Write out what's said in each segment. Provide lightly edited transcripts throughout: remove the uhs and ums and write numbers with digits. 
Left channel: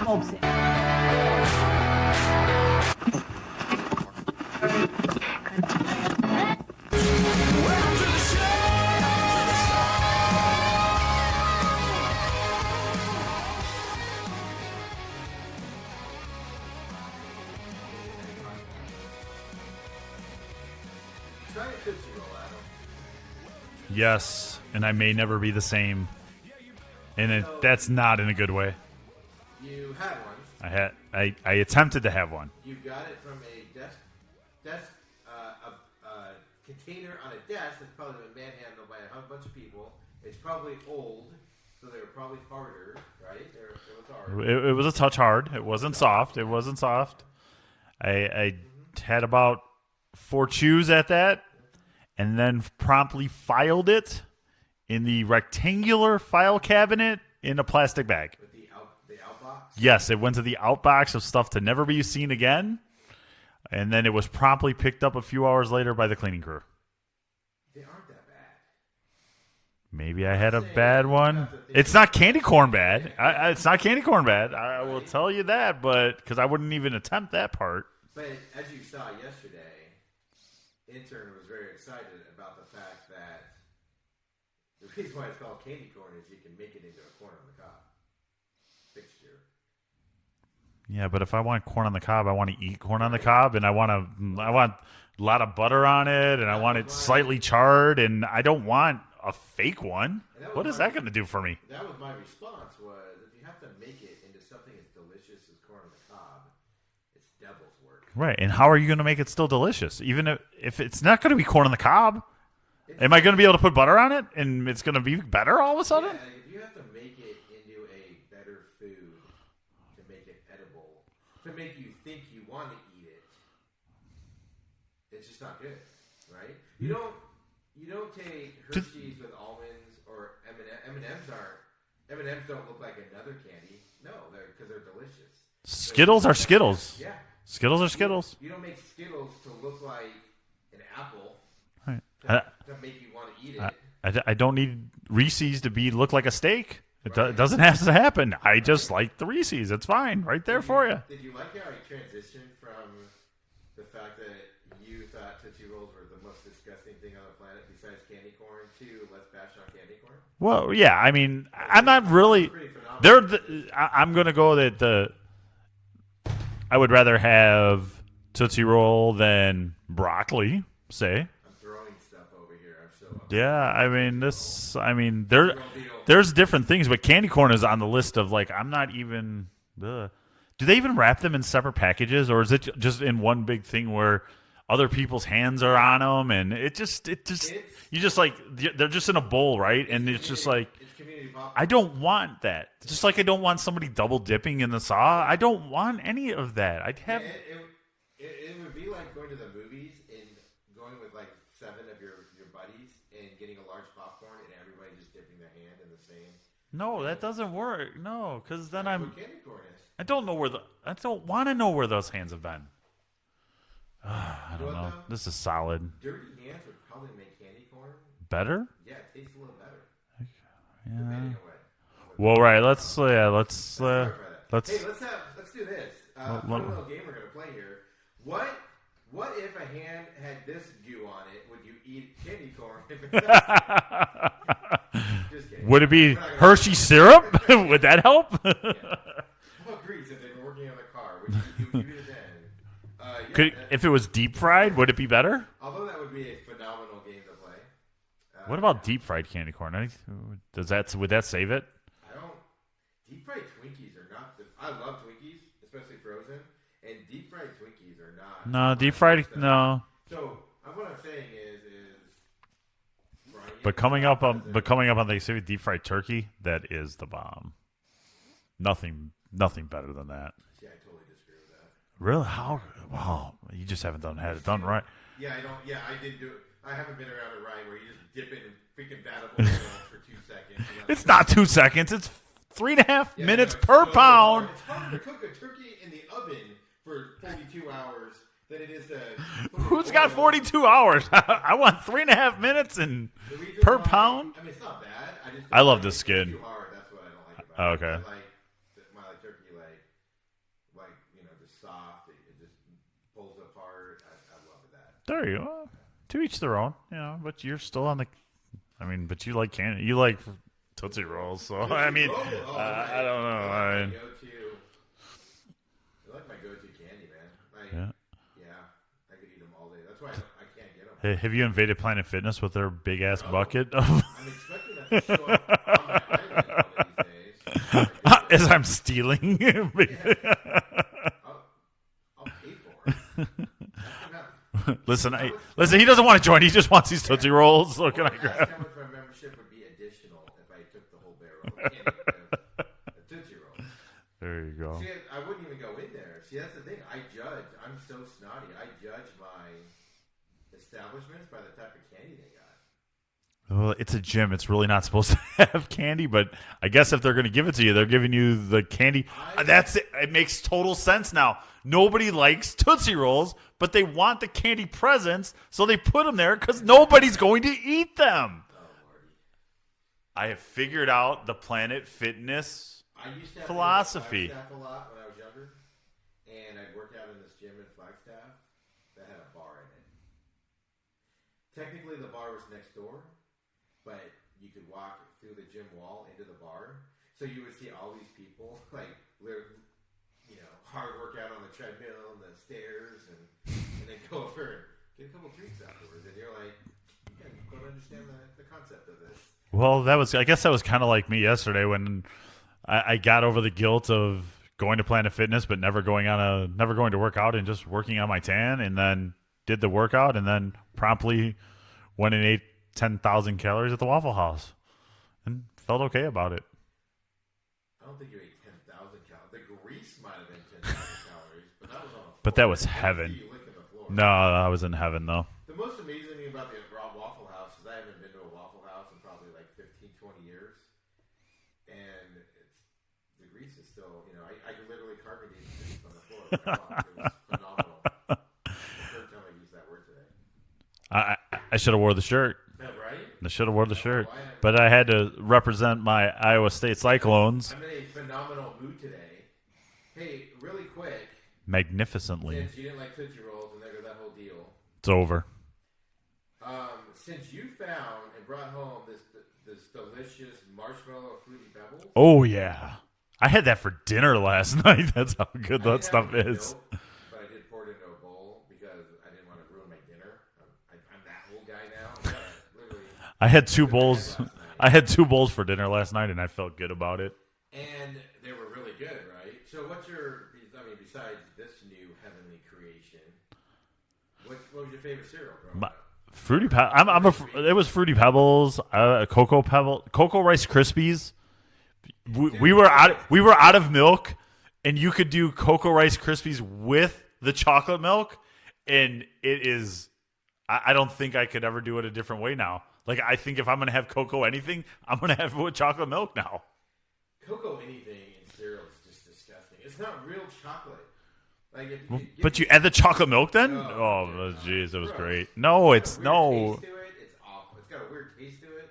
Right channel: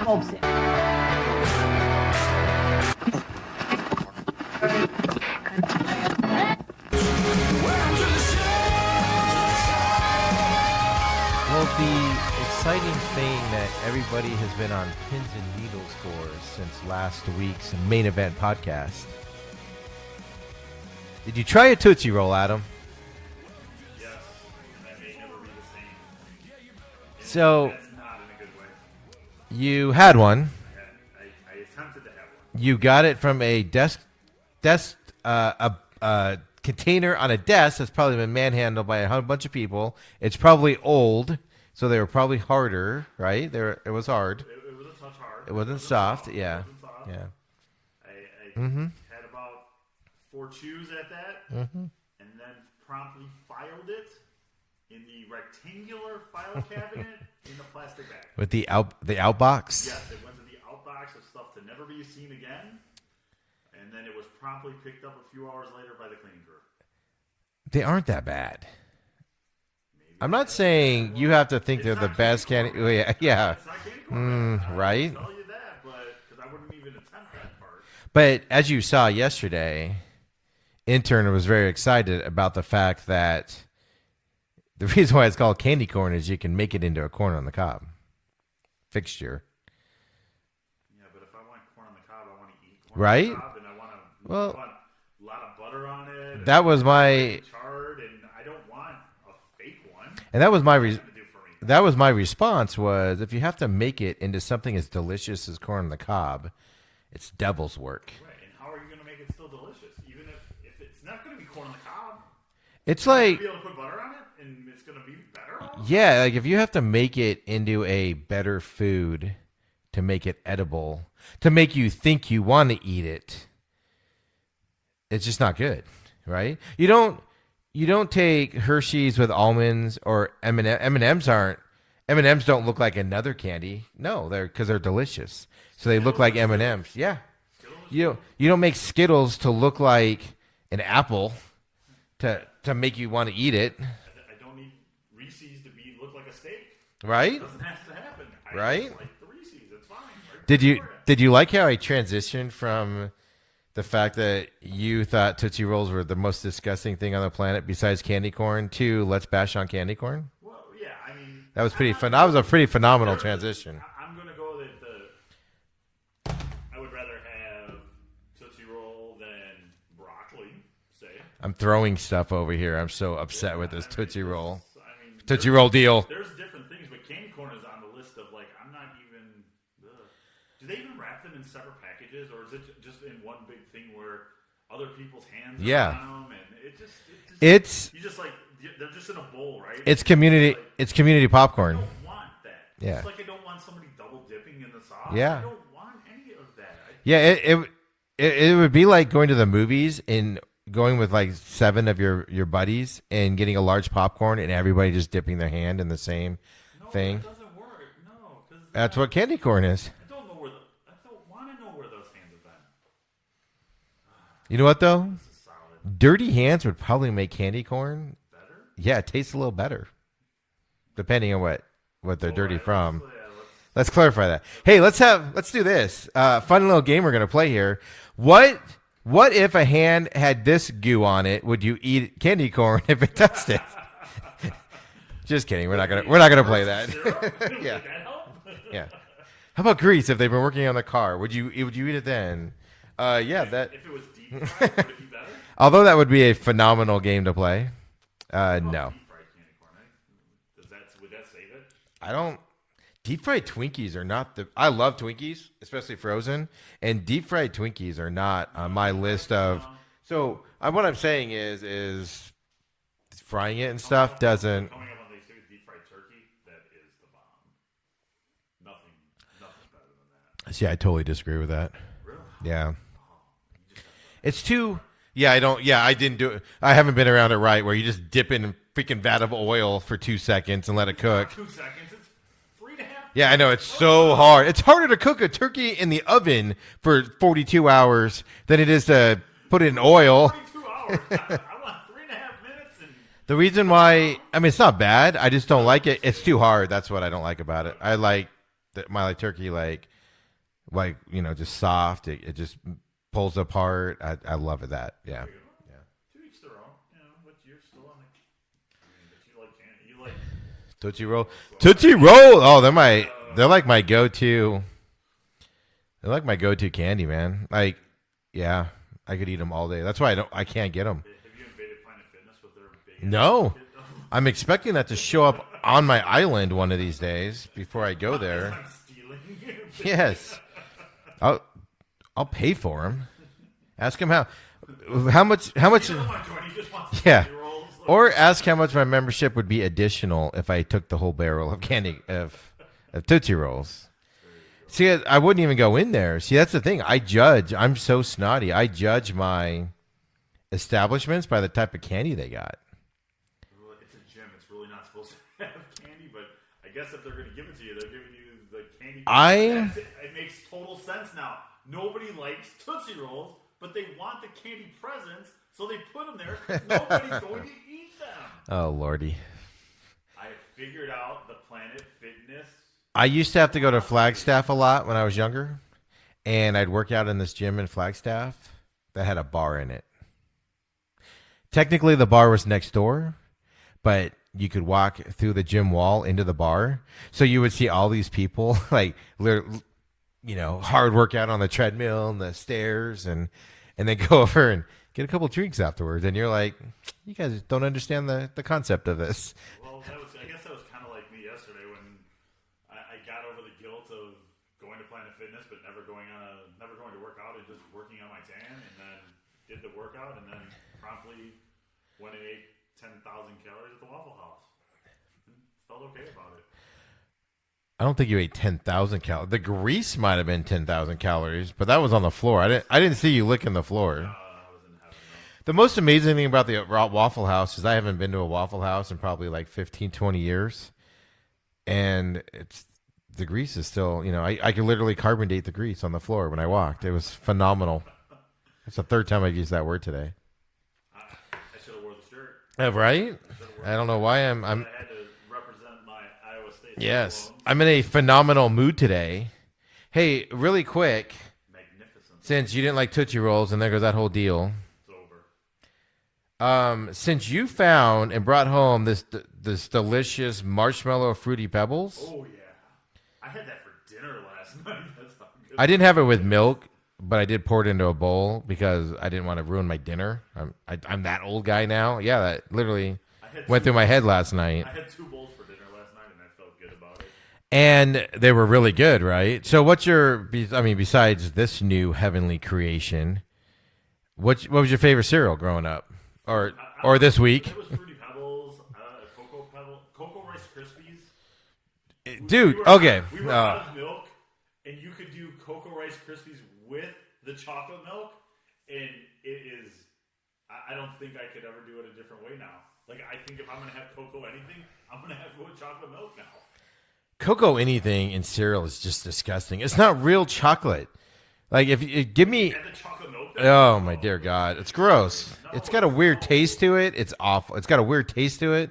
Smokes it. Well, the exciting thing that everybody has been on pins and needles for since last week's main event podcast. Did you try a Tootsie Roll, Adam? Yes, and I may never be the same. And So- that's not in a good way. You had one. I attempted to have one. You got it from a container on a desk that's probably been manhandled by a bunch of people. It's probably old, so they were probably harder, right? It was hard. It was a touch hard. It wasn't soft. yeah. It wasn't soft. Yeah. I had about 4 chews at that, and then promptly filed it in the rectangular file cabinet in a plastic bag. With the outbox? Yes, it went to the outbox of stuff to never be seen again, and then it was promptly picked up a few hours later by the cleaning crew. They aren't that bad. Maybe I'm I not had saying a bad you one. have to think it's of not the candy best corn candy- bad. yeah. It's not candy corn bad. I right? will tell you that, but because I wouldn't even attempt that part. But as you saw yesterday, intern was very excited about the fact that the reason why it's called candy corn is you can make it into a corn on the cob fixture. Yeah, but if I want corn on the cob, I want to eat corn on Right? the cob, and I want a lot of butter on it. And That I want was it my- slightly charred, and I don't want a fake one. And that was What my is that going to do for me? That was my response was if you have to make it into something as delicious as corn on the cob, it's devil's work. Right, and how are you going to make it still delicious? Even if it's not going to be corn on the cob, It's am I going to be able to put butter on it, and it's going to be better all of a sudden? Yeah, like if you have to make it into a better food to make it edible, to make you think you want to eat it, it's just not good, right? You don't take Hershey's with almonds or M&Ms aren't. M&Ms don't look like another candy. No, because they're delicious. So they look Skittles like are Skittles. M&Ms. Yeah. Skittles are Skittles. You don't make Skittles to look like an apple Right. to make you want to eat it. I don't need Reese's to look like a steak. Right? It doesn't have to happen. I Right? just like the Reese's. It's fine. Right there for you. Did you like how I transitioned from the fact that you thought Tootsie Rolls were the most disgusting thing on the planet besides candy corn to let's bash on candy corn? Well, yeah. I mean, That was I'm not that really. was a pretty phenomenal transition. I'm going to go that I would rather have Tootsie Roll than broccoli. Say, I'm throwing stuff over here. I'm so upset with this Tootsie Roll. I mean, Tootsie Roll deal. There's different things, but candy corn is on the list of like I'm not even. Do they even wrap them in separate packages, or is it just in one big thing where other people's hands are on them, and it's you just like they're just in a bowl, right? It's And community. just like, It's community popcorn. I don't want that. Yeah. Just like I don't want somebody double dipping in the sauce. Yeah. I don't want any of that. It would be like going to the movies and going with like 7 of your buddies and getting a large popcorn and everybody just dipping their hand in the same No, thing. that doesn't work. No, because That's what candy corn is. I don't want to know where those hands have been. You know what though? This is solid. Dirty hands would probably make candy corn. Better? Yeah, it tastes a little better, depending on what they're Well, dirty right. from. Let's Clarify that. Hey, let's do this. Fun little game we're gonna play here. What if a hand had this goo on it? Would you eat candy corn if it touched it? Just kidding. Would it be we're not gonna Hershey play that. syrup? Would that help? Yeah. How about grease? If they've been working on the car, would you eat it then? If it was deep fried, would it be better? Although that would be a phenomenal game to play. What about no. deep fried candy corn? Would that save it? I don't. Deep fried Twinkies are not the. I love Twinkies, especially frozen, and deep fried Twinkies are not on my list of. No. So what I'm saying is frying it But and coming stuff up doesn't. but coming up on the deep fried turkey, that is the bomb. Nothing better than that. See, I totally disagree with that. Really? Yeah. Wow. You just haven't done that. It's done too. right. Yeah, I don't. Yeah, I didn't do it. I haven't been around it right, where you just dip in a freaking vat of oil for 2 seconds and let it It's cook. not 2 seconds. It's 3.5 Yeah, I know. It's per so pound. hard. It's harder to cook a turkey in the oven for 42 hours than it is to put it in Who's oil. got 42 hours. I want 3.5 minutes and The reason per why, pound? I mean, it's not bad. I just I don't love like the it. It's skin. too hard. That's what I don't like about Okay. it. I like my turkey, just soft. It just pulls apart. I love it. There you go. To each their own, but you're still on the. I mean, but you like candy. You like Tootsie Rolls. So, Tootsie I mean, Roll. Oh, I don't know. they're like my go-to. They're like my go-to candy, man. Like, yeah, I could eat them all day. That's why I can't get them. Hey, have you invaded Planet Fitness with their big ass No. bucket? Of I'm expecting that to show up on my island one of these days before I go there. As I'm stealing. Yes, I'll pay for them. Ask him how. Listen, how much? He doesn't want to join. He just wants these Tootsie Rolls. Or ask how much my membership would be additional if I took the whole barrel of candy of Tootsie Rolls. There you go. See, I wouldn't even go in there. See, that's the thing. I'm so snotty. I judge my establishments by the type of candy they got. Well, it's a gym. It's really not supposed to have candy, but I guess if they're going to give it to you, they're giving you the candy. That's it. It makes total sense now. Nobody likes Tootsie Rolls, but they want the candy presents, so they put them there because nobody's going to eat them. Oh, Lordy. I have figured out the Planet Fitness. I used to have to go to philosophy. Flagstaff a lot when I was younger, and I'd work out in this gym in Flagstaff that had a bar in it. Technically, the bar was next door, but you could walk through the gym wall into the bar. So you would see all these people, hard workout on the treadmill and the stairs, and then go over and get a couple drinks afterwards. And you're like, you guys don't understand the concept of this. Well, I guess that was kind of like me yesterday when I got over the guilt of going to Planet Fitness, but never going to work out and just working on my tan, and then did the workout and then promptly went and ate 10,000 calories at the Waffle House and felt okay about it. I don't think you ate 10,000 calories. The grease might have been 10,000 calories, but that was on the floor. that I was didn't heaven. see you licking the floor. No, I was in heaven though. The most amazing thing about the Waffle House is I haven't been to a Waffle House in probably like 15, 20 years. And the grease is still, I could literally carbon date the grease on the floor when I walked. It was phenomenal. It's the third time I've used that word today. I should have wore the shirt. Right? I should have worn the shirt. I don't know why but I had to represent my Iowa State Cyclones. I'm in a phenomenal mood today. Hey, really quick, Magnificently. since you didn't like Tootsie Rolls, and there goes that whole deal. It's over. Since you found and brought home this delicious marshmallow fruity pebbles. Oh yeah, I had that for dinner last night. That's how good. I didn't that have it stuff with is. milk, but I did pour it into a bowl because I didn't want to ruin my dinner. I'm that old guy now. Yeah, that literally I had went two through my bowls. head last night. I had 2 bowls for dinner last night, and I felt good about it. And they were really good, right? So besides this new heavenly creation, what was your favorite cereal growing up? Or this week? It was Fruity Pebbles, Cocoa Rice Krispies. Dude, we were okay. out of milk, and you could do Cocoa Rice Krispies with the chocolate milk, and it is. I don't think I could ever do it a different way now. Like, I think if I'm going to have cocoa anything, I'm going to have it with chocolate milk now. Cocoa anything in cereal is just disgusting. It's not real chocolate. Like if you give But me you add the chocolate milk then? Oh my dear God, geez, it's that was gross. great. No, it's got a weird no. taste to it. It's awful. It's got a weird taste to it.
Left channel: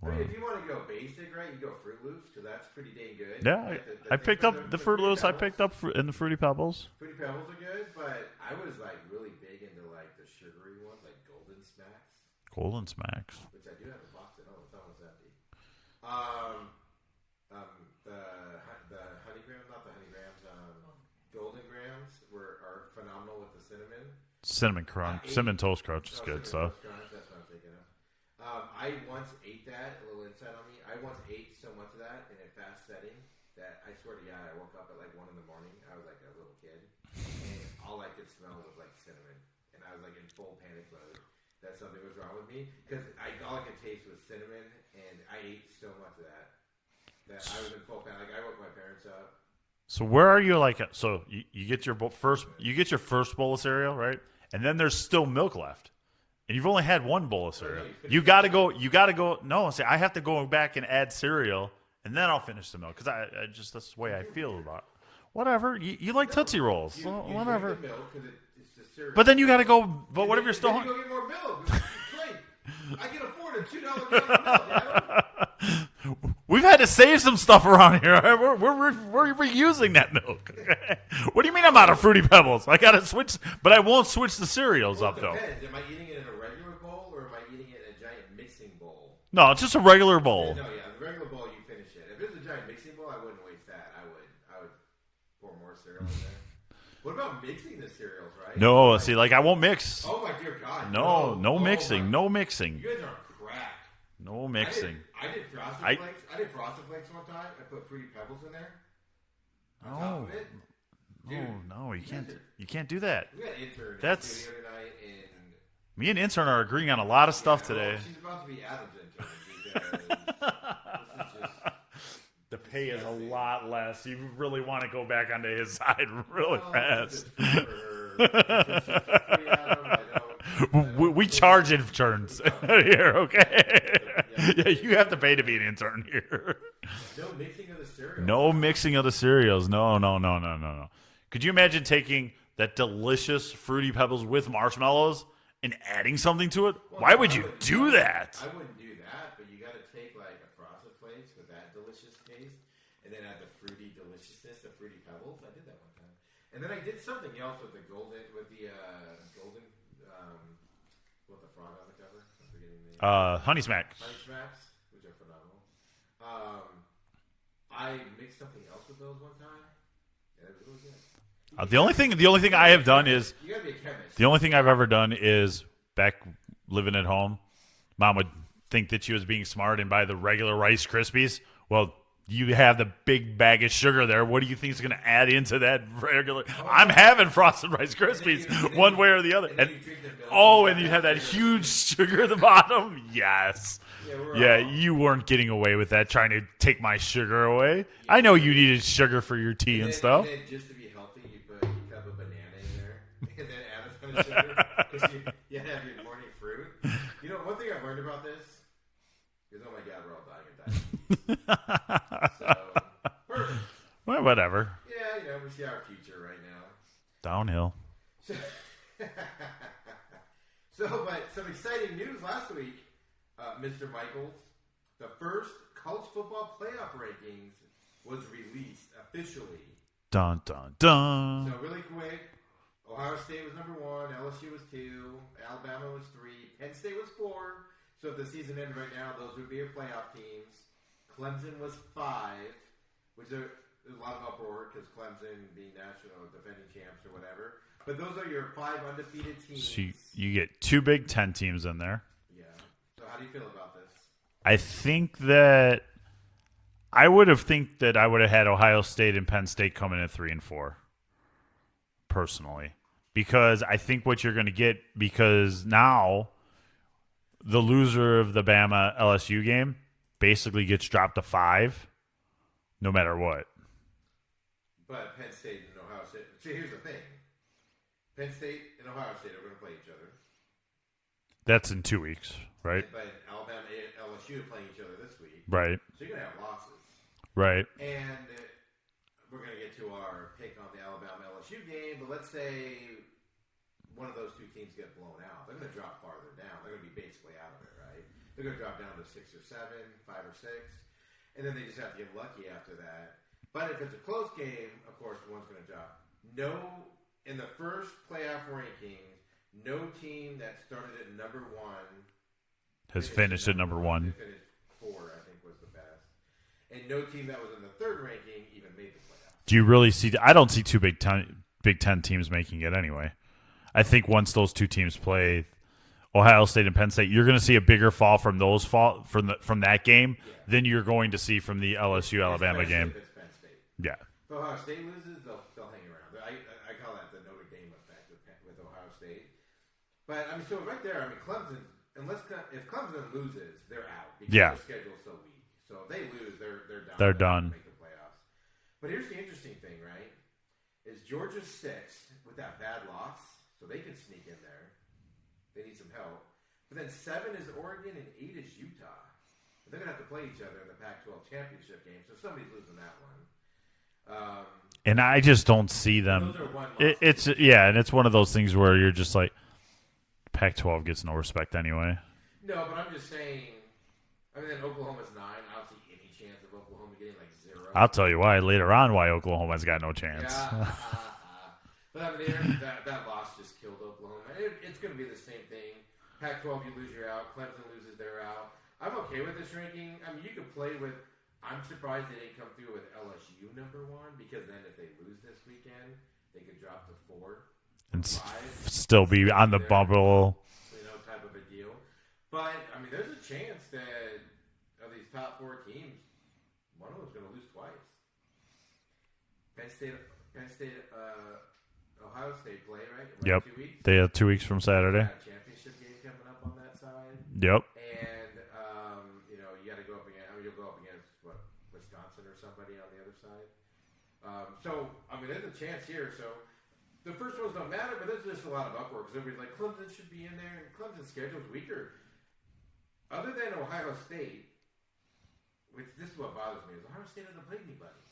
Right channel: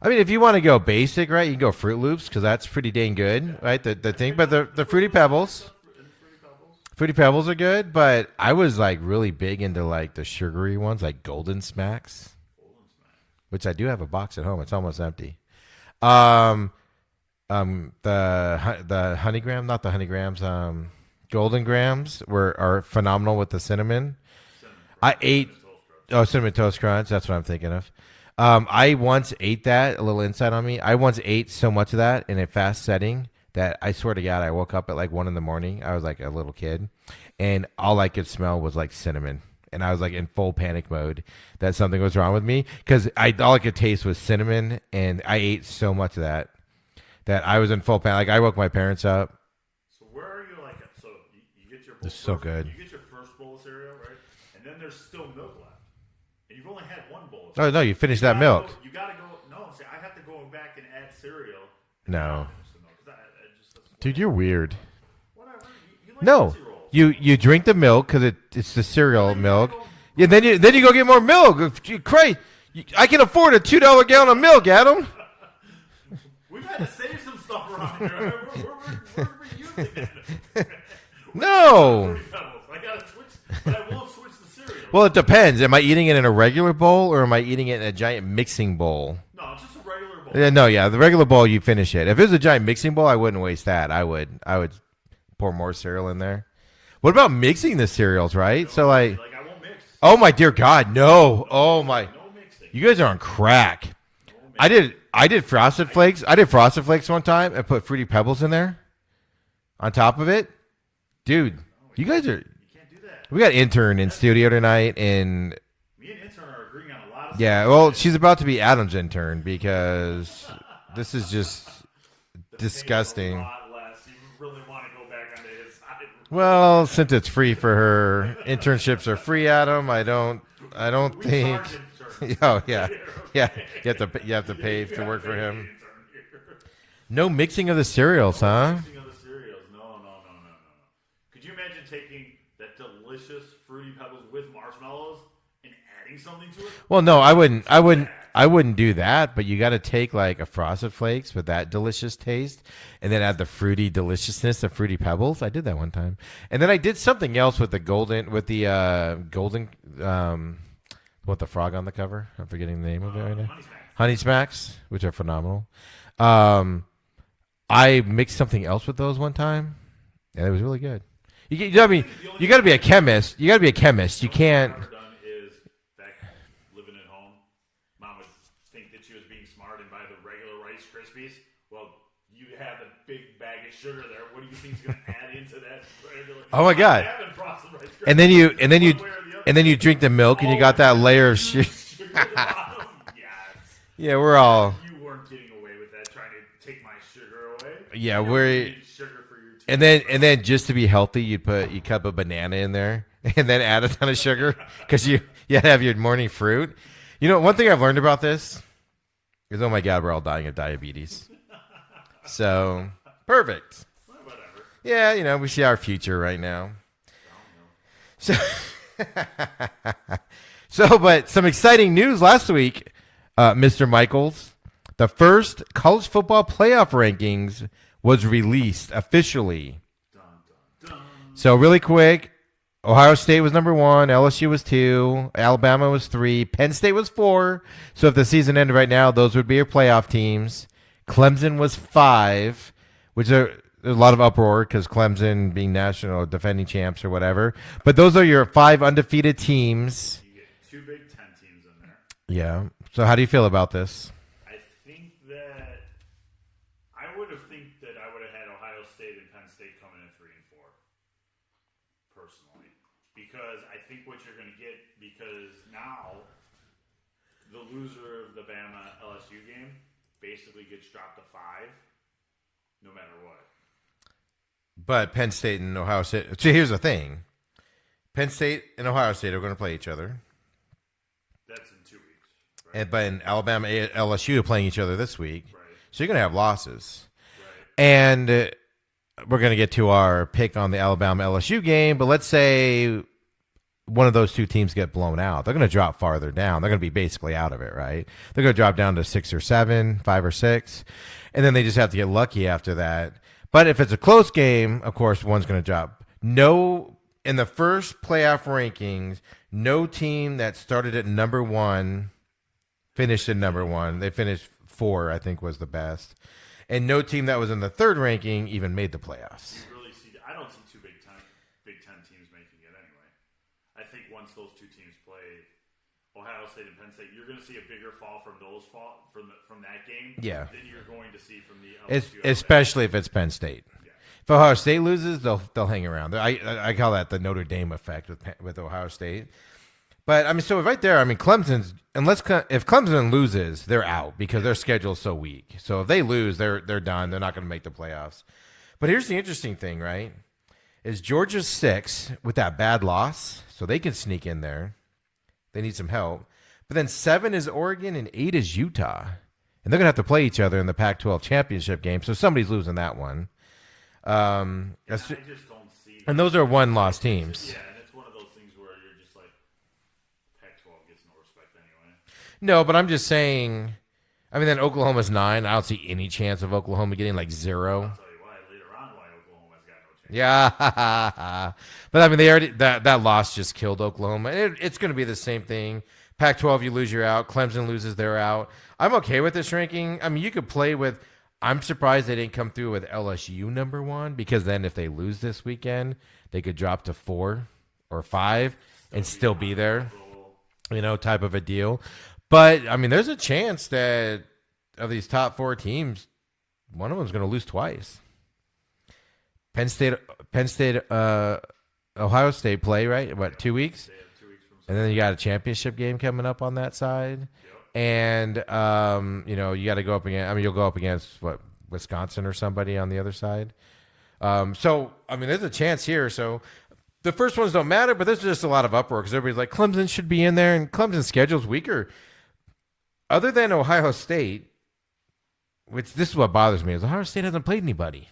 I mean, if you want to go basic, right, you can go Fruit Loops because that's pretty dang good, Yeah. right? The I thing, picked but up the Fruit Fruity Loops I Pebbles, picked up in the Fruity Pebbles. Fruity Pebbles are good, but I was like really big into like the sugary ones, like Golden Smacks, Golden Smacks. which I do have a box at home. It's almost empty. The Honey Graham, not the Honey Grams. Golden Grams are phenomenal with the cinnamon. Cinnamon Crunch. Cinnamon Toast Crunch. Oh, Cinnamon Toast Crunch. That's what I'm thinking of. I once ate that. A little insight on me. I once ate so much of that in a fast setting that I swear to God, I woke up at like 1 a.m. I was like a little kid, and all I could smell was like cinnamon, and I was like in full panic mode that something was wrong with me because all I could taste was cinnamon, and I ate so much of that I was in full panic. Like I woke my parents up. So where are you? Like, so you get your It's so first. good. You get your first bowl of cereal, right? And then there's still milk left, and you've only had one bowl of Oh cereal. no, you finished you that gotta milk. go. You gotta go. No, see, I have to go back and add cereal And then I'll finish the milk because I just that's the way Dude, I you're feel weird. about it. Whatever. You like No, Tootsie Rolls. you drink the milk because it's the cereal. But then you milk. gotta go. Yeah, then you go get more milk. Great. I can afford a $2 gallon of milk, Adam. We've had to save some stuff around here. We're reusing that milk. What do you mean I'm out of Fruity Pebbles? I gotta switch, but I won't switch the cereals. Well, it depends. Am I eating it in a regular bowl or am I eating it in a giant mixing bowl? No, it's just a regular bowl. Yeah, the regular bowl you finish it. If it was a giant mixing bowl, I wouldn't waste that. I would pour more cereal in there. What about mixing the cereals, right? No, so I won't mix. Oh my dear God, no! Oh mixing, my, no mixing. You guys are on crack. No mixing. I did Frosted Flakes. I did Frosted Flakes one time and put Fruity Pebbles in there, on top of it. Dude, No, you guys are. You can't do that. We got intern in studio tonight, and me and intern are agreeing on a lot of stuff. yeah, today. well, she's about to be Adam's intern because this is just disgusting. A lot less. You really want to go back onto his side. Well, since it's free for her, internships are free, Adam. I don't. We think- charge interns Oh, yeah. here. Okay. You have to pay. You have to work pay for to be him. an intern here. No mixing of the cereals, No huh? mixing of the cereals. No. Could you imagine taking that delicious Fruity Pebbles with marshmallows and adding something to it? Well, Why no, would I you wouldn't. do I wouldn't. that? I wouldn't do that. But you got to take like a Frosted Flakes with that delicious taste, and then add the fruity deliciousness of Fruity Pebbles. I did that one time, and then I did something else with the golden, what the frog on the cover? I'm forgetting the name. Honey Smack. Honey Smacks, which are phenomenal. I mixed something else with those one time, and it was really good. The only thing you got to be I a have done chemist. You got to be a chemist. The You only thing can't. I've ever done is back living at home. Mom would think that she was being smart and buy the regular Rice Krispies. Well, you have the big bag of sugar there. What do you think is going to add into that regular? Oh my God! I'm having frosted Rice Krispies. And then one way or the other. And then you drink the milk, and you got that layer of huge sugar. sugar at the bottom. Yes. Yeah, we're all. You weren't getting away with that, trying to take my sugar away. Yeah, I know you needed sugar for your team. And stuff. then just to be healthy, you cut a banana in there, and then add a ton of sugar because you have your morning fruit. You know, one thing I've learned about this is, oh my God, we're all dying of diabetes. So perfect. Well, whatever. Yeah, we see our future right now. Downhill. But some exciting news last week, Mr. Michaels. The first college football playoff rankings was released officially. Dun, dun, dun. So really quick, Ohio State was number 1, LSU was 2, Alabama was 3, Penn State was 4. So if the season ended right now, those would be your playoff teams. Clemson was 5, which there's a lot of uproar because Clemson being national defending champs or whatever. But those are your 5 undefeated teams. You get 2 Big Ten teams in there. Yeah. So how do you feel about this? I think that I would have had Ohio State and Penn State coming in at 3 and 4. Personally, because I think what you're going to get, because now the loser of the Bama LSU game basically gets dropped to 5 no matter what. But Penn State and Ohio State. So here's the thing. Penn State and Ohio State are going to play each other. That's in 2 weeks, right? But in Alabama, LSU are playing each other this week. Right. So you're going to have losses. Right. And we're going to get to our pick on the Alabama LSU game. But let's say one of those two teams get blown out. They're going to drop farther down. They're going to be basically out of it, right? They're going to drop down to 6 or 7, 5 or 6. And then they just have to get lucky after that. But if it's a close game, of course, one's going to drop. No, in the first playoff rankings, no team that started at number 1 finished at number 1. They finished 4, I think, was the best. And no team that was in the third ranking even made the playoffs. Do you really see? I don't see 2 Big Ten teams making it anyway. I think once those 2 teams play, Ohio State and Penn State, you're going to see a bigger fall from from that game than you're going to see from the LSU Alabama especially game. if it's Penn State. Yeah. If Ohio State loses, they'll hang around. I call that the Notre Dame effect with Ohio State. But I mean, so right there, I mean, Clemson's if Clemson loses, they're out because their schedule's so weak. So if they lose, they're done. They're not going to make the playoffs. But here's the interesting thing, right? Is Georgia's 6 with that bad loss, so they can sneak in there. They need some help. But then 7 is Oregon and 8 is Utah. and they're going to have to play each other in the Pac-12 championship game. So somebody's losing that one. And I just don't see them. And those are one-loss teams. And it's one of those things where you're just like, Pac-12 gets no respect anyway. No, but I'm just saying. I mean, then Oklahoma's 9. I don't see any chance of Oklahoma getting like 0. I'll tell you why later on why Oklahoma's got no chance. Yeah, but I mean, they already that loss just killed Oklahoma. It's going to be the same thing. Pac-12, you lose, you're out. Clemson loses, they're out. I'm okay with this ranking. I mean, you could play with. I'm surprised they didn't come through with LSU number 1 because then if they lose this weekend, they could drop to 4 or 5, still be on the bubble, type of a deal. But, I mean, there's a chance that of these top 4 teams, one of them is going to lose twice. Penn State, Ohio State play, right? What, 2 weeks? They have 2 weeks from Saturday. And then you got a championship game coming up on that side. Yep. And, you got to go up against, I mean, you'll go up against, Wisconsin or somebody on the other side. So, I mean, there's a chance here. So, the first ones don't matter, but there's just a lot of uproar because everybody's like, Clemson should be in there, and Clemson's schedule's weaker. Other than Ohio State, which this is what bothers me, is Ohio State hasn't played anybody.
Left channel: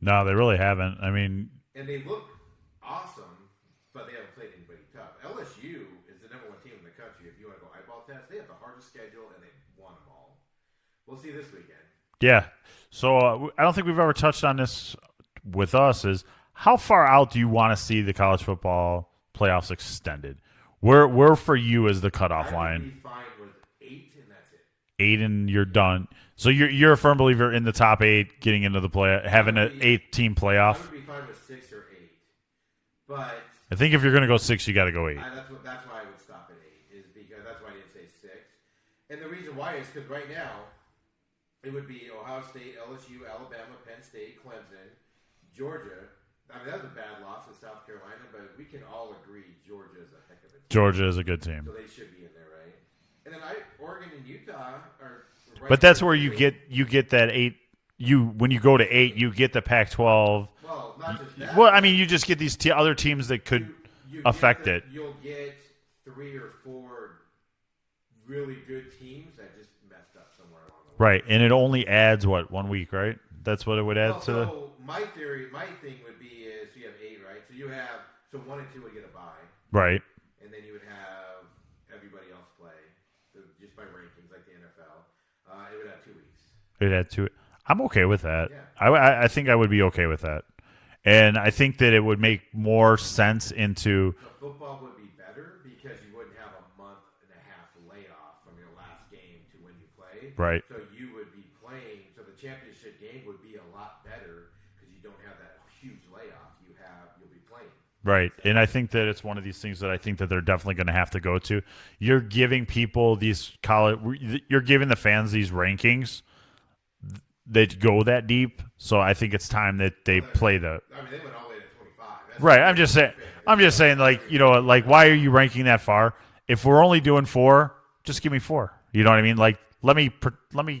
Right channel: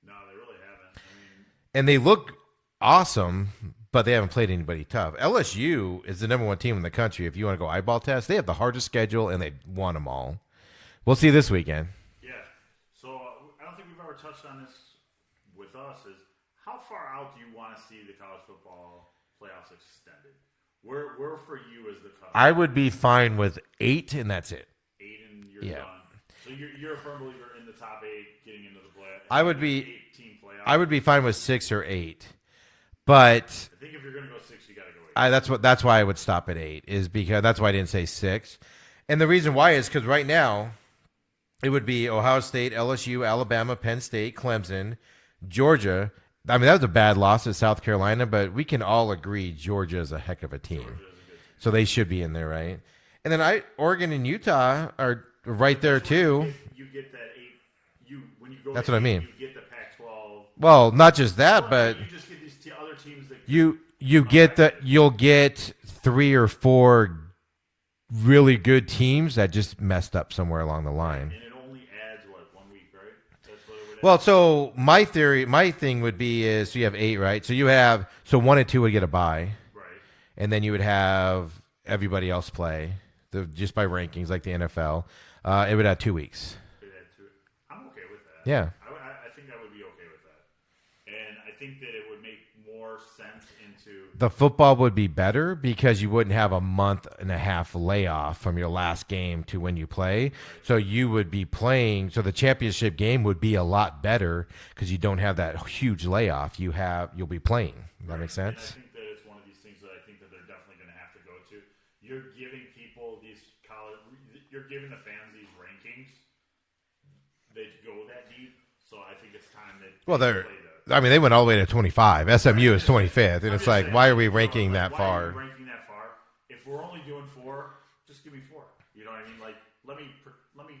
No, they really haven't. I mean, and they look awesome, but they haven't played anybody tough. LSU is the number 1 team in the country. If you want to go eyeball test, they have the hardest schedule, and they won them all. We'll see this weekend. Yeah. So I don't think we've ever touched on this with us. Is how far out do you want to see the college football playoffs extended? Where for you is the cutoff I would line? be fine with 8, and that's it. 8 and you're done. So you're a firm believer in the top 8 getting into the play, having an 8-team playoff. I would be fine with 6 or 8, but I think if you're going to go 6, you got to go 8. That's why I would stop at 8. Is because that's why I didn't say 6, and the reason why is because right now it would be Ohio State, LSU, Alabama, Penn State, Clemson, Georgia. I mean, that was a bad loss at South Carolina, but we can all agree Georgia is a heck of a team. Georgia is a good team. So they should be in there, right? And then Oregon and Utah are right but there, that's where too. you get that 8. When you go That's to what 8, I mean. you get the Pac-12. Well, not just that. Well, but I mean, you just get these other teams that could you affect get it. You'll get 3 or 4 really good teams that just messed up somewhere along the line. Right, and it only adds, 1 week, right? That's what it would add. Well, so my thing would be is so you have 8, right? So you have 1 and 2 would get a bye, right, and then you would have everybody else play just by rankings like the NFL. It would add 2 weeks. It had 2. I'm okay with that. Yeah, I think I would be okay with that, and I think that it would make more sense into the football would be better because you wouldn't have a month and a half layoff from your last game to when you play. Right. So you would be playing. So the championship game would be a lot better because you don't have that huge layoff. You'll be playing. Right. And I think that it's one of these things that I think that they're definitely going to have to go to. You're giving people you're giving the fans these rankings that go that deep. So I think it's time that they play the. I mean, they went all the way to 25. SMU right, is 25th. I'm just saying, why like, are we you know, ranking like that why far? are you ranking that far? If we're only doing 4, just give me 4. You know what I mean? Like, let me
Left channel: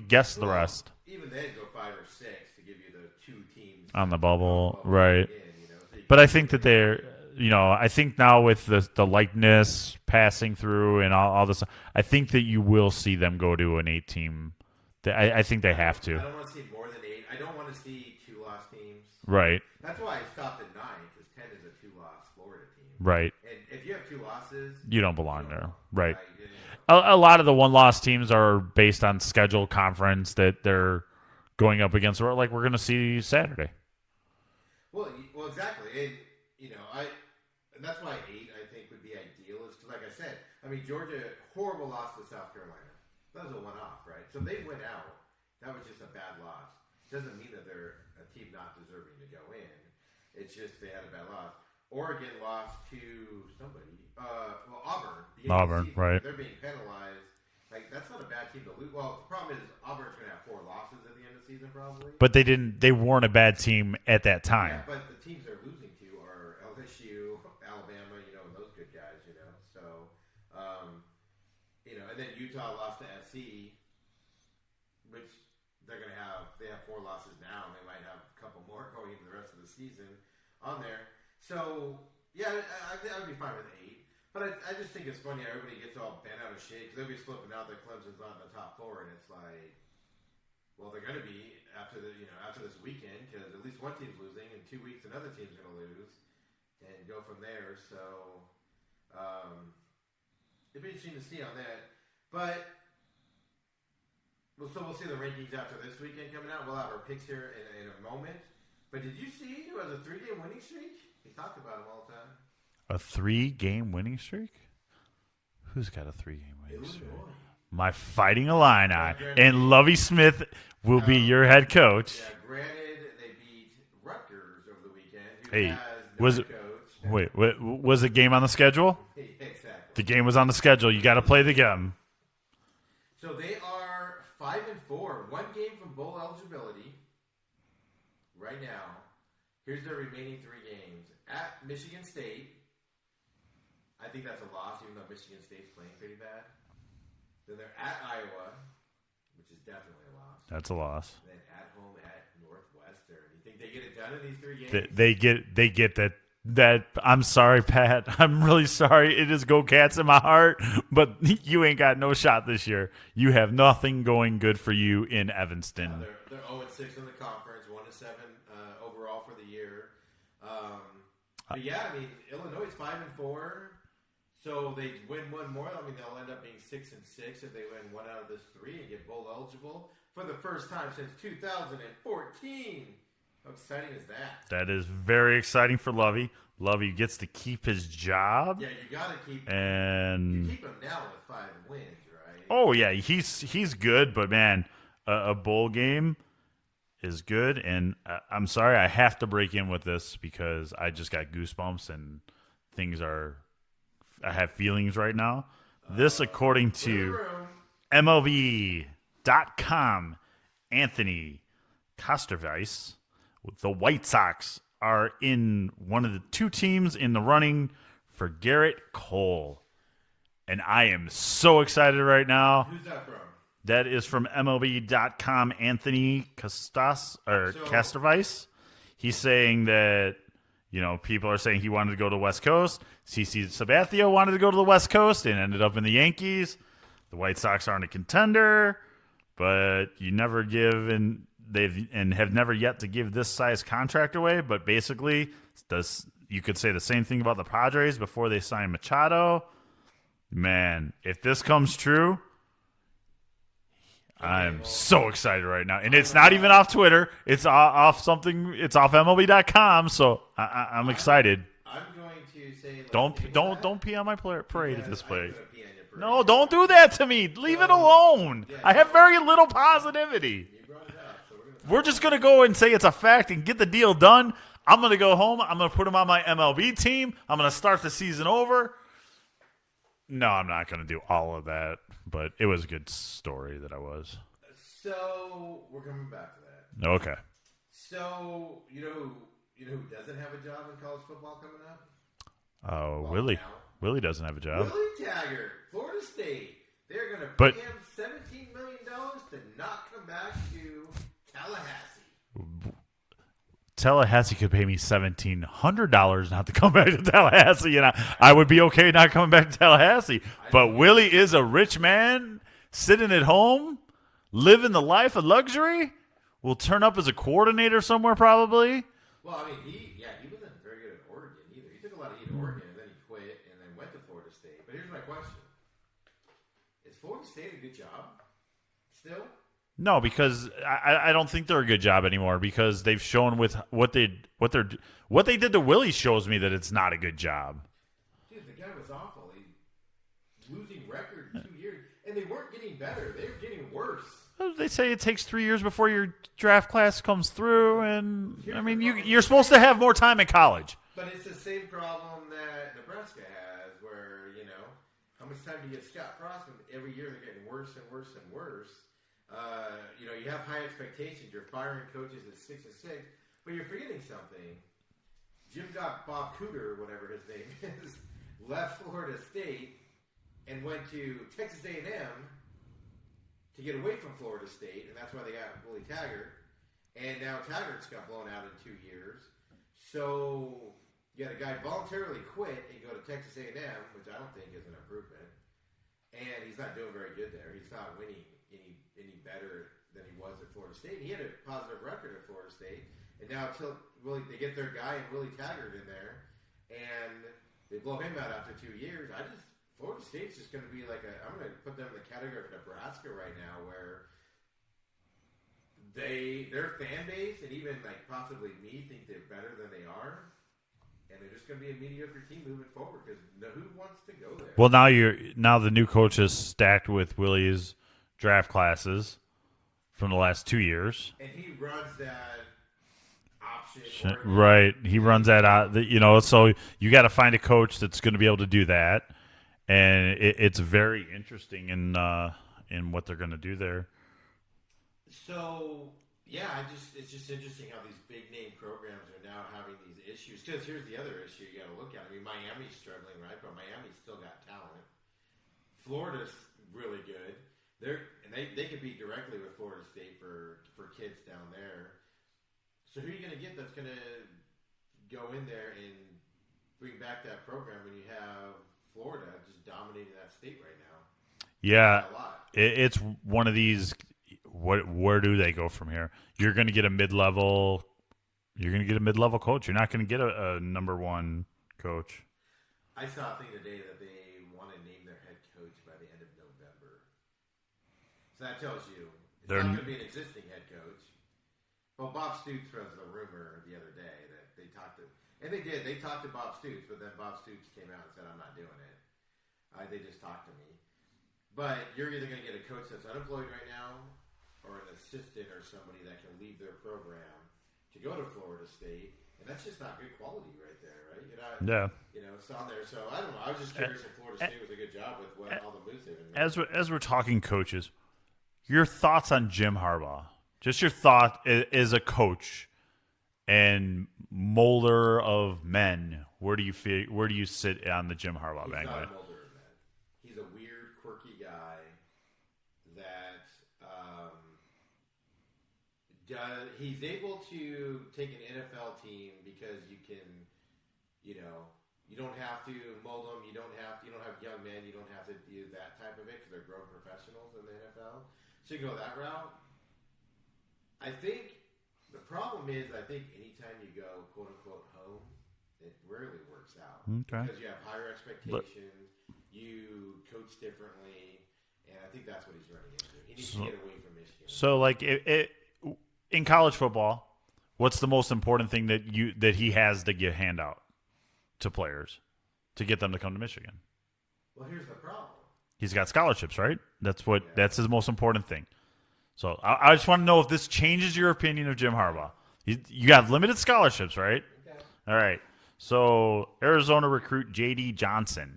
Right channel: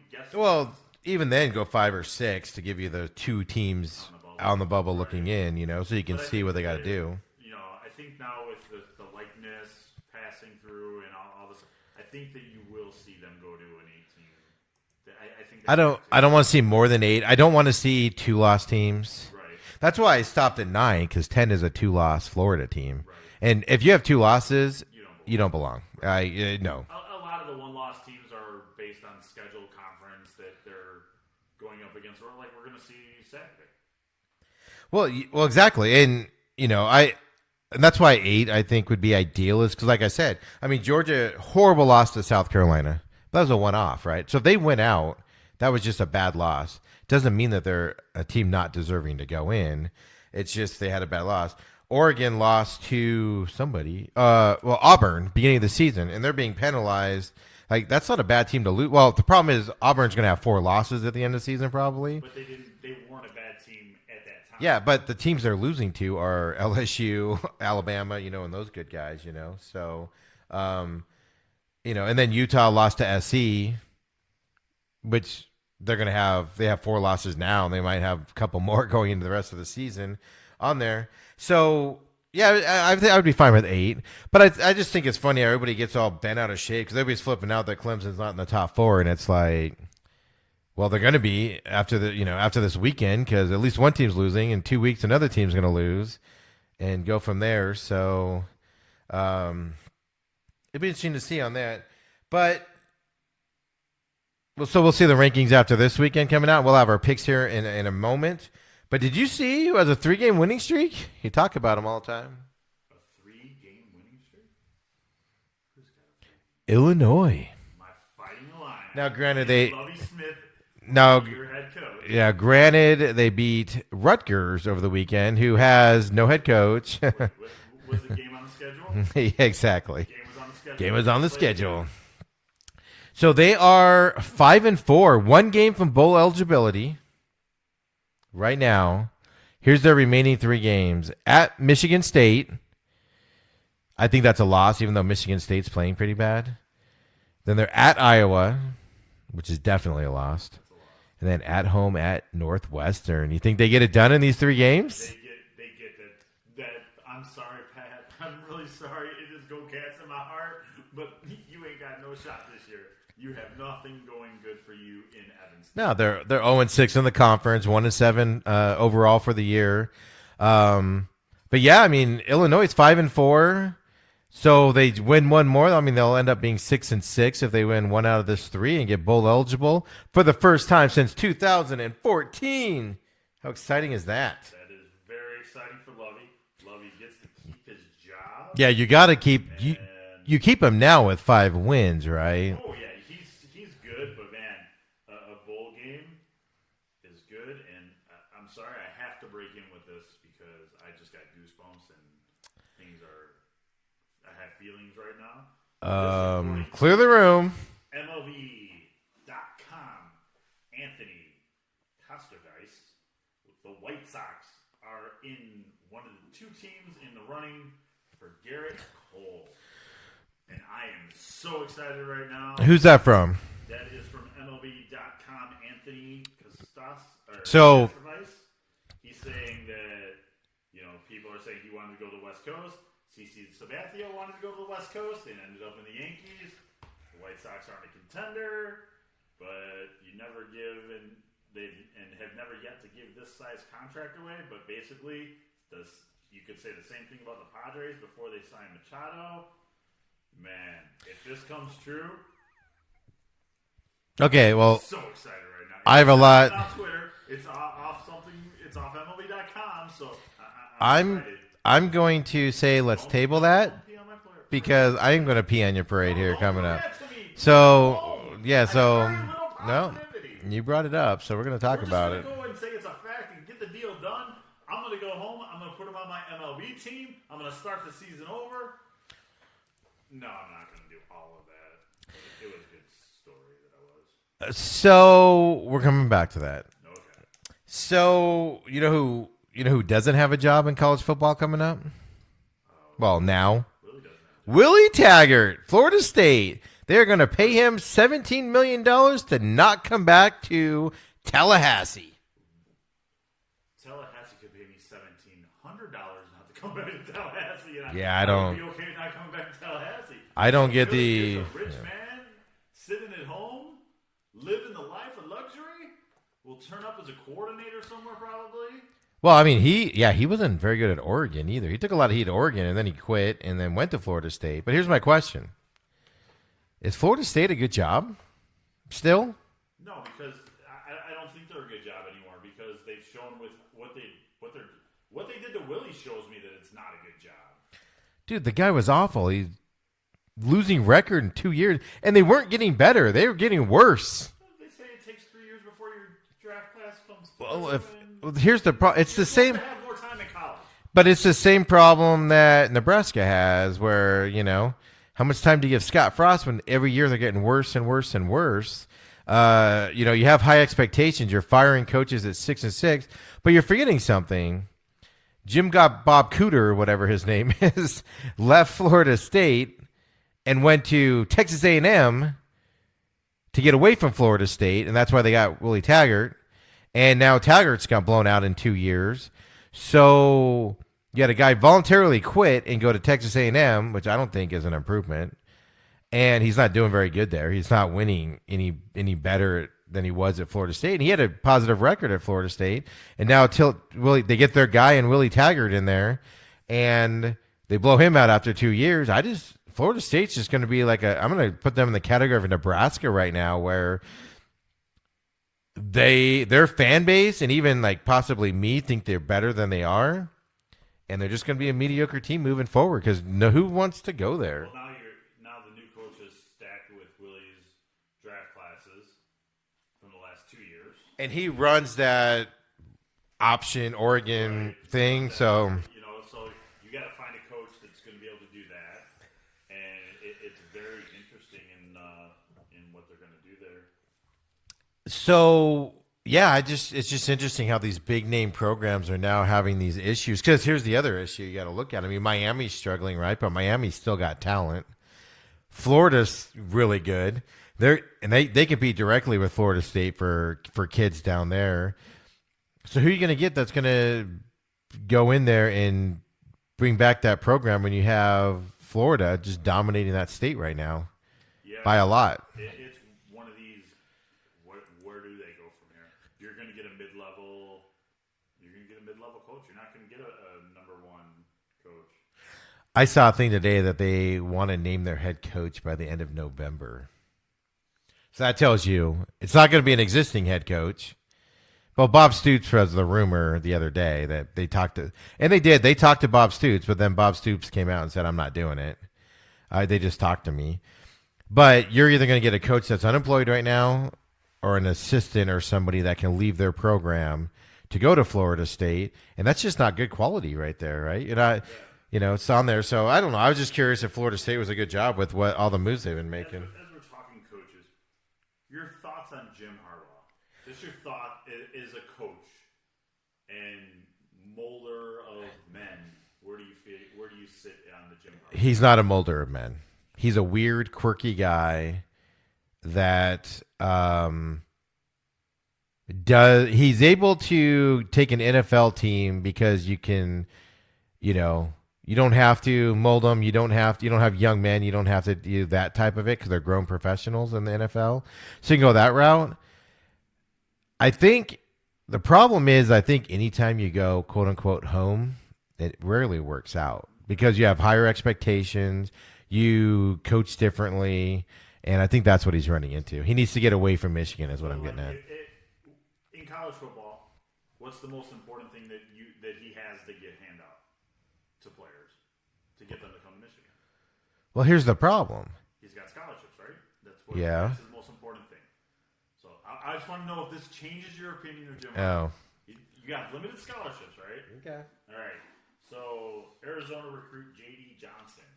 guess the rest. Even then, go 5 or 6 to give you the 2 teams on the bubble, right. Looking in. You know, so you can. But I see think what that they're they're, do. you know, I think now with the likeness passing through and all this, I think that you will see them go to an 8-team. I think they have to. I don't want to see more than 8. I don't want to see 2-loss teams. Right. That's why I stopped at 9 because 10 is a 2-loss Florida team. Right. And if you have 2 losses, you don't belong. You don't belong. Right. No. A lot of the 1-loss teams are based on schedule conference that they're going up against, or like we're going to see Saturday. Well, exactly, and and that's why 8 I think would be ideal, is because, like I said, I mean Georgia, horrible loss to South Carolina. That was a one-off, right? So if they went out, that was just a bad loss. Doesn't mean that they're a team not deserving to go in. It's just they had a bad loss. Oregon lost to somebody, Auburn, beginning of the season, right. And they're being penalized. Like, that's not a bad team to lose. Well, the problem is Auburn's going to have 4 losses at the end of the season probably. But they weren't a bad team at that time. Yeah, but the teams they're losing to are LSU, Alabama, and those good guys, So, and then Utah lost to SC, which they have 4 losses now, and they might have a couple more going into the rest of the season on there. So, Yeah, I would be fine with 8. But I just think it's funny. Everybody gets all bent out of shape because everybody's flipping out that Clemson's not in the top 4, and it's like, well, they're going to be after this weekend because at least one team's losing. In 2 weeks, another team's going to lose, and go from there. So, it'd be interesting to see on that. But we'll see the rankings after this weekend coming out. We'll have our picks here in a moment. But did you see who has a 3-game winning streak? You talk about them all the time. A 3-game winning streak? Who's got a 3-game winning streak? Illinois. My Fighting Illini. Now, granted, and Lovie Smith will be your head coach. Yeah, granted, they beat Rutgers over the weekend, who has no head coach. Wait, was the game on the schedule? Yeah, exactly. The game was on the schedule. You got to play the game. So they are 5-4, 1 game from bowl eligibility. Right now, here's their remaining 3 games. At Michigan State. I think that's a loss, even though Michigan State's playing pretty bad. Then they're at Iowa, which is definitely a loss. That's a loss. And then at home at Northwestern. You think they get it done in these 3 games? They get that. I'm sorry, Pat. I'm really sorry. It is Go Cats in my heart, but you ain't got no shot this year. You have nothing going good for you in Evanston. No, they're 0-6 in the conference, 1-7 overall for the year. But yeah, I mean, Illinois is 5-4, so they win 1 more. I mean, they'll end up being 6-6 if they win 1 out of this 3 and get bowl eligible for the first time since 2014. How exciting is that? That is very exciting for Lovie. Lovie gets to keep his job. Yeah, you got to keep you keep him now with 5 wins, right? Oh yeah, he's good, but man, a bowl game is good. And I'm sorry, I have to break in with this because I just got goosebumps and I have feelings right now. This according clear to the room. MLB.com, Anthony Kosterveiss. The White Sox are in one of the 2 teams in the running for Garrett Cole. And I am so excited right now. Who's that from? That is from MLB.com, Anthony So Kosterveiss. He's saying that, people are saying he wanted to go to the West Coast. CC Sabathia wanted to go to the West Coast and ended up in the Yankees. The White Sox aren't a contender, but you never give and have never yet to give this size contract away. But basically, you could say the same thing about the Padres before they signed Machado. Man, if this comes true, okay, I'm well, so excited right now. And I it's have not even off Twitter. It's off something. It's off MLB.com. So I'm excited. I'm going to say let's table that. Don't pee on my parade. Because I'm going to pee on your parade. No, here don't do coming that up. to me. Leave So, it alone. yeah, I have very little positivity. You brought it up, so we're going to talk about it. We're just going to go and say it's a fact and get the deal done. I'm going to go home. I'm going to put him on my MLB team. I'm going to start the season over. No, I'm not going to do all of that. But it was a good story that I was. So we're coming back to that. Okay. So you know who doesn't have a job in college football coming up? Now Willie doesn't have a job. Willie Taggart, Florida State. They're going to pay him $17 million to not come back to Tallahassee. Tallahassee could pay me $1,700 not to come back to Tallahassee, and I would be okay not coming back to Tallahassee. But Willie is a rich man sitting at home, living the life of luxury. Will turn up as a coordinator somewhere probably. Well, I mean, he wasn't very good at Oregon either. He took a lot of heat at Oregon, and then he quit, and then went to Florida State. But here's my question: is Florida State a good job still? No, because I don't think they're a good job anymore. Because they've shown with what they did to Willie shows me that it's not a good job. Dude, the guy was awful. He's losing record in 2 years, and they weren't getting better; they were getting worse. They say it takes 3 years before your draft class comes through, here's the problem. You're supposed to have more time in college. But it's the same problem that Nebraska has, where how much time do you give Scott Frost when every year they're getting worse and worse and worse? You have high expectations. You're firing coaches at 6-6, but you're forgetting something. Bob Cooter, or whatever his name is, left Florida State and went to Texas A&M to get away from Florida State, and that's why they got Willie Taggart. And now Taggart's got blown out in 2 years. So You had a guy voluntarily quit and go to Texas A&M, which I don't think is an improvement. And he's not doing very good there. He's not winning any better than he was at Florida State. And he had a positive record at Florida State. And now they get their guy and Willie Taggart in there, and they blow him out after 2 years. Florida State's just going to be like I'm going to put them in the category of Nebraska right now, where their fan base and even like possibly me think they're better than they are. And they're just going to be a mediocre team moving forward because who wants to go there? Well, now the new coach is stacked with Willie's draft classes from the last 2 years, and he runs that option Oregon, right? He thing, runs that so. out. So you got to find a coach that's going to be able to do that, and it's very interesting in what they're going to do there. So. Yeah, it's just interesting how these big name programs are now having these issues. Because here's the other issue you got to look at. I mean, Miami's struggling, right? But Miami's still got talent. Florida's really good. They compete directly with Florida State for kids down there. So who are you going to get that's going to go in there and bring back that program when you have Florida just dominating that state right now? Yeah, by a lot. It's one of these. Where do they go from here? You're going to get a mid-level. You're going to get a mid-level coach. You're not going to get a number one coach. I saw a thing today that they want to name their head coach by the end of November. So that tells you it's not going to be an existing head coach. Well, Bob Stoops was the rumor the other day that they talked to, and they did. They talked to Bob Stoops, but then Bob Stoops came out and said, "I'm not doing it." They just talked to me. But you're either going to get a coach that's unemployed right now, or an assistant or somebody that can leave their program to go to Florida State. And that's just not good quality right there, right? It's on there. So I don't know. I was just curious if Florida State was a good job with all the moves they've been making. As we're talking coaches, your thoughts on Jim Harbaugh. Just your thought as a coach and molder of men. Where do you sit on the Jim Harbaugh? He's not a molder of men. He's a weird, quirky guy that he's able to take an NFL team because you can, you don't have to mold them. You don't have young men. You don't have to do that type of it because they're grown professionals in the NFL. So you can go that route. I think the problem is, anytime you go quote unquote home, it rarely works out because you have higher expectations. You coach differently. And I think that's what he's running into. He needs to get away from Michigan. So, in college football, what's the most important thing that he has to hand out to players to get them to come to Michigan? Well, here's the problem. He's got scholarships, right? That's his most important thing. So I just want to know if this changes your opinion of Jim Harbaugh. You got limited scholarships, right? Okay. All right. So Arizona recruit J.D. Johnson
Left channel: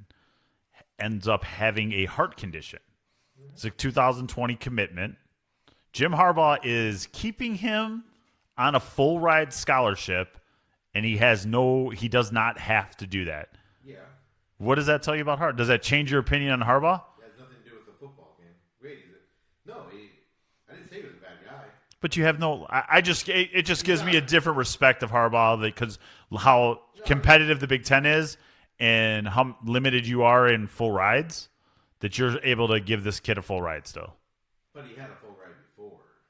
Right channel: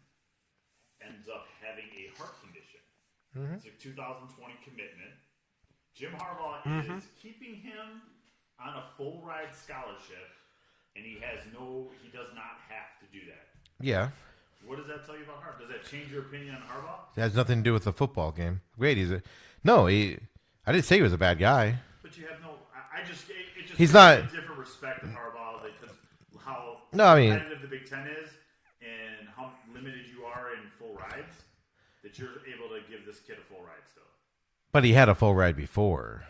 ends up having a heart condition. Mm-hmm. It's a 2020 commitment. Jim Harbaugh is keeping him on a full ride scholarship, and he does not have to do that. Yeah. What does that tell you about Harbaugh? Does that change your opinion on Harbaugh? It has nothing to do with the football game. Wait, I didn't say he was a bad guy. But you have it just gives me a different respect of Harbaugh because how competitive the Big Ten is and how limited you are in full rides that you're able to give this kid a full ride still. But he had a full ride before.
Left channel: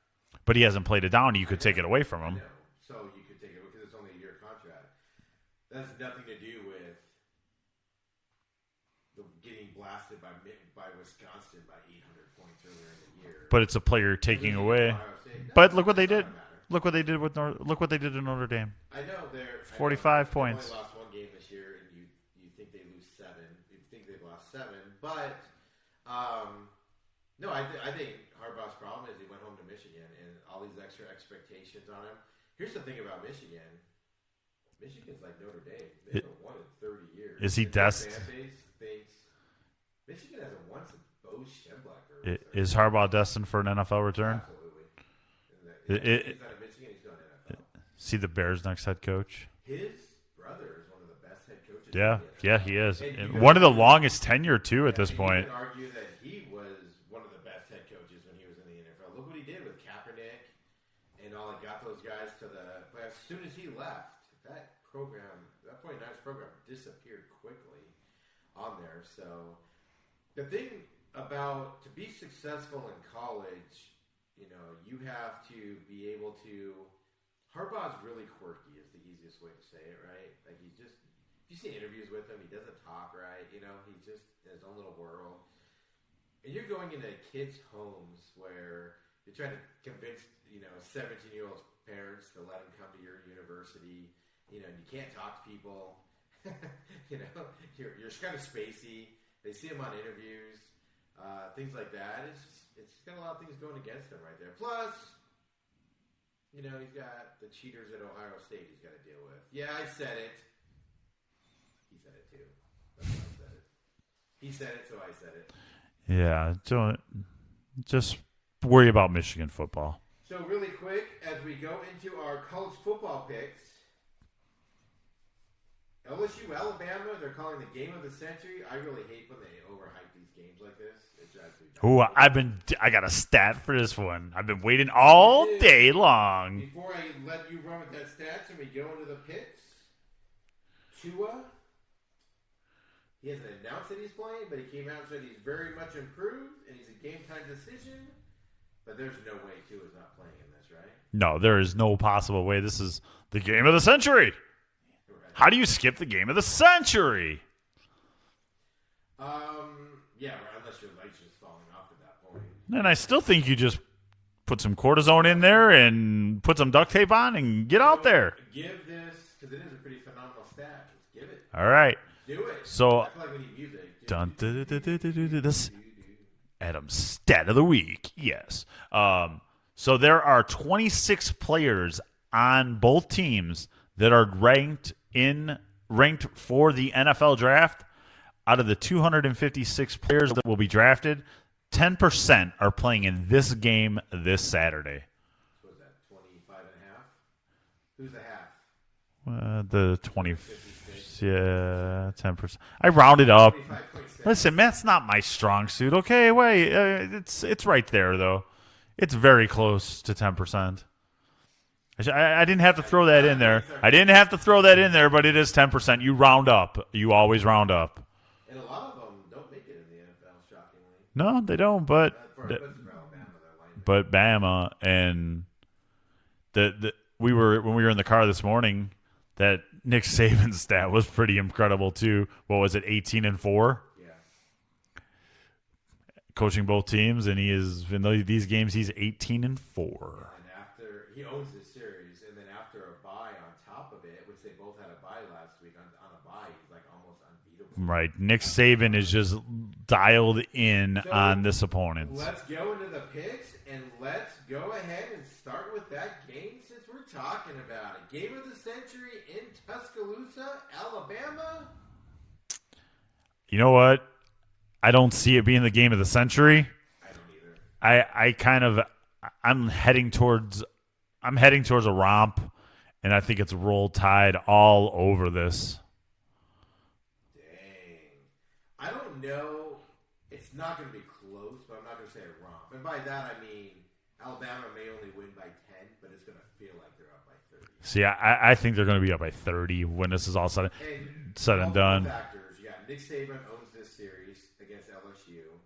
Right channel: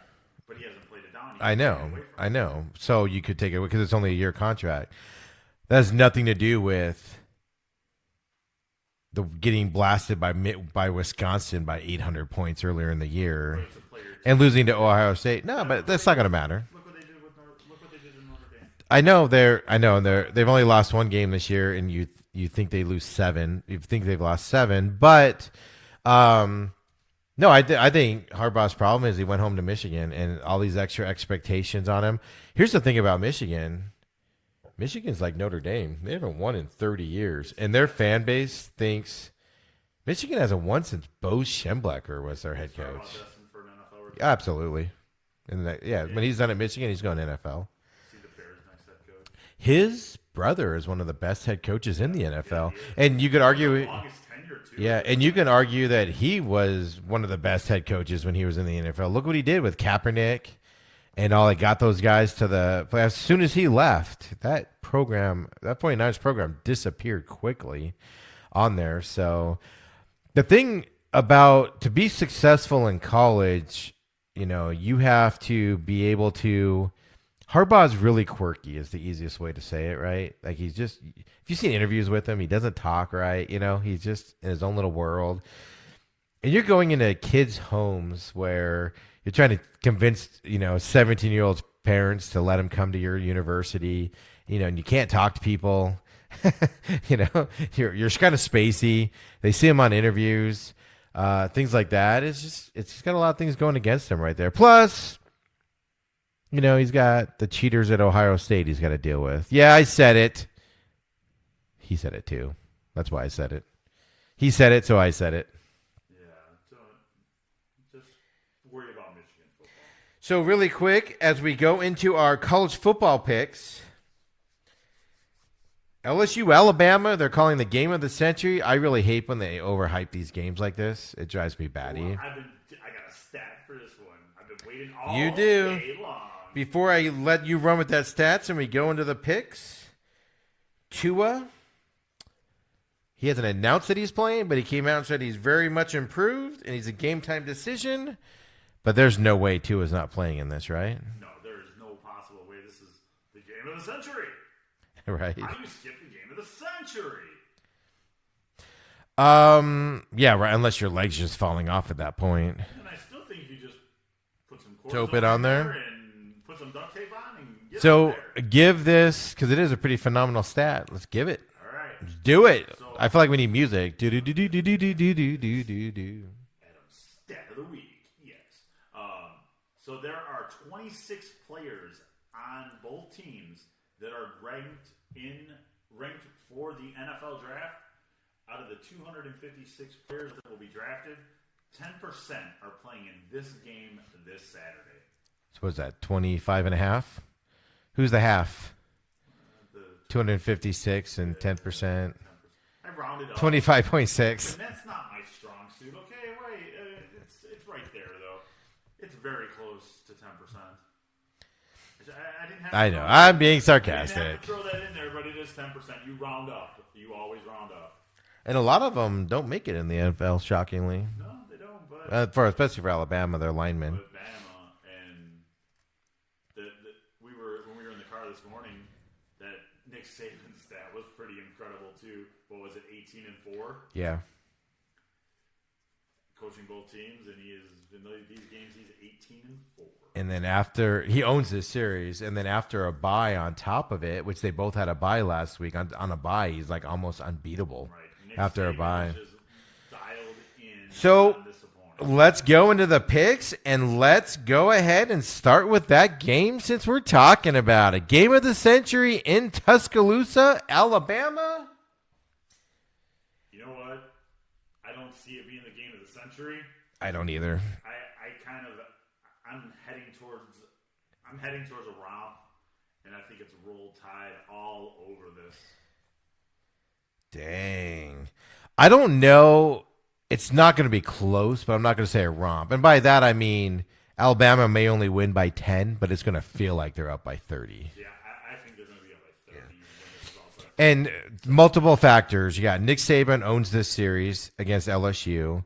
But he hasn't played it down. You can take it away from him. I know. So you could take it because it's only a year contract. That has nothing to do with the getting blasted by Wisconsin by 800 points earlier in the year. But it's a player and losing away. to Ohio State. No, but that's not going to matter. Look what they did look what they did in Notre Dame. I know they've points. only lost one game this year, and you think they lose 7. You think they've lost 7, but no, I think Harbaugh's problem is he went home to Michigan and all these extra expectations on him. Here's the thing about Michigan. Michigan's like Notre Dame. They haven't won in 30 years. And their fan base thinks Michigan hasn't won since Bo Schembechler was there. Is Harbaugh destined for an NFL return? Absolutely. And when he's done at Michigan, he's going to NFL. See the Bears' next head coach? His brother is one of the best head coaches in the NFL. Yeah, he is. And you could one argue of the longest tenure, too, at this point. And you can argue that he was one of the best head coaches when he was in the NFL. Look what he did with Kaepernick and all that got those guys to the play. As soon as he left, that 49ers program disappeared quickly on there. So the thing about to be successful in college, you have to be able to. Harbaugh's really quirky is the easiest way to say it, right? Like if you've seen interviews with him, he doesn't talk right. He's just in his own little world. And you're going into kids' homes where you're trying to convince, 17-year-old parents to let them come to your university, and you can't talk to people. You're kind of spacey. They see him on interviews, things like that. It's just got a lot of things going against him right there. Plus, he's got the cheaters at Ohio State he's got to deal with. Yeah, I said it. He said it too. That's why I said it. He said it, so I said it. Yeah, don't just worry about Michigan football. So really quick, as we go into our college football picks, LSU, Alabama, they're calling the game of the century. I really hate when they overhype these games like this. It drives me batty. Ooh, I got a stat for this one. I've been waiting all day long. Before I let you run with that stats and we go into the picks, Tua, he hasn't announced that he's playing, but he came out and said he's very much improved and he's a game-time decision. But there's no way Tua's not playing in this, right? No, there is no possible way. This is the game of the century. Right. How do you skip the game of the century? Yeah, right. Unless your leg's just falling off at that point. And I still think you just put some cortisone in there and put some duct tape on and get out there. Give this, because it is a pretty phenomenal stat. Let's give it. All right. Do it. So I feel like we need music. Adam's stat of the week. Yes. So there are 26 players on both teams that are ranked for the NFL draft. Out of the 256 players that will be drafted, 10% are playing in this game this Saturday. So what is that, 25 and a half? Who's the half? The 256 and 10%. 10%. I rounded up. 25.6. Listen, that's not my strong suit. Okay, wait. It's right there, though. It's very close to 10%. I didn't have to throw that in there. I didn't have to throw that in there, but it is 10%. You round up. You always round up. And a lot of them don't make it in the NFL, shockingly. No, they don't. But especially for Alabama, their linemen. But Bama and when we were in the car this morning, that Nick Saban stat was pretty incredible too. What was it, 18-4? Yeah. Coaching both teams, and he is in these games he's 18-4. And then after he owns this series, and then after a bye on top of it, which they both had a bye last week, on a bye he's like almost unbeatable. Right, Nick Saban is just dialed in on this opponent. Let's go into the picks, and let's go ahead and start with that game since we're talking about it. Game of the century in Tuscaloosa, Alabama. You know what? I don't see it being the game of the century. I don't either. I'm heading towards a romp, and I think it's Roll Tide all over this. Dang. I don't know. It's not going to be close, but I'm not going to say a romp. And by that, I mean Alabama may only win by 10, but it's going to feel like they're up by 30. See, I think they're going to be up by 30 when this is all said and multiple factors. You got Nick Saban owns this series against LSU.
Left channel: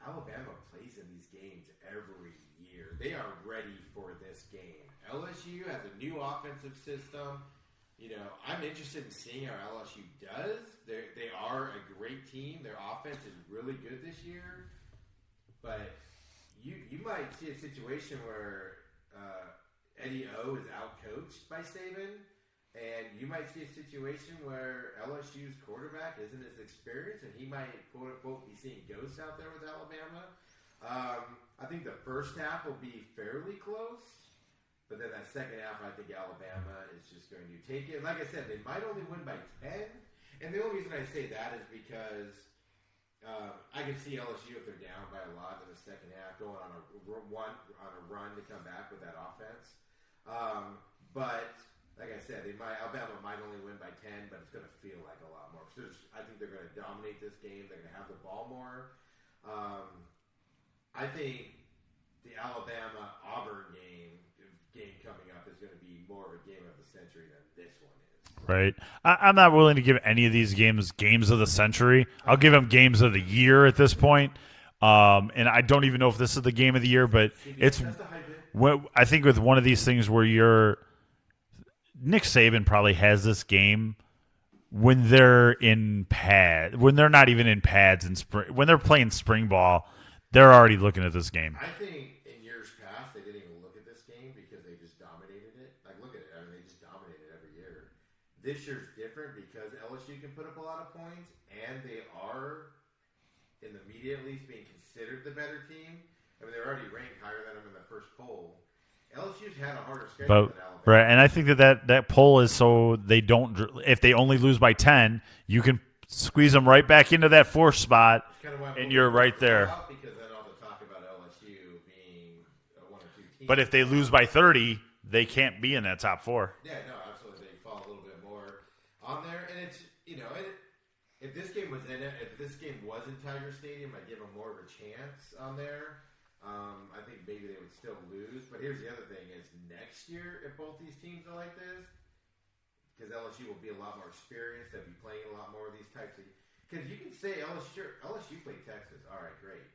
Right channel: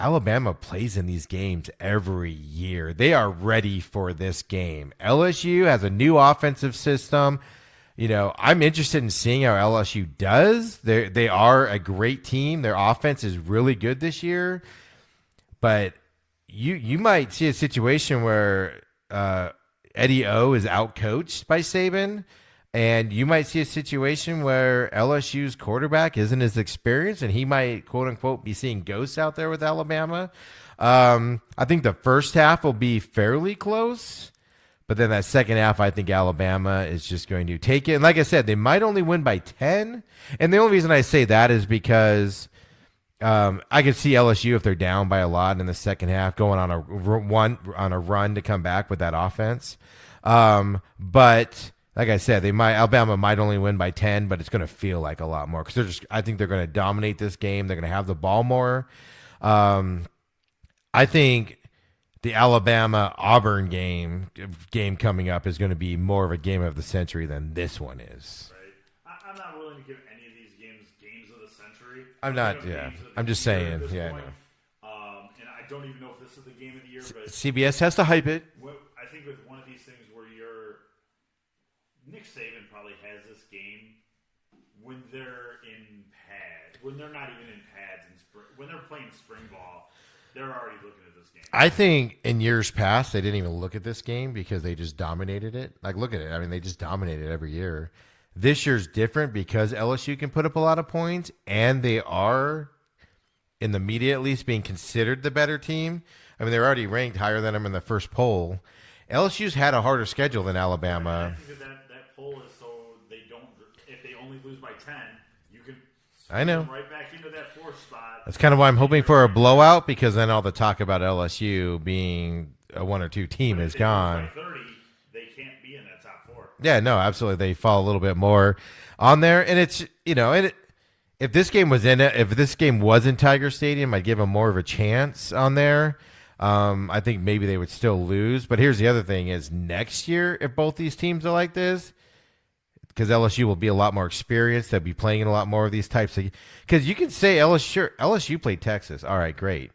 Alabama plays in these games every year. They are ready for this game. LSU has a new offensive system. I'm interested in seeing how LSU does. They are a great team. Their offense is really good this year. But you might see a situation where Eddie O is outcoached by Saban, and you might see a situation where LSU's quarterback isn't as experienced, and he might, quote unquote, be seeing ghosts out there with Alabama. I think the first half will be fairly close, but then that second half, I think Alabama is just going to take it. And like I said, they might only win by 10. And the only reason I say that is because I could see LSU, if they're down by a lot in the second half, going on a run to come back with that offense. But like I said, Alabama might only win by 10, but it's going to feel like a lot more because I think they're going to dominate this game. They're going to have the ball more. I think the Alabama Auburn game coming up is going to be more of a game of the century than this one is. Right. I'm not willing to give any of these games of the century. I'll give them games of the year at this point. And I don't even know if this is the game of the year, but CBS has to hype it. I think with one of these things where Nick Saban probably has this game when they're when they're not even in pads in spring, when they're playing spring ball, they're already looking at this game. I think in years past they didn't even look at this game because they just dominated it. Like, look at it. I mean, they just dominate it every year. This year's different because LSU can put up a lot of points, and they are, in the media at least, being considered the better team. I mean, they're already ranked higher than them in the first poll. LSU's had a harder schedule than Alabama. Right, and I think that poll is so they don't – if they only lose by 10, you can squeeze them right back into that fourth spot. That's kind of why I'm hoping for a blowout because then all the talk about LSU being a 1 or 2 team But is if they gone. lose by 30, they can't be in that top 4. Yeah, no, absolutely. They fall a little bit more on there. And it's, if this game was in Tiger Stadium, I'd give them more of a chance on there. I think maybe they would still lose. But here's the other thing is next year, if both these teams are like this, because LSU will be a lot more experienced, they'll be playing in a lot more of these types of – because you can say LSU played Texas. All right, great.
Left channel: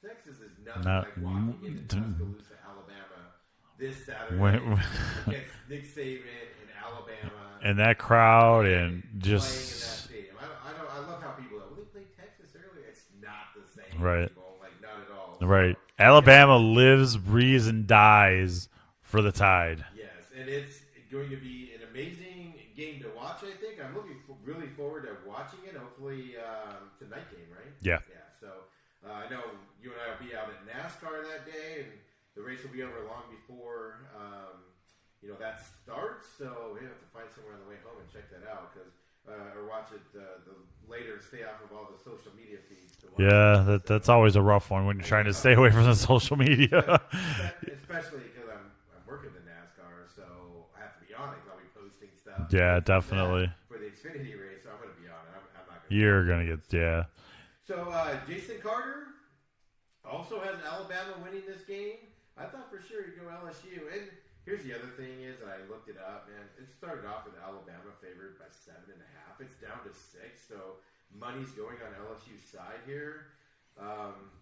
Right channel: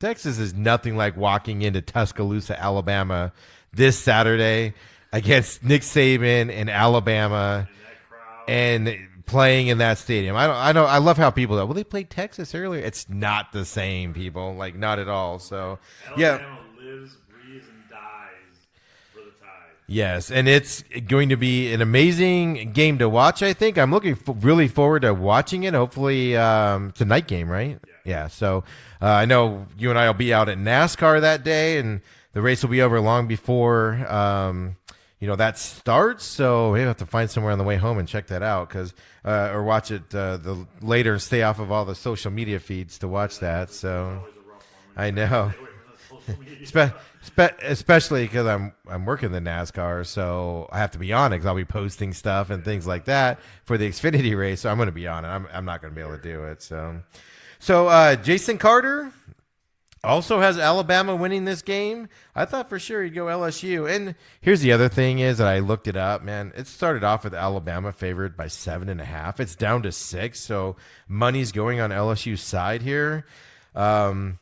Texas is nothing like walking into Tuscaloosa, Alabama this Saturday against Nick Saban and Alabama and that crowd and playing in that stadium. I love how people go, well, they played Texas earlier. It's not the same, people. Like, not at all. So, right. Alabama lives, breathes, and dies for the Tide. Yes, and it's going to be an amazing game to watch, I think. I'm looking really forward to watching it. Hopefully it's a night game, right? Yeah. Yeah, so I know you and I will be out at NASCAR that day, and the race will be over long before that starts. So we have to find somewhere on the way home and check that out, or watch it later and stay off of all the social media feeds to watch that. Yeah, so. That's always a rough one when you're trying to stay away from the social media. Especially because I'm working the NASCAR, so I have to be on it because I'll be posting stuff and things like that for the Xfinity race. So I'm going to be on it. I'm not going to be able to do it. So Jason Carter also has Alabama winning this game. I thought for sure he'd go LSU. And here's the other thing is that I looked it up, man. It started off with Alabama favored by 7.5. It's down to 6, so money's going on LSU's side here. But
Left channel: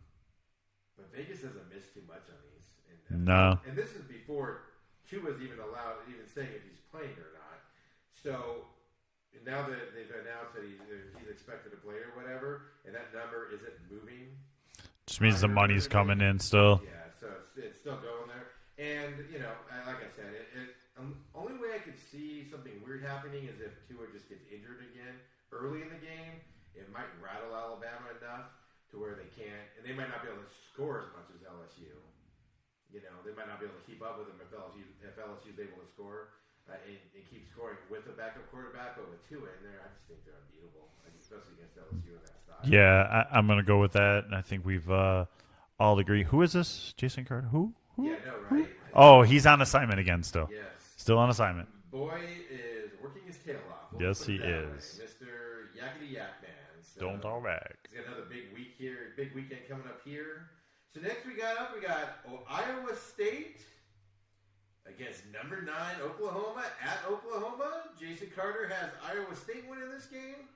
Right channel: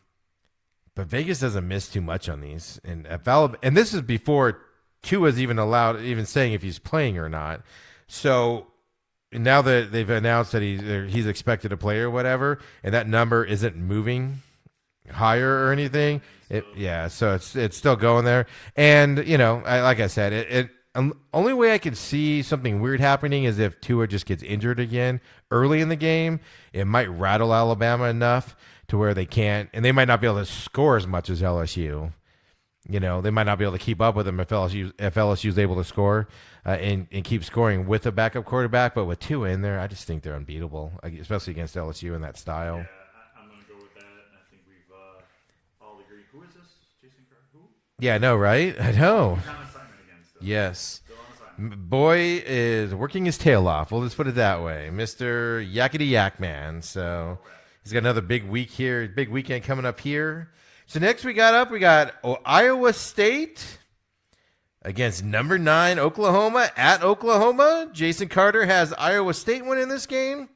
Vegas doesn't miss too much on these. And this is before Tua's even saying if he's playing or not. So now that they've announced that he's expected to play or whatever, and that number isn't moving higher or anything. Coming in still. So it's still going there. And, like I said, only way I could see something weird happening is if Tua just gets injured again early in the game. It might rattle Alabama enough to where they can't, and they might not be able to score as much as LSU. They might not be able to keep up with them if LSU is able to score and keep scoring with a backup quarterback. But with Tua in there, I just think they're unbeatable, especially against LSU in that style. Yeah, I'm going to go with that. I think we've all agree. Who is this? Jason Carter? Who? Yeah, I know, right? I know. Oh, he's on assignment again still. Yes. Still on assignment. Boy is working his tail off. We'll just put it that way. is. Mr. Yakety Yak Man. So he's got another big week here, big weekend coming up here. So next we got Iowa State against number 9 Oklahoma at Oklahoma. Jason Carter has Iowa State winning this game.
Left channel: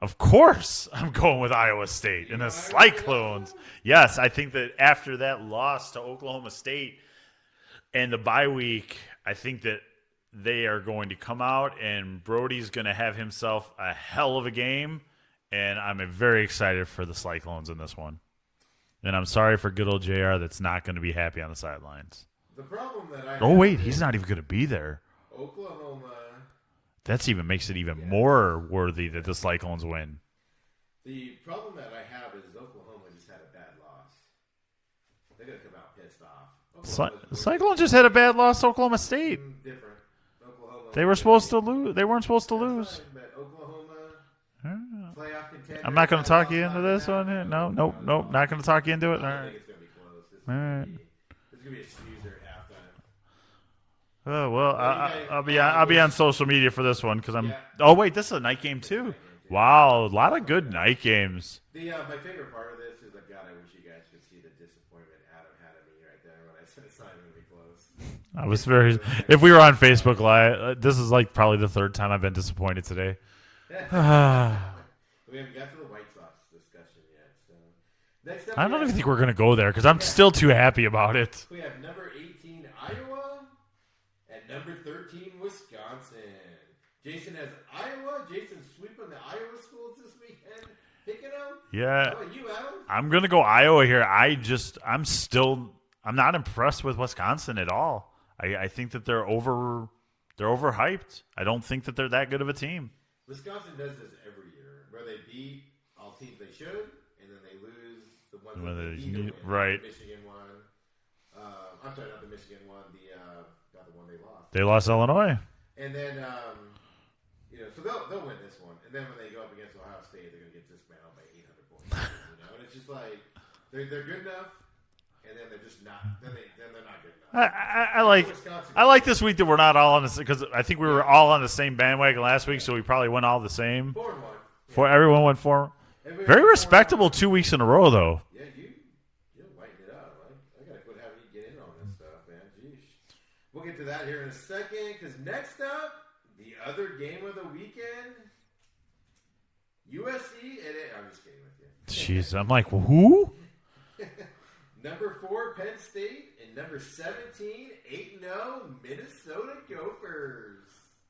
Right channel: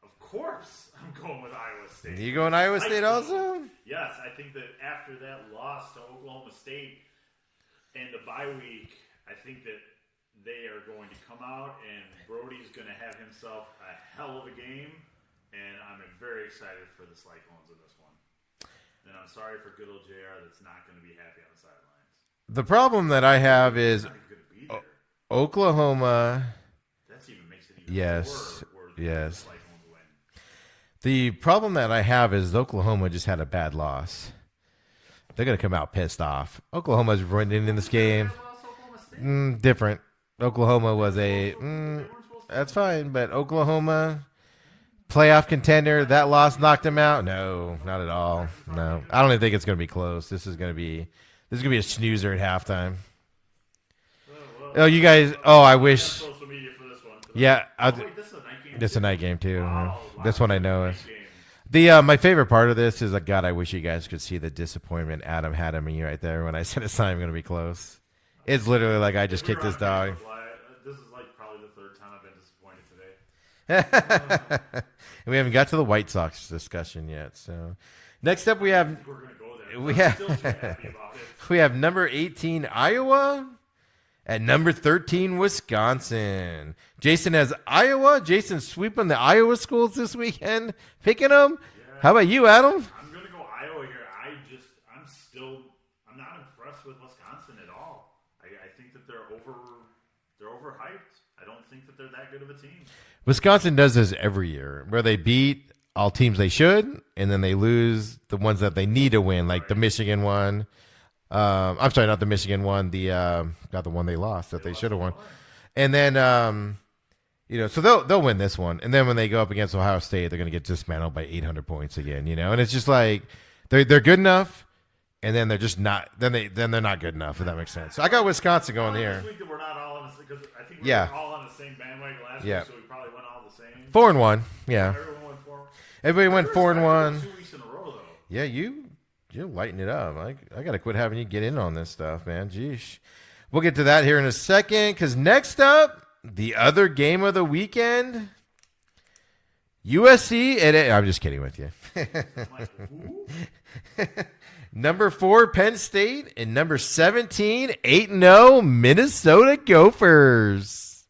Of course, I'm going with Iowa State. You going Iowa State also? Yes, I think that after that loss to Oklahoma State and the bye week, I think that they are going to come out and Brody's going to have himself a hell of a game, and I'm very excited for the Cyclones in this one. And I'm sorry for good old JR that's not going to be happy on the sidelines. The problem that I have is he's not even going to be there. Oklahoma. That even makes it even more worthy that the Cyclones win. The problem that I have is Oklahoma just had a bad loss. They're going to come out pissed off. Oklahoma's running in Cyclones this just game. had a bad loss to Oklahoma State. Different. Oklahoma They were supposed to lose. They weren't supposed to lose. That's fine, but Oklahoma, playoff contender, that loss knocked them out. No, not at all. Not going to talk you into it. I don't even think it's going to be close. This is going to be a snoozer at halftime. Oh well. Oh, you guys. I'll wish. be on social media for this one because Yeah. Oh wait, this is a night game This too. is a night game too. Wow, a lot This of one I good know. night games. The my favorite part of this is God. I wish you guys could see the disappointment Adam had in me right there when I said it's not even going to be close. It's literally like I. Just if we were on kicked this Facebook dog. Live, this is like probably the third time I've been disappointed today. And we haven't got to the White Sox discussion yet. So next up I we don't have even think we're gonna go there because I'm still too happy about it. we have number 18 Iowa at number 13 Wisconsin. Jason has Iowa. Jason sweeping the Iowa schools this weekend, picking them. Yeah. How about you, Adam? I'm gonna go Iowa here. I'm not impressed with Wisconsin at all. I think that they're overhyped. I don't think that they're that good of a team. Wisconsin does this every year, where they beat all teams they should, and then they lose the ones that they need to win, like the Right. Michigan one. I'm sorry, not the Michigan one. Not the one they lost. that They they lost should've won. Illinois. And then so they'll win this one, and then when they go up against Ohio State, they're going to get dismantled by 800 points again. And it's just like they're good enough. And then they're just not. Then they're not good enough. If that makes sense. I got Wisconsin. I Going like here. this week that we're not all on this because I think we were Yeah. all on the same bandwagon last Yeah. week, so we probably went all the same. 4-1. Yeah, Or everyone went four. everybody Very went respectable 4-1. 2 weeks in a row, though. Yeah, you're lighting it up. I got to quit having you get in on this stuff, man. Jeez. We'll get to that here in a second because next up, the other game of the weekend, USC. I'm just kidding with you. Jeez, I'm like, who? Number 4, Penn State, and number 17, 8-0, Minnesota Gophers.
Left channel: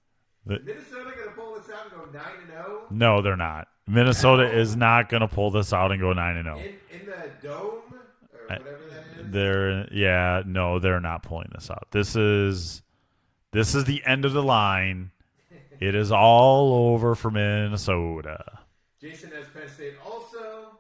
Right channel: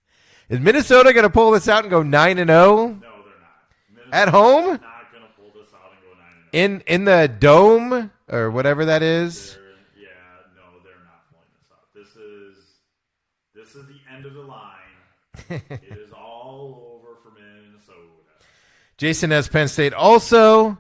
Is Minnesota going to pull this out and go 9-0 No, they're not. home? Minnesota is not going to pull this out and go 9-0. in the dome or whatever that is? They're not pulling this out. This is the end of the line. It is all over for Minnesota. Jason has Penn State also,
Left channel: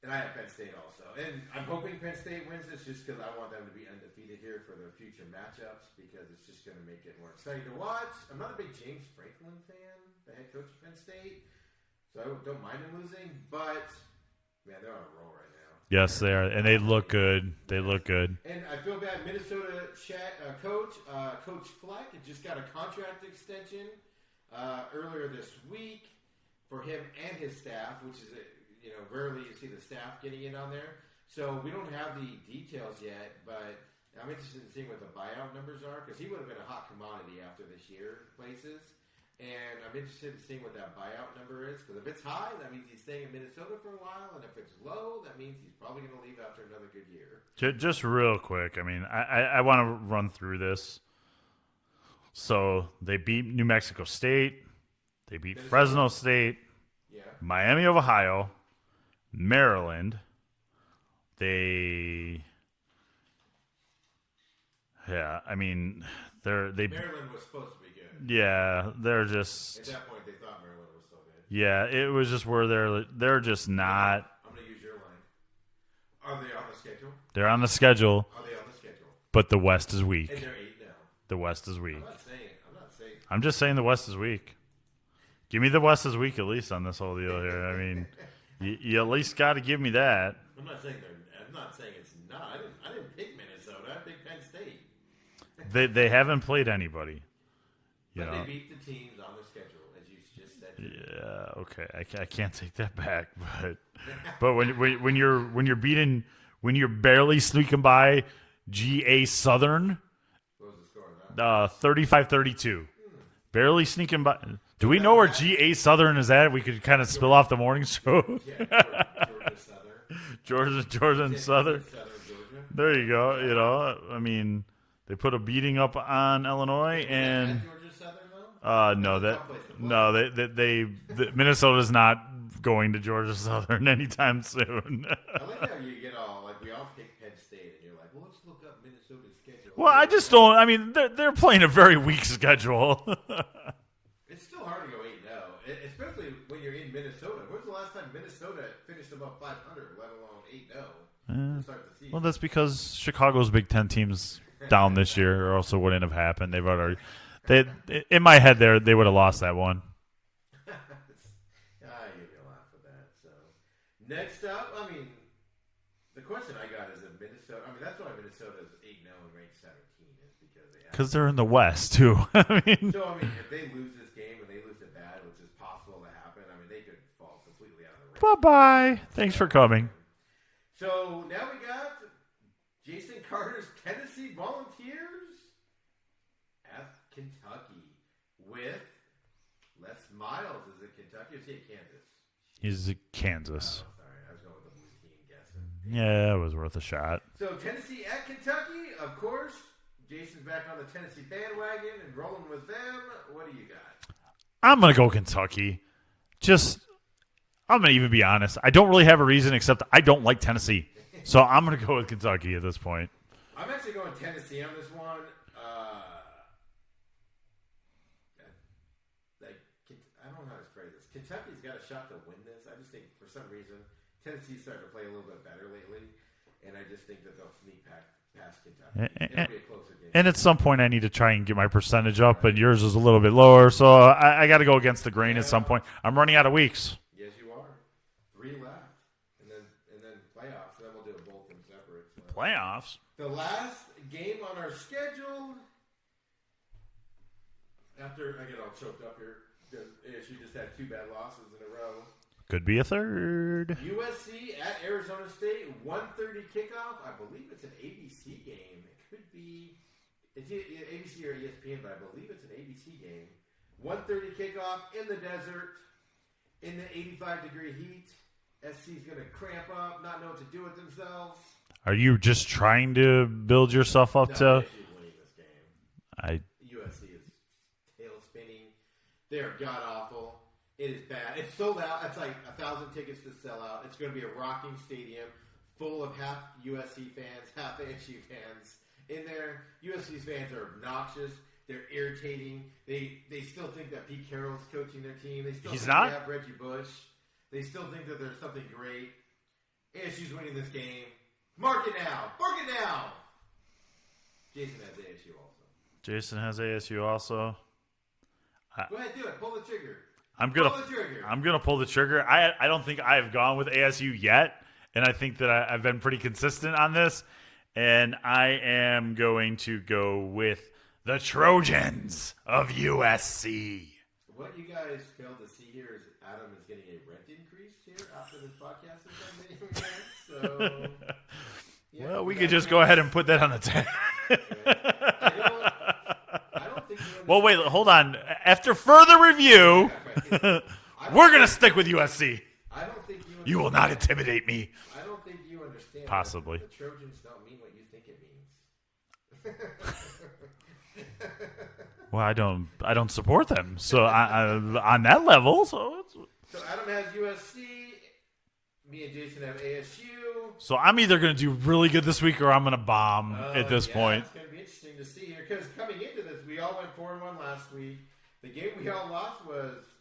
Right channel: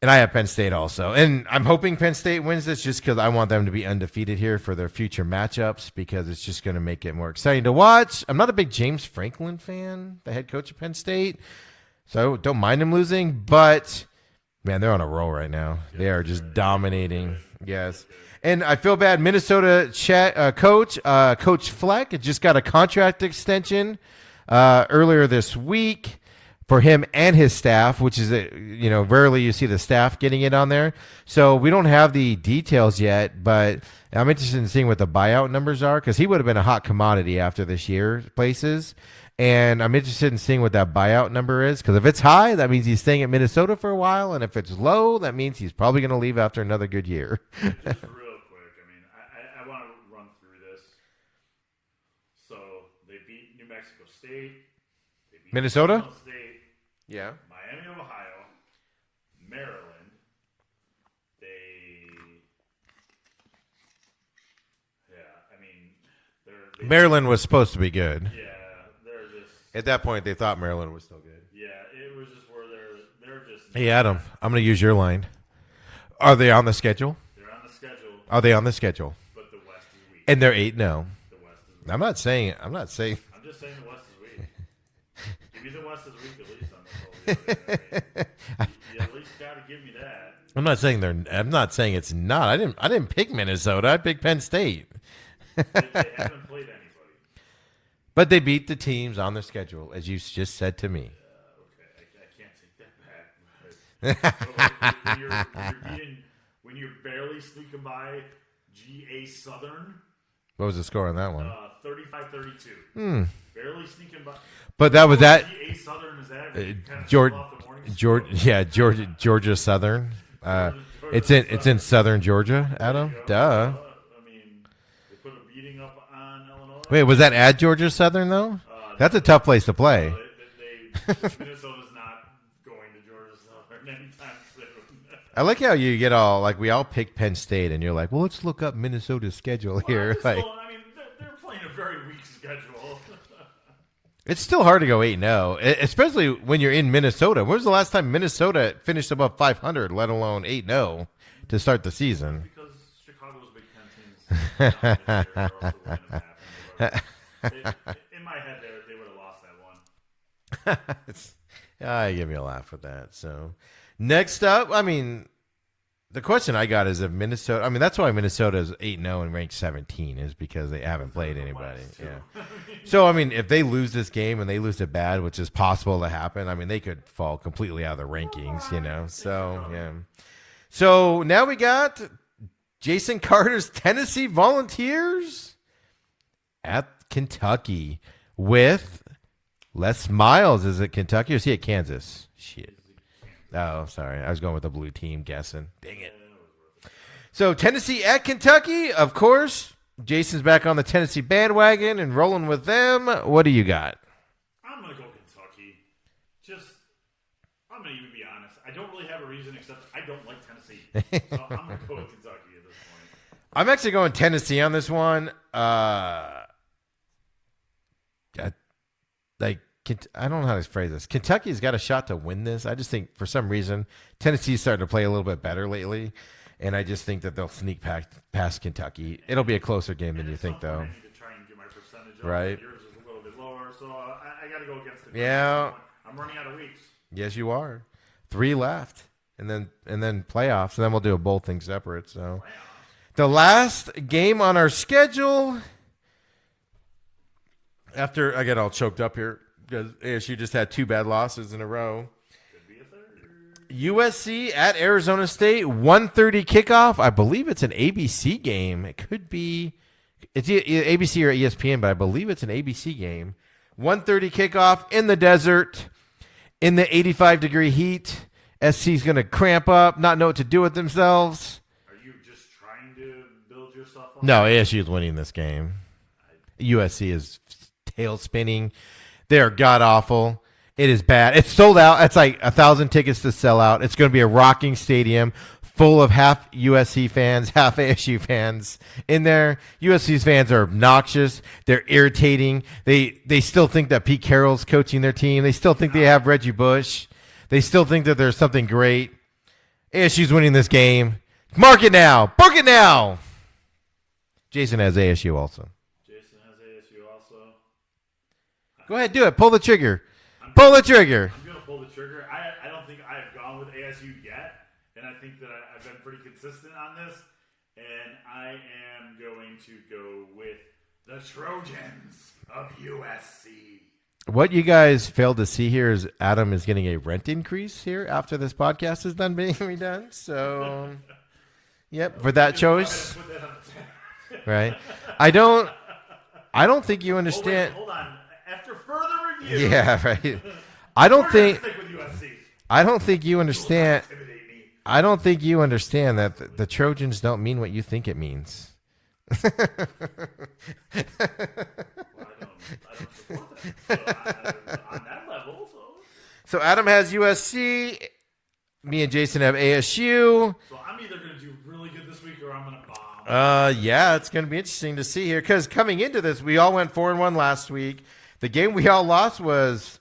and I have Penn State also. And I'm hoping Penn State wins this just because I want them to be undefeated here for their future matchups because it's just going to make it more exciting to watch. I'm not a big James Franklin fan, the head coach of Penn State, so don't mind him losing. But, man, they're on a roll right now. Yes, they are just and dominating. They look good. Yes. They look good. And I feel bad. Minnesota Coach Fleck just got a contract extension earlier this week for him and his staff, which is, rarely you see the staff getting it on there. So we don't have the details yet, but I'm interested in seeing what the buyout numbers are because he would have been a hot commodity after this year places. And I'm interested in seeing what that buyout number is because if it's high, that means he's staying at Minnesota for a while. And if it's low, that means he's probably going to leave after another good year. Just real quick, I mean, I want to run through this. So they beat New Mexico State. They beat Minnesota? Fresno State. Yeah. Miami of Ohio. Maryland. They Maryland was supposed to be good. Yeah, they're just At that point, they thought Maryland was still good. yeah. It was just where they're just not. Hey, Adam, I'm going to use your line. Are they on the schedule? They're on the schedule, Are they on the schedule? but the West is weak. And they're 8-0. The West is weak. I'm not saying. I'm just saying the West is weak. Give me the West is weak at least on this whole deal here. I mean, you at least got to give me that. I'm not saying it's not. I didn't pick Minnesota. I picked Penn State. They haven't played anybody. But they beat the teams on their schedule, as you just said to me. Yeah, okay, I can't take that back. But when you're barely sneaking by GA Southern, What was the score on that one? 35-32. Barely sneaking by. But Do we that know was where that- GA Southern is at. We could kind of George- spill off the morning score. Georgia Southern. Georgia It's in Southern Georgia. There Adam? you go. Duh. I mean, they put a beating up on Illinois. Wait, was that and- at Georgia Southern though? That's no, a tough place to play. No, Minnesota's not going to Georgia Southern anytime soon. I like how you get all like we all pick Penn State, and you're like, well, let's look up Minnesota's schedule Well, here. I just Like, don't. I mean, they're playing a very weak schedule. It's still hard to go 8-0, especially when you're in Minnesota. When was the last time Minnesota finished above 500, let alone 8-0 to start the season? Well, that's because Chicago's Big Ten teams down this year, or else it wouldn't have happened. They've already. In my head, they would have lost that one. You give me a laugh with that. So next up, I mean, The question I got is if Minnesota. I mean, that's why Minnesota is 8-0 and ranked 17 is because they haven't. Because they're in the played West too. So I mean, if they lose this game and they lose it bad, which is possible to happen, I mean, they could fall completely out of the rankings. Bye-bye. You know? Thanks for coming. So now we got Jason Carter's Tennessee Volunteers at Kentucky with Les Miles. Is it Kentucky or is he at Kansas? Shit. Is it Kansas? Oh, sorry. I was going with the blue team guessing. Dang it. Yeah, it was worth a shot. So Tennessee at Kentucky, of course. Jason's back on the Tennessee bandwagon and rolling with them. What do you got? I'm going to go Kentucky. I'm going to even be honest. I don't really have a reason except I don't like Tennessee. So I'm going to go with Kentucky at this point. I'm actually going Tennessee on this one. I don't know how to phrase this. Kentucky's got a shot to win this. I just think for some reason Tennessee's starting to play a little bit better lately, and I just think that they'll sneak past Kentucky. It'll be a closer game. And at some point, I need to try and get my percentage up, Right. but yours is a little bit lower, so I got to go against the grain at some Yeah. point. I'm running out of weeks. Yes, you are. 3 left, and then playoffs, and then we'll do a both things separate. So Playoffs? the last game on our schedule. After I get all choked up here because ASU just had 2 bad losses in a row. Could be a third. USC at Arizona State, 1:30 kickoff. I believe it's an ABC game. It could be it's either ABC or ESPN, but I believe it's an ABC game. 1:30 kickoff in the desert, in the 85-degree heat. SC's going to cramp up, not know what to do with themselves. Are you just trying to build yourself up? No, to ASU is winning this game. USC is tail spinning. They're god awful. It is bad. It's sold out. It's like 1,000 tickets to sell out. It's going to be a rocking stadium full of half USC fans, half ASU fans in there. USC's fans are obnoxious. They're irritating. They still think that Pete Carroll's coaching their team. They still think they have Reggie Bush. They still think that there's something great. ASU's winning this game. Mark it now. Book it now. Jason has ASU also. Jason has ASU also. Go ahead, do it. Pull the trigger. Pull the trigger. I'm going to pull the trigger. I don't think I have gone with ASU yet, and I think that I've been pretty consistent on this, and I am going to go with the Trojans of USC. What you guys failed to see here is Adam is getting a rent increase here after this podcast is done being redone. So, yep, Well, for we that could just choice, go ahead and put that on the tag. right? I don't think you understand. Well, wait, hold on. After further review, Yeah, right. we're going to stick with USC. I don't think you You will not understand. intimidate me. I don't think you understand Possibly. that the Trojans don't mean what you think it means. Well, I don't support them. So on that level, So Adam has USC. Me and Jason have ASU. So I'm either going to do really good this week or I'm going to bomb. At this Yeah, point. it's going to be interesting to see here because coming into this, we all went 4-1 last week. The game we all lost was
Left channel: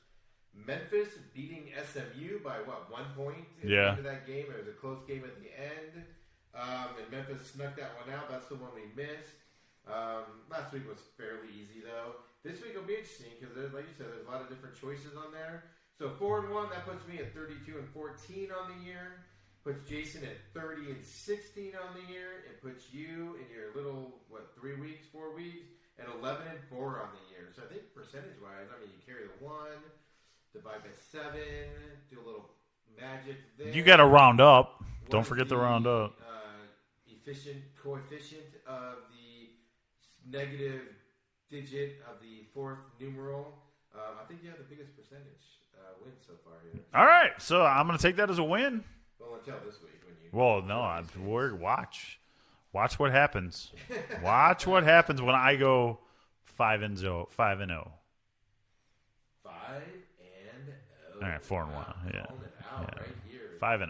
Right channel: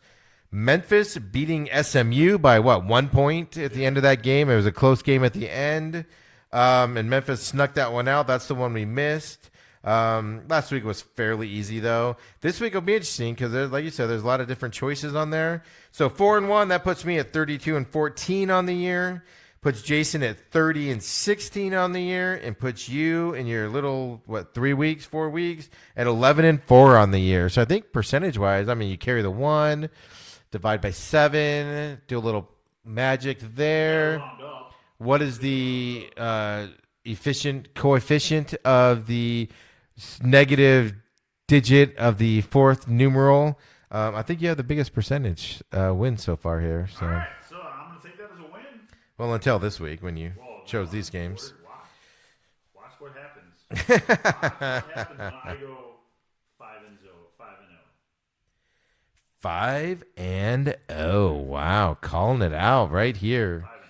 Memphis beating SMU by 1 point at the end of that game. It was a close game at the end, and Memphis snuck that one out. That's the one we missed. Last week was fairly easy though. This week will be interesting because, like you said, there's a lot of different choices on there. So 4-1, that puts me at 32-14 on the year. Puts Jason at 30-16 on the year, and puts you in your little 4 weeks at 11-4 on the year. So I think percentage-wise, I mean, you carry the 1, divide by 7, do a little magic there. You got to round up. What Don't is forget to round up. the efficient coefficient of the negative digit of the fourth numeral? I think you have the biggest percentage win so far here. So. All right, so I'm going to take that as a win. Well, until this week when you chose these games. Watch what happens. Watch what happens when I go 5-0. 5-0. 5-0. Wow, calling it out right here. 5-0.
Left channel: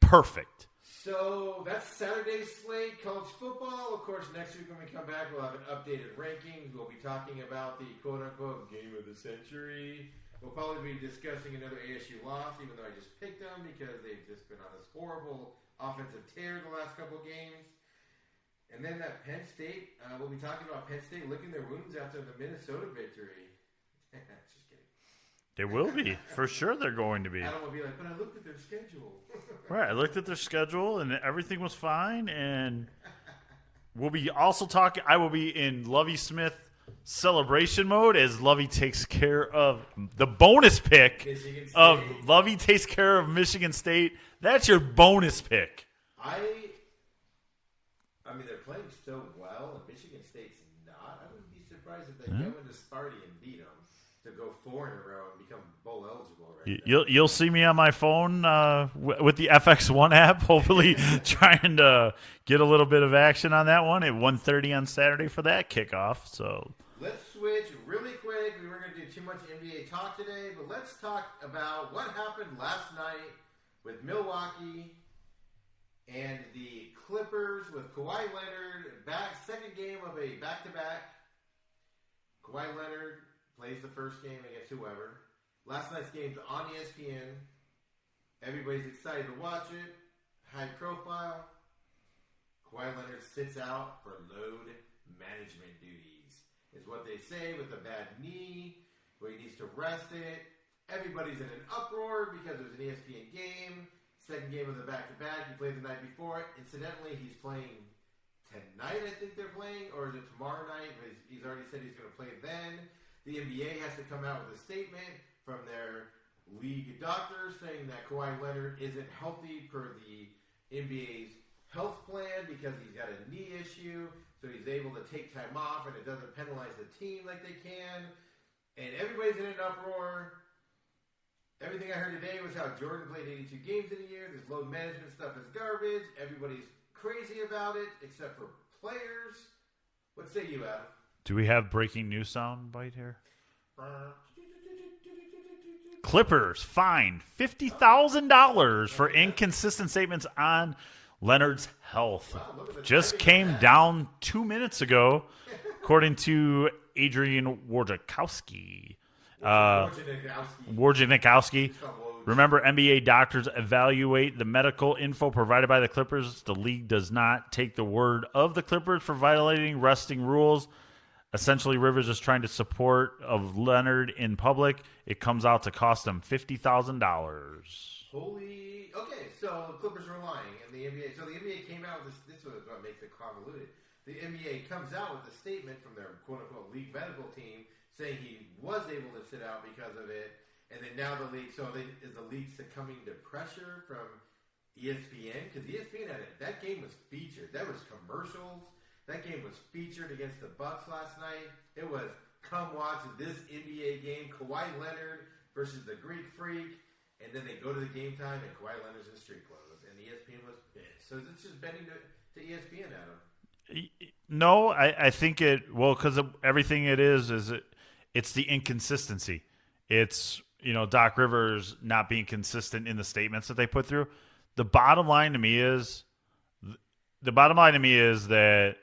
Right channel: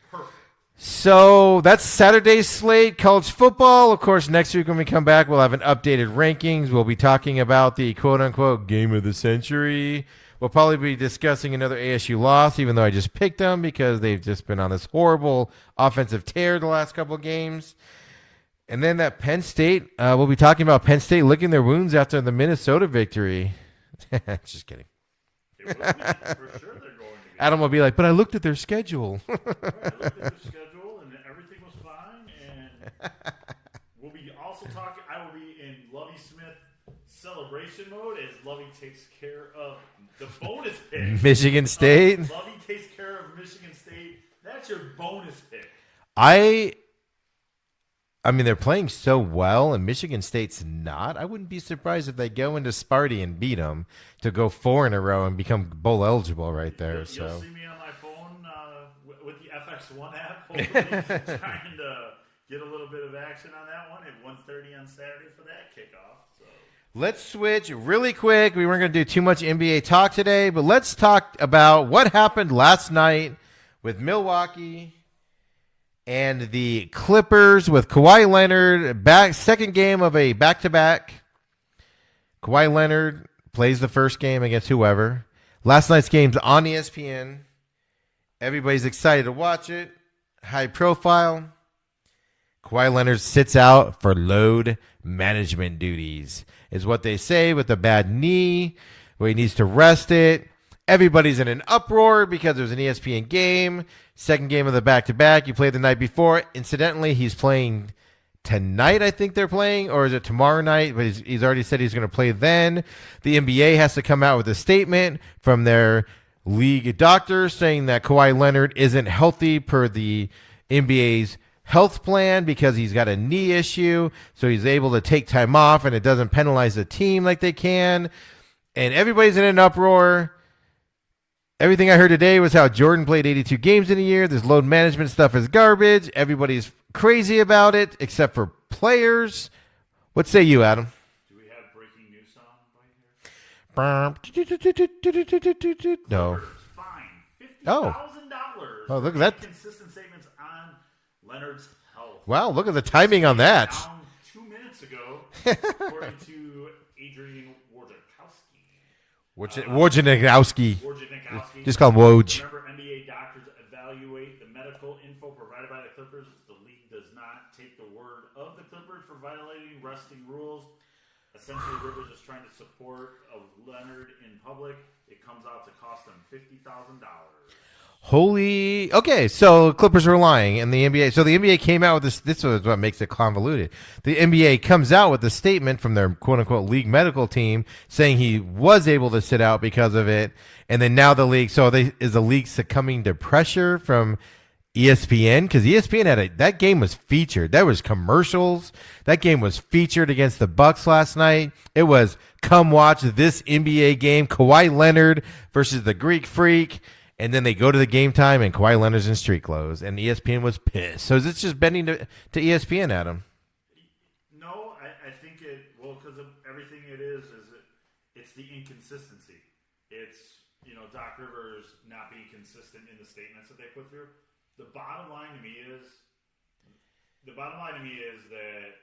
Perfect. So that's Saturday's slate, college football. Of course, next week when we come back, we'll have an updated rankings. We'll be talking about the quote-unquote game of the century. We'll probably be discussing another ASU loss, even though I just picked them because they've just been on this horrible offensive tear the last couple of games. And then that Penn State, we'll be talking about Penn State licking their wounds after the Minnesota victory. Just kidding. They will be. For sure they're going to be. Adam will be like, but I looked at their schedule. Right. I looked at their schedule, and everything was fine. And we'll be also talking. I will be in Lovie Smith celebration mode as Lovie takes care of the bonus pick. Michigan State. Lovie takes care of Michigan State. That's your bonus pick. I mean, they're playing so well, and Michigan State's not. I wouldn't be surprised if they go into Sparty and beat them to go 4 in a row and become bowl eligible right there. You'll see me on my phone with the FX1 app, hopefully trying to get a little bit of action on that one at 1:30 on Saturday for that kickoff. So let's switch really quick. We weren't going to do too much NBA talk today, but let's talk about what happened last night with Milwaukee and the Clippers with Kawhi Leonard second game of a back-to-back. Kawhi Leonard plays the first game against whoever. Last night's game's on ESPN. Everybody's excited to watch it. High profile. Kawhi Leonard sits out for load management duties, is what they say, with a bad knee, where he needs to rest it. Everybody's in an uproar because there's an ESPN game. Second game of the back-to-back. He played the night before. Incidentally, he's playing tonight, I think they're playing, or is it tomorrow night? But he's already said he's going to play then. The NBA has to come out with a statement from their league doctors saying that Kawhi Leonard isn't healthy per the NBA's health plan because he's got a knee issue, so he's able to take time off and it doesn't penalize the team like they can. And everybody's in an uproar. Everything I heard today was how Jordan played 82 games in a year. This load management stuff is garbage. Everybody's crazy about it, except for players. What say you, Adam? Do we have breaking news sound bite here? No. Clippers fined $50,000 for look at that. inconsistent statements on Leonard's health. Wow, look at the Just timing on came that. down 2 minutes ago, according to Adrian Wojciechowski. Wojciechowski. Just call him Woj. Remember, NBA doctors evaluate the medical info provided by the Clippers. The league does not take the word of the Clippers for violating resting rules. Essentially, Rivers is trying to support of Leonard in public. It comes out to cost him $50,000. Holy. Okay, so Clippers were lying, and the NBA. So the NBA came out with this. This is what makes it convoluted. The NBA comes out with a statement from their quote unquote league medical team saying he was able to sit out because of it, and then now the league. So is the league succumbing to pressure from ESPN? Because ESPN had that game was featured. There was commercials. That game was featured against the Bucks last night. It was come watch this NBA game. Kawhi Leonard versus the Greek Freak. And then they go to the game time, and Kawhi Leonard's in street clothes, and ESPN was pissed. So is it just bending to ESPN, Adam? No, I think because everything it's the inconsistency. It's, Doc Rivers not being consistent in the statements that they put through. The bottom line to me is that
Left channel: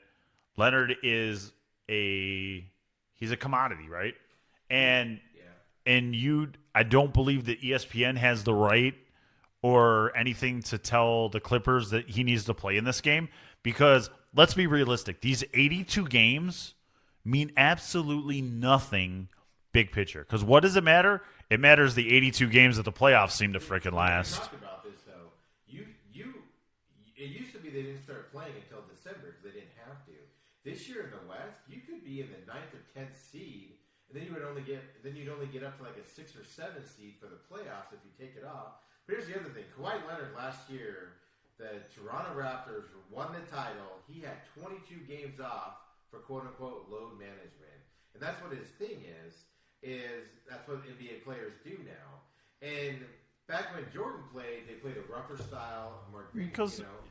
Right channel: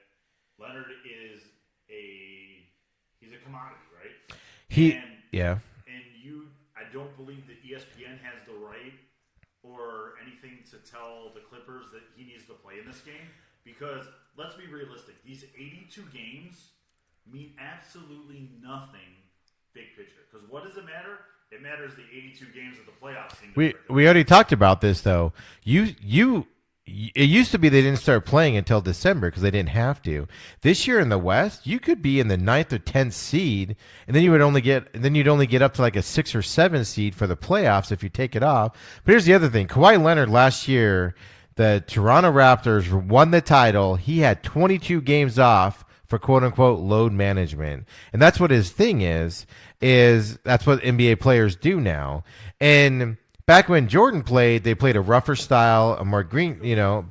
Leonard is he's a commodity, right? I don't believe that ESPN has the right or anything to tell the Clippers that he needs to play in this game, because let's be realistic. These 82 games mean absolutely nothing big picture. Because what does it matter? It matters the 82 games that the playoffs seem to freaking last. We already talked about this, though. It used to be they didn't start playing until December because they didn't have to. This year in the West, you could be in the 9th or 10th seed, and then you'd only get up to like a 6 or 7 seed for the playoffs if you take it off. But here's the other thing: Kawhi Leonard last year, the Toronto Raptors won the title. He had 22 games off for quote unquote load management, and that's what his thing is. That's what NBA players do now, and. Back when Jordan played, they played a rougher style, a more green,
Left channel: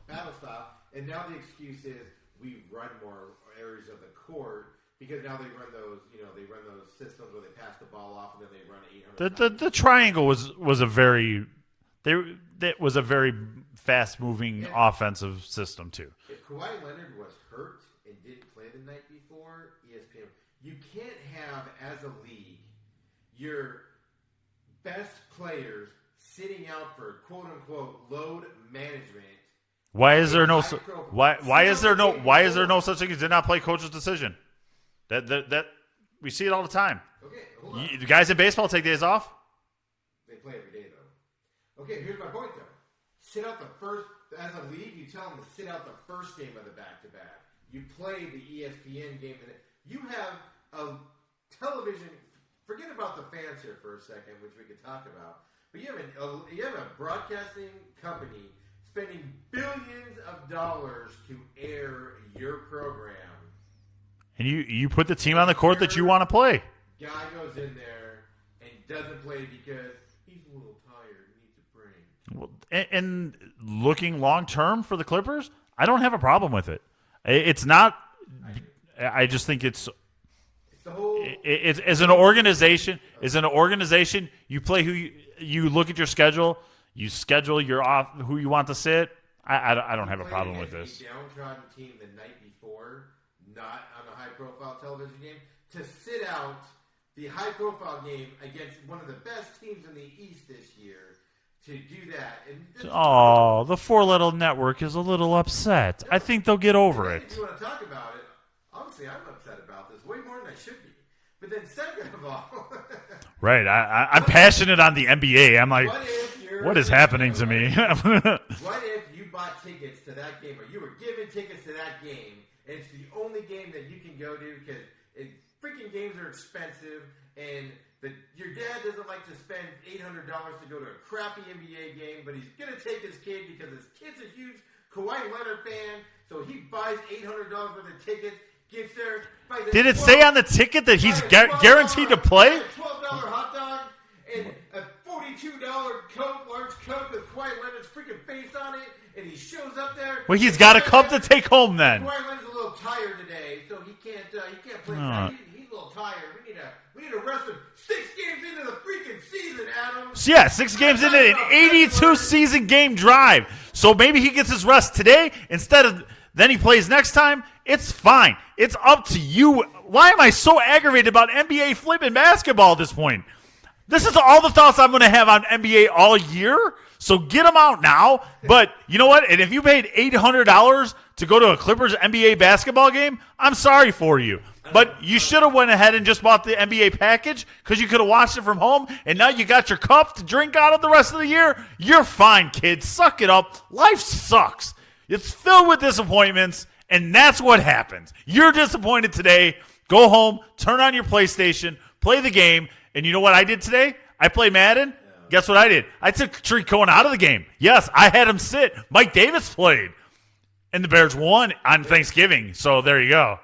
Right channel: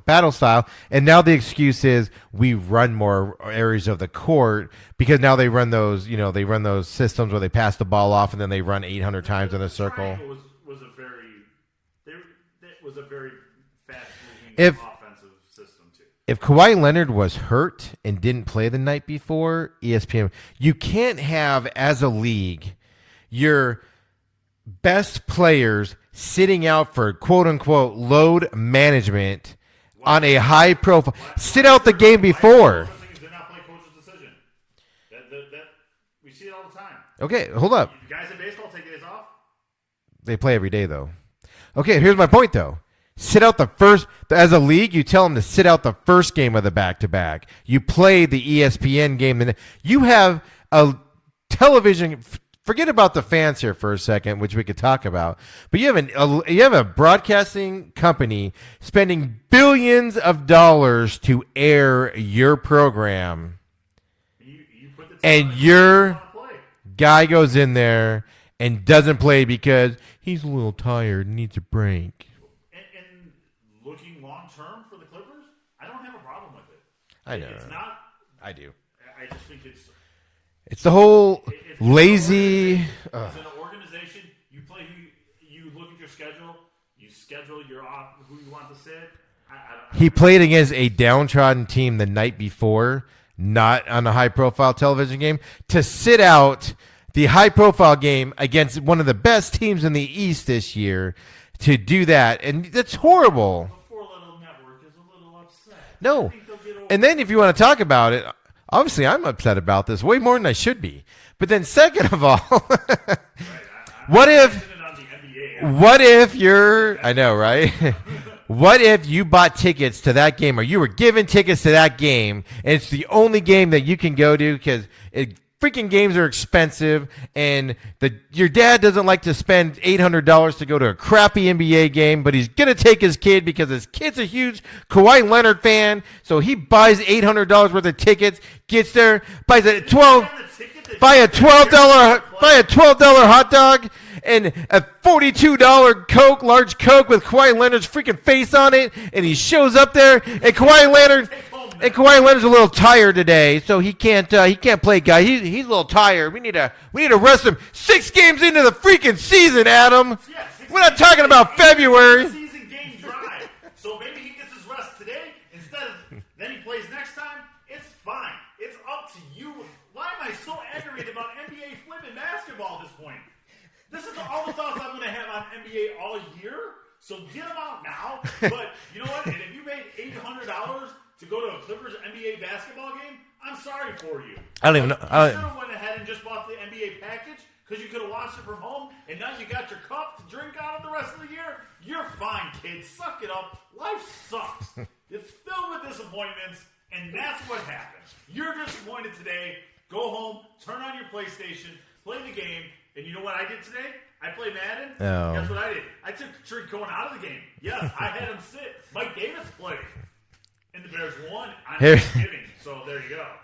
battle style. And now the excuse is we run more areas of the court because now they run those, those systems where they pass the ball off and then they run 800 times in a circle. The triangle was a very fast-moving offensive system too. If Kawhi Leonard was hurt and didn't play the night before, ESPN, you can't have as a league your best players sitting out for quote-unquote load management on a high profile. Sit out the game before. Why is there no such thing as did not play coach's decision? That we see it all the time. Okay, hold up. The guys in baseball take days off. They play every day, though. Okay, here's my point, though. Sit out the first, as a league, you tell them to sit out the first game of the back-to-back. You play the ESPN game, and you have a television. Forget about the fans here for a second, which we could talk about. But you have a broadcasting company spending billions of dollars to air your program. And you put the team on the court that you want to play. Guy goes in there and doesn't play because he's a little tired and needs a break. And looking long term for the Clippers, I don't have a problem with it. It's not. I do. I just think it's the whole it's lazy, an organization. It's an organization. You play who you look at your schedule. You schedule your off who you want to sit. I don't. He played against a downtrodden team the night before, not on a high-profile television game, to sit out the high-profile game against one of the best teams in the East this year. To do that, and that's horrible. The four-letter network is a little upset. No. I think they'll get over it. And then if you want to talk about it, obviously I'm upset about this way more than I should be. But then second of all, right, I'm passionate on the NBA. I'm like, what if you're? What is happening? I know, right? What if you bought tickets to that game, or you were given tickets to that game, and it's the only game that you can go to because freaking games are expensive, and your dad doesn't like to spend $800 to go to a crappy NBA game, but he's going to take his kid because his kid's a huge Kawhi Leonard fan, so he buys $800 worth of tickets, gets there, buys Did it say on the ticket that buy he's guaranteed to play? Buy a $12 hot dog and a $42 Coke, large Coke with Kawhi Leonard's freaking face on it, and he shows up there. Well, he's got a couple to take home then. And Kawhi Leonard's a little tired today, so he can't play. Guy, he's a little tired. We need to rest him. 6 games into the freaking season, Adam. Yeah, 6 We're games not talking into about an February 82 season game drive. So maybe he gets his rest today instead of then he plays next time. It's fine. It's up to you. Why am I so aggravated about NBA flipping basketball at this point? This is all the thoughts I'm going to have on NBA all year. So get them out now. But you know what? And if you paid $800 to go to a Clippers NBA basketball game, I'm sorry for you. But you should have went ahead and just bought the NBA package because you could have watched it from home. And now you got your cup to drink out of the rest of the year. You're fine, kids. Suck it up. Life sucks. It's filled with disappointments. And that's what happens. You're disappointed today. Go home, turn on your PlayStation, play the game. And you know what I did today? I played Madden. Oh. Guess what I did? I took Tariq Cohen out of the game. Yes, I had him sit. Mike Davis played. And the Bears won on Thanksgiving. So there you go.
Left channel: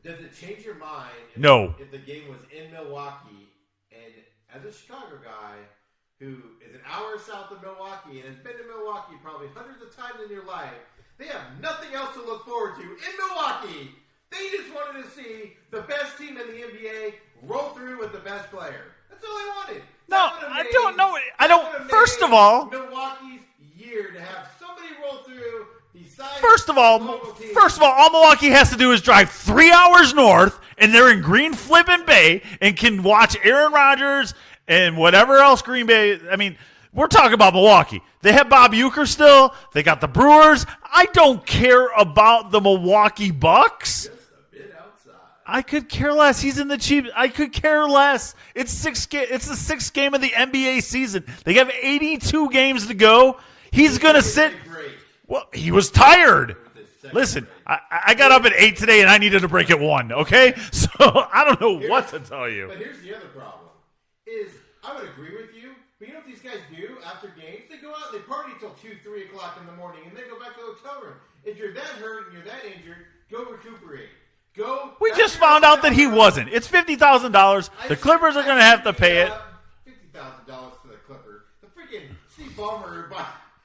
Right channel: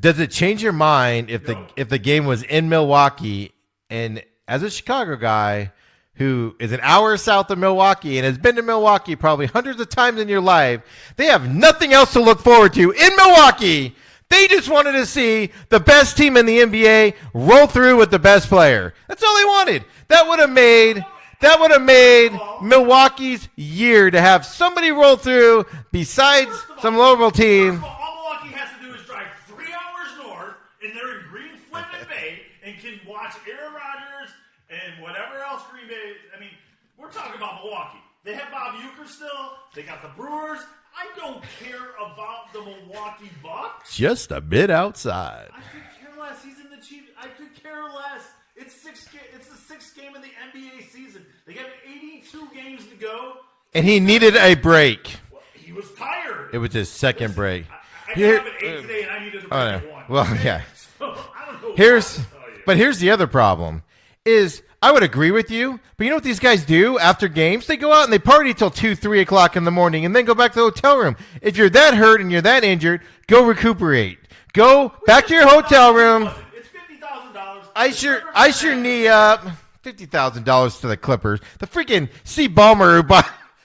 Does it change your mind if the game was in Milwaukee? And as a Chicago guy who is an hour south of Milwaukee and has been to Milwaukee probably hundreds of times in your life, they have nothing else to look forward to in Milwaukee. They just wanted to see the best team in the NBA roll through with the best player. That's all they wanted. That would have made Milwaukee's year to have somebody roll through besides the local team. First of all Milwaukee has to do is drive 3 hours north, and they're in Green Flippin' Bay and can watch Aaron Rodgers and whatever else Green Bay. I mean, we're talking about Milwaukee. They have Bob Uecker still. They got the Brewers. I don't care about the Milwaukee Bucks. Just a bit outside. I could care less. He's in the Chiefs. I could care less. It's the 6th game of the NBA season. They have 82 games to go. He needed a break. Well, he was tired. It was his second break. I got up at 8 today, and I needed a break at 1. Okay? Yeah. So I don't know what to tell you. But here's the other problem is I would agree with you, but you know what these guys do after games? They go out and they party till 2, 3 o'clock in the morning and then go back to the hotel room. If you're that hurt and you're that injured, go recuperate. Go back to your hotel room. He wasn't. It's $50,000. The Clippers are going to have to pay it. $50,000 to the Clippers. The freaking Steve Ballmer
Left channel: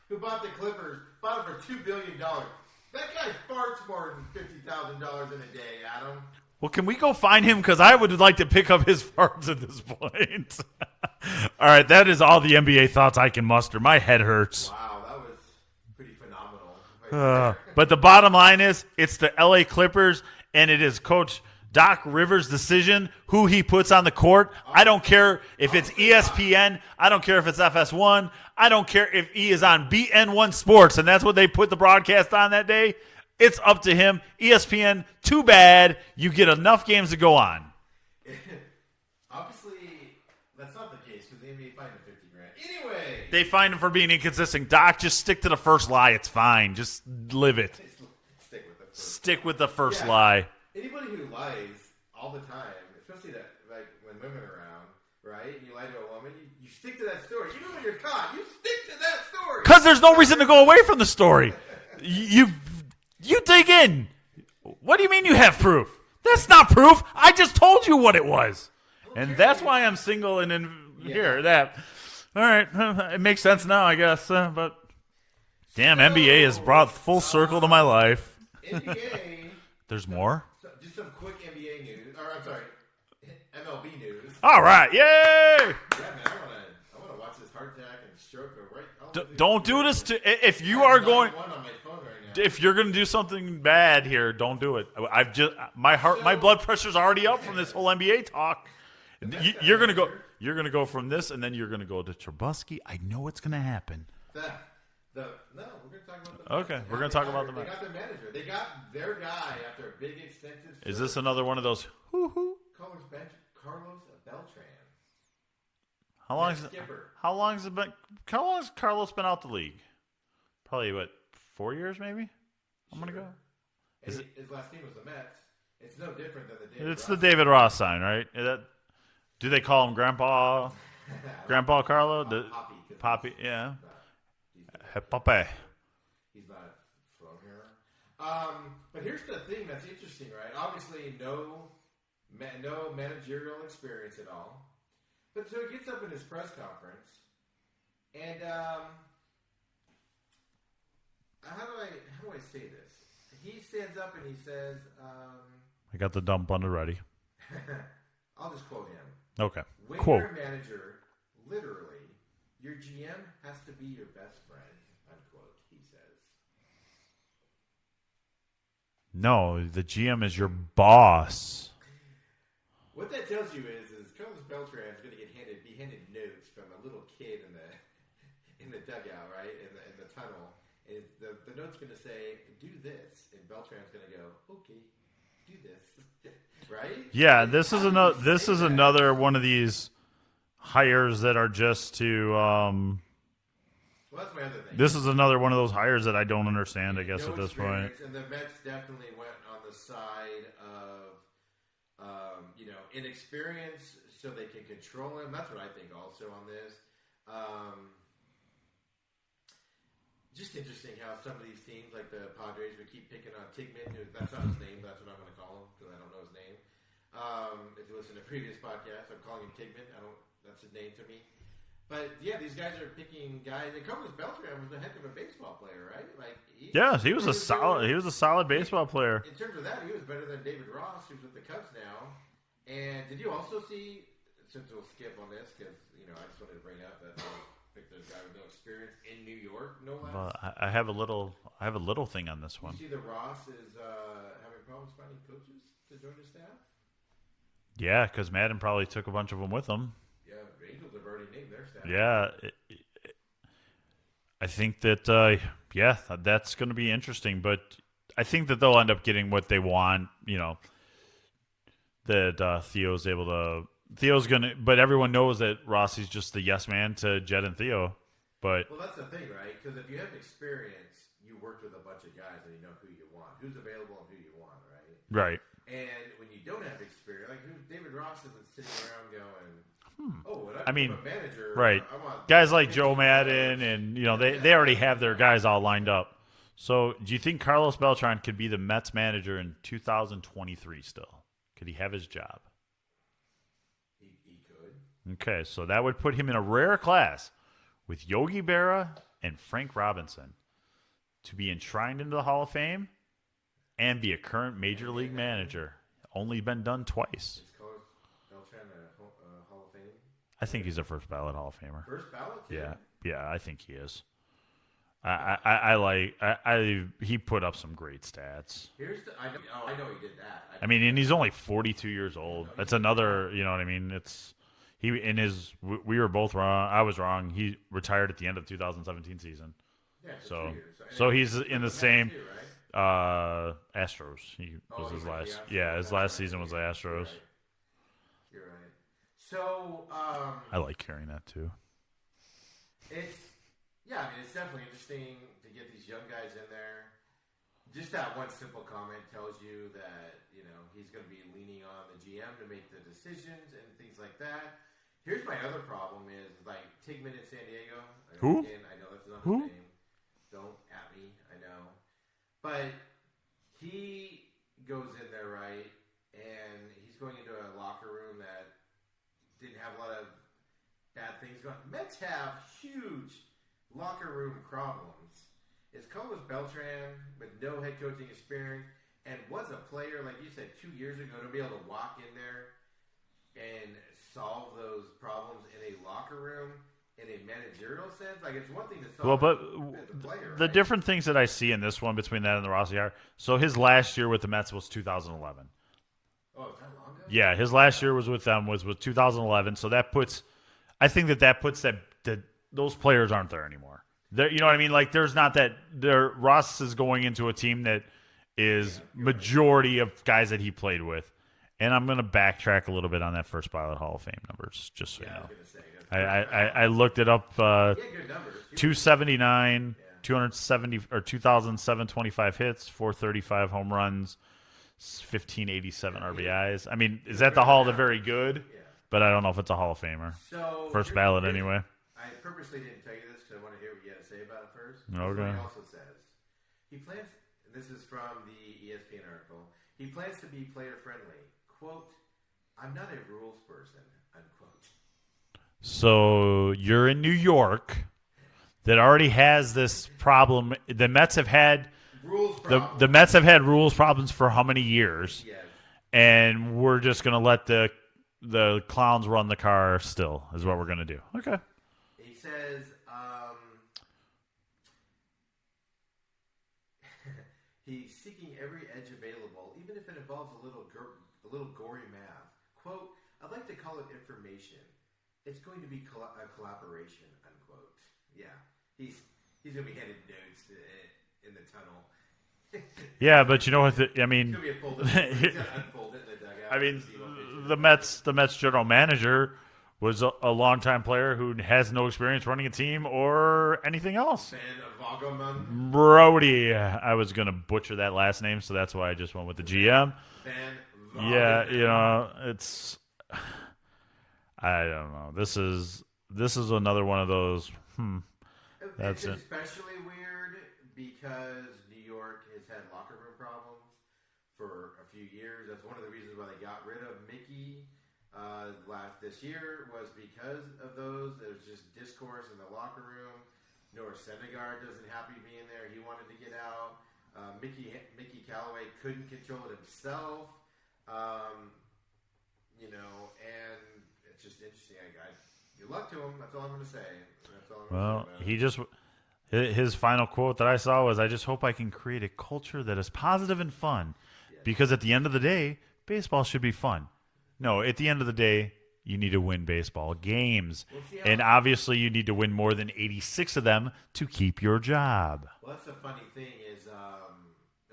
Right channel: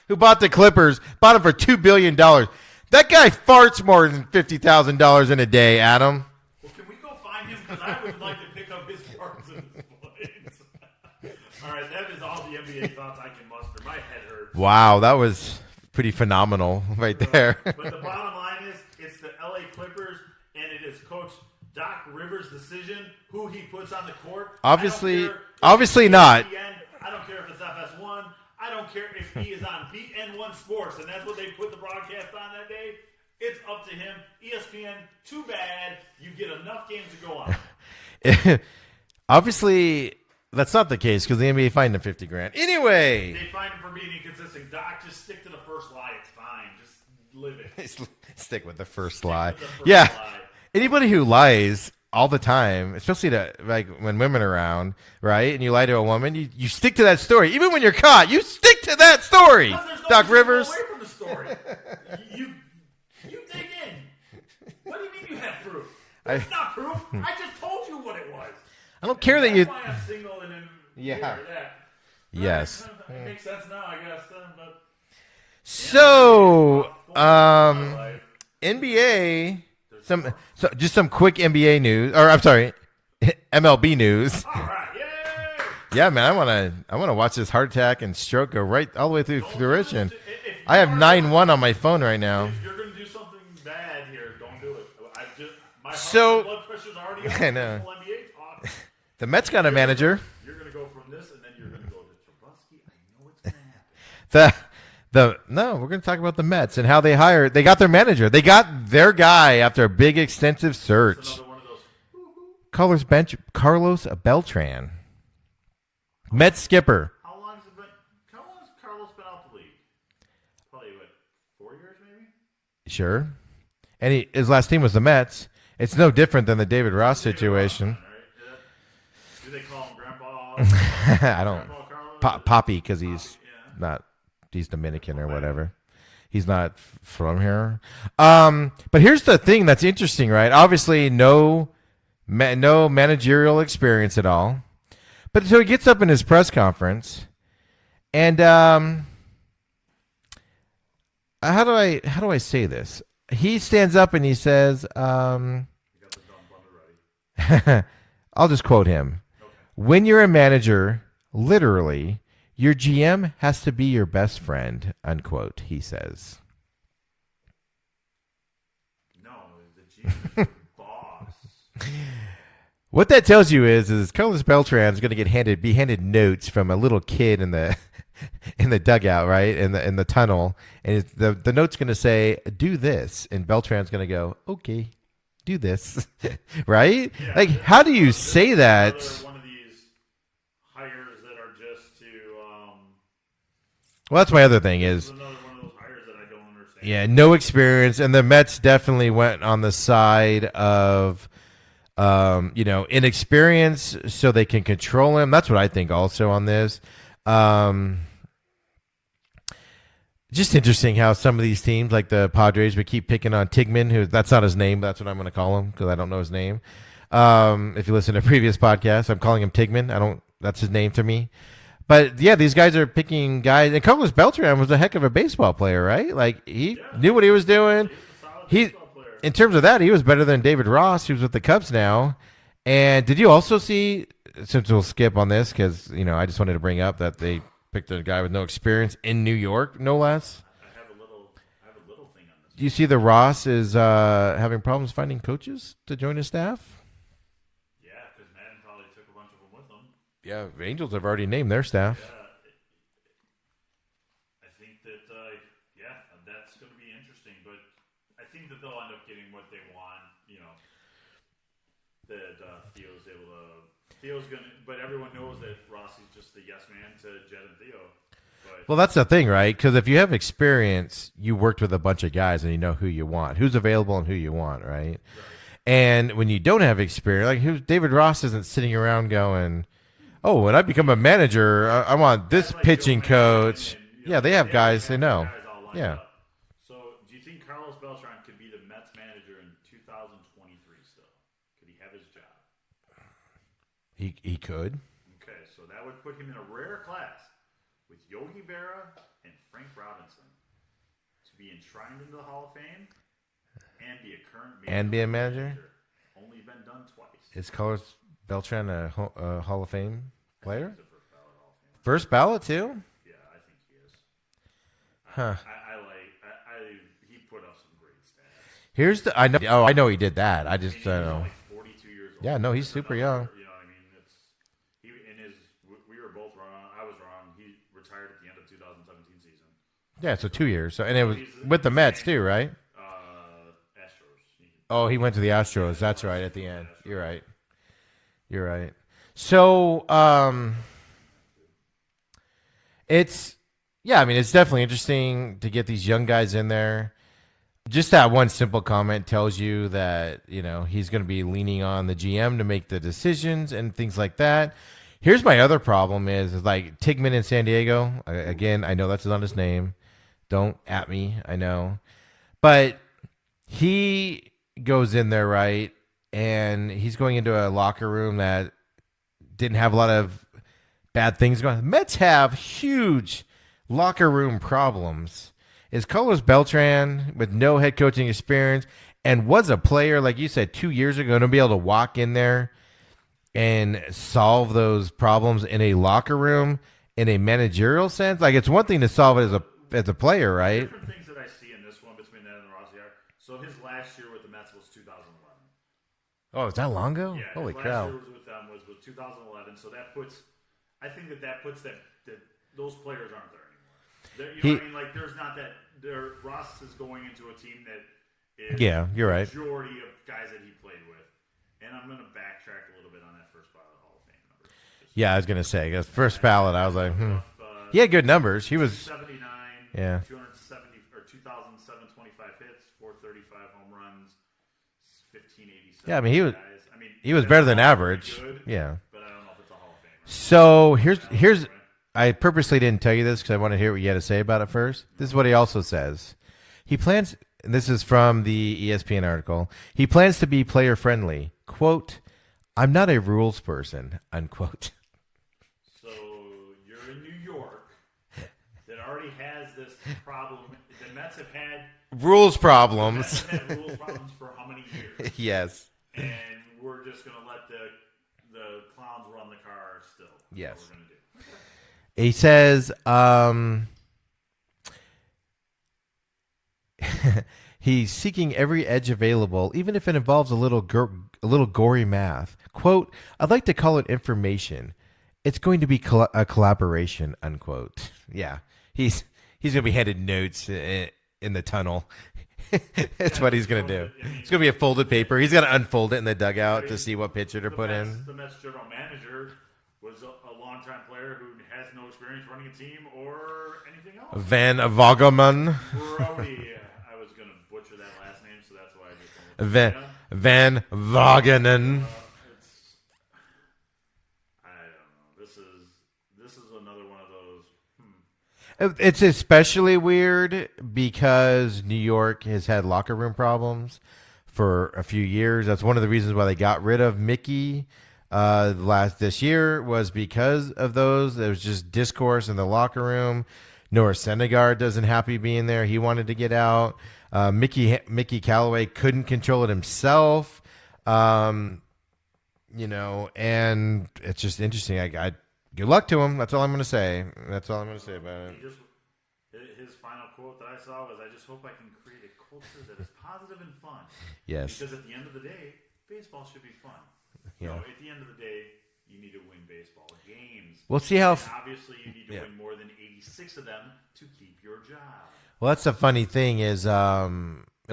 who bought the Clippers bought them for $2 billion. That guy farts more than $50,000 in a day, Adam. Well, can we go find him? Because I would like to pick up his farts at this point. All right, that is all the NBA thoughts I can muster. My head hurts. Wow, that was pretty phenomenal right there. But the bottom line is it's the LA Clippers, and it is Coach Doc Rivers' decision who he puts on the court. I don't care if it's ESPN. I don't care if it's FS1. I don't care if he is on BN1 Sports, and that's what they put the broadcast on that day. It's up to him. ESPN, too bad. You get enough games to go on. Obviously, That's not the case because the NBA fined him $50,000. Anyway, They find him for being inconsistent. Doc, just stick to the first lie. It's fine. Just live it. stick with the first Stick lie. with the first Yeah. lie. Anybody who lies all the time, especially to like when women are around, right? And you lie to a woman, you stick to that story. Even when you're caught, you stick to that story. Because there's no Doc reason to go Rivers. away from the story. You dig in. What do you mean you have proof? That's not proof. I just told you what it was. I don't And care that's that you. why I'm single and in Yeah. here. That. All Yes. right. It makes sense now, I guess. But damn, So, NBA has brought full circle to my life. NBA. There's more? So just some quick NBA news, or I'm sorry, MLB news. All right. Yay! Yeah, man, I wanna watch this heart attack and stroke go right all the way through. Don't do fruition. this to if you I are have going, 9-1 on my phone right now. If you're gonna do something bad here, don't do it. I've just my So- blood pressure's already up I from this know. whole NBA talk. The Mets got a You're gonna manager. you're gonna go from this, and then you're gonna go to Trubisky. I know what's gonna happen. No, we're going to talk about the Mets Okay, and how we're they gonna hired. They got their manager. They got their guy after a big, extensive Is search. this another one of those? Carlos Beltran, How Mets long- skipper. How long has it been? How long has Carlos been out the league? Probably 4 years, maybe. Sure, and his last team was the Mets. It's no different than the David It's Ross the David situation. Ross sign, right? Do they call him Grandpa? I don't. Grandpa Carlos? Poppy because Poppy, he's yeah. not. He's Dominican or Poppy. whatever. He's not from here. But here's the thing that's interesting, right? Obviously, no managerial experience at all. But so he gets up in his press conference, and how do I say this? He stands up and he says, I got the dump bundle ready. I'll just quote him. Okay. When you're a manager, literally, your GM has to be your best friend, unquote, he says. No, the GM is your boss. What that tells you is Carlos Beltran is going to be handed notes from a little kid in the in the dugout, right, in the tunnel, and the note's going to say, "Do this," and Beltran's going to go, "Okay, do this," right? Yeah. Like, this how is do you ano- say this is that? Another one of these hires that are just to. Well, that's my other thing. This is another one of those hires that I don't understand. I Yeah, guess, no at this experience, and the Mets definitely went on the side of, inexperience, so they can control him. That's what I think. Also on this, just interesting how some of these teams, like the Padres, would keep picking on Tigman. Who that's not his name, but that's what I'm going to call him because I don't know his name. If you listen to previous podcasts, I'm calling him Tigman. That's his name to me. But yeah, these guys are picking guys. And Carlos Beltran was a heck of a baseball player, right? Like he knew what he was doing. He was a solid baseball player. In terms of that, he was better than David Ross, who's with the Cubs now. And did you also see? Since we'll skip on this, because I just wanted to bring up that they picked a guy with no experience in New York, no less. I have a little thing on this. Do you see the Ross is having problems finding coaches to join his staff? Yeah, because Madden probably took a bunch of them with him. Yeah, the Angels have already named their staff. Yeah, I think that that's going to be interesting. But I think that they'll end up getting what they want. That Theo's able to. Theo's gonna, but everyone knows that Rossi's just the yes man to Jed and Theo. But Well, that's the thing, right? Because if you have experience, you worked with a bunch of guys and you know who you want, who's available, and who you want, right? right, And when you don't have experience, like David Ross isn't sitting around going, "Oh, when I become a manager, right. I want guys this like pitching Joe Madden coach." and yeah, they have already guys have who their know. guys all lined Yeah. up. So, do you think Carlos Beltran could be the Mets manager in 2023 still? Could he have his job? He could. Okay, so that would put him in a rare class with Yogi Berra and Frank Robinson to be enshrined into the Hall of Fame and be a current major be a league manager? manager. Only been done twice. Is Carlos Beltran a Hall of Fame I player? think he's a first ballot Hall of Famer. First ballot too. Yeah, I think he is. Huh. He put up some great stats. Here's the I know he did that. I mean, and he's only 42 years old. Yeah, no, he's That's super another. young. You know what I mean? We were both wrong. I was wrong. He retired at the end of 2017 season. Yeah, so 2 years. So, and so it was he's in with the the Mets same- too, right? Astros. He went to the Astros. Yeah, his That's last right. season at was the the end. Astros. You're right. You're right. So I like hearing that too. it's it's definitely interesting to get these young guys in there. Just that one simple comment tells you that, he's going to be leaning on the GM to make the decisions and things like that. Here's my other problem is like Tigman in San Diego. Again, I know that's not his name. Don't at me. I know. But he goes in there, right? And he's going into a locker room that didn't have a lot of bad things going on. Mets have huge locker room problems. Is Carlos Beltran, with no head coaching experience and was a player, like you said, 2 years ago, to be able to walk in there and solve those problems in a locker room in a managerial sense? Like, it's one thing to solve it as a player, right? The different things that I see in this one between that and the Rossi are, so his last year with the Mets was 2011. Oh, is that long ago? Yeah, his last year was with them was 2011. So that puts, I think that puts that those players aren't there anymore. You know what I mean? Like, there's not that. Ross is going into a team that is majority of guys that he played with. And I'm going to backtrack a little bit on that first ballot Hall of Fame numbers. I was going to say, first ballot. I looked it up. He had good numbers. He 279, 270 or 2,725 hits, 435 home runs, 1,587 RBIs. I mean, he was better than average. Very good. Yeah, but I don't know if it's a Hall of Famer. So here's anyway. I purposely didn't tell you this because I want to hear what you had to say about it first. This is what he also says. He plans, and this is from the ESPN article, he plans to be player friendly. Quote, I'm not a rules person, unquote. So you're in New York that already has this problem. The Mets have had rules problems. The Mets have had rules problems for how many years? Yes. And we're just going to let the clowns run the car still is what we're going to do. Okay. He says he's seeking every edge available, even if it involves a little gory math. Quote, I'd like to call it information. It's going to be a collaboration, unquote. Yeah, he's going to be handed notes in the tunnel. That's what he's going to do. It's going to be a folded paper. He's going to unfold it in the dugout to see what pitcher to put in. The Mets general manager was a longtime player who has no experience running a team or anything else. Van Vogelman. Brody. I was going to butcher that last name, so that's why I just went with the GM. Van Vogelman. Yeah, it's I don't know. This is another one of those. It's especially weird because New York has had locker room problems for a few years. That's one of the reasons why they got rid of Mickey this year was because of those. There was just discourse in the locker room. Noah Syndergaard doesn't happy being there. He wanted to get out. Mickey Callaway couldn't control it himself. And it's just interesting. I good luck to him. That's all I'm going to say. That's all I'm going to say about it. His final quote that I saw was, I just hope I can create a culture that is positive and fun. Yes. Because at the end of the day, baseball should be fun. No, at the end of the day, you need to win baseball games. We'll see how. And obviously, you need to win more than 86 of them to keep your job. Well, that's the funny thing is it'll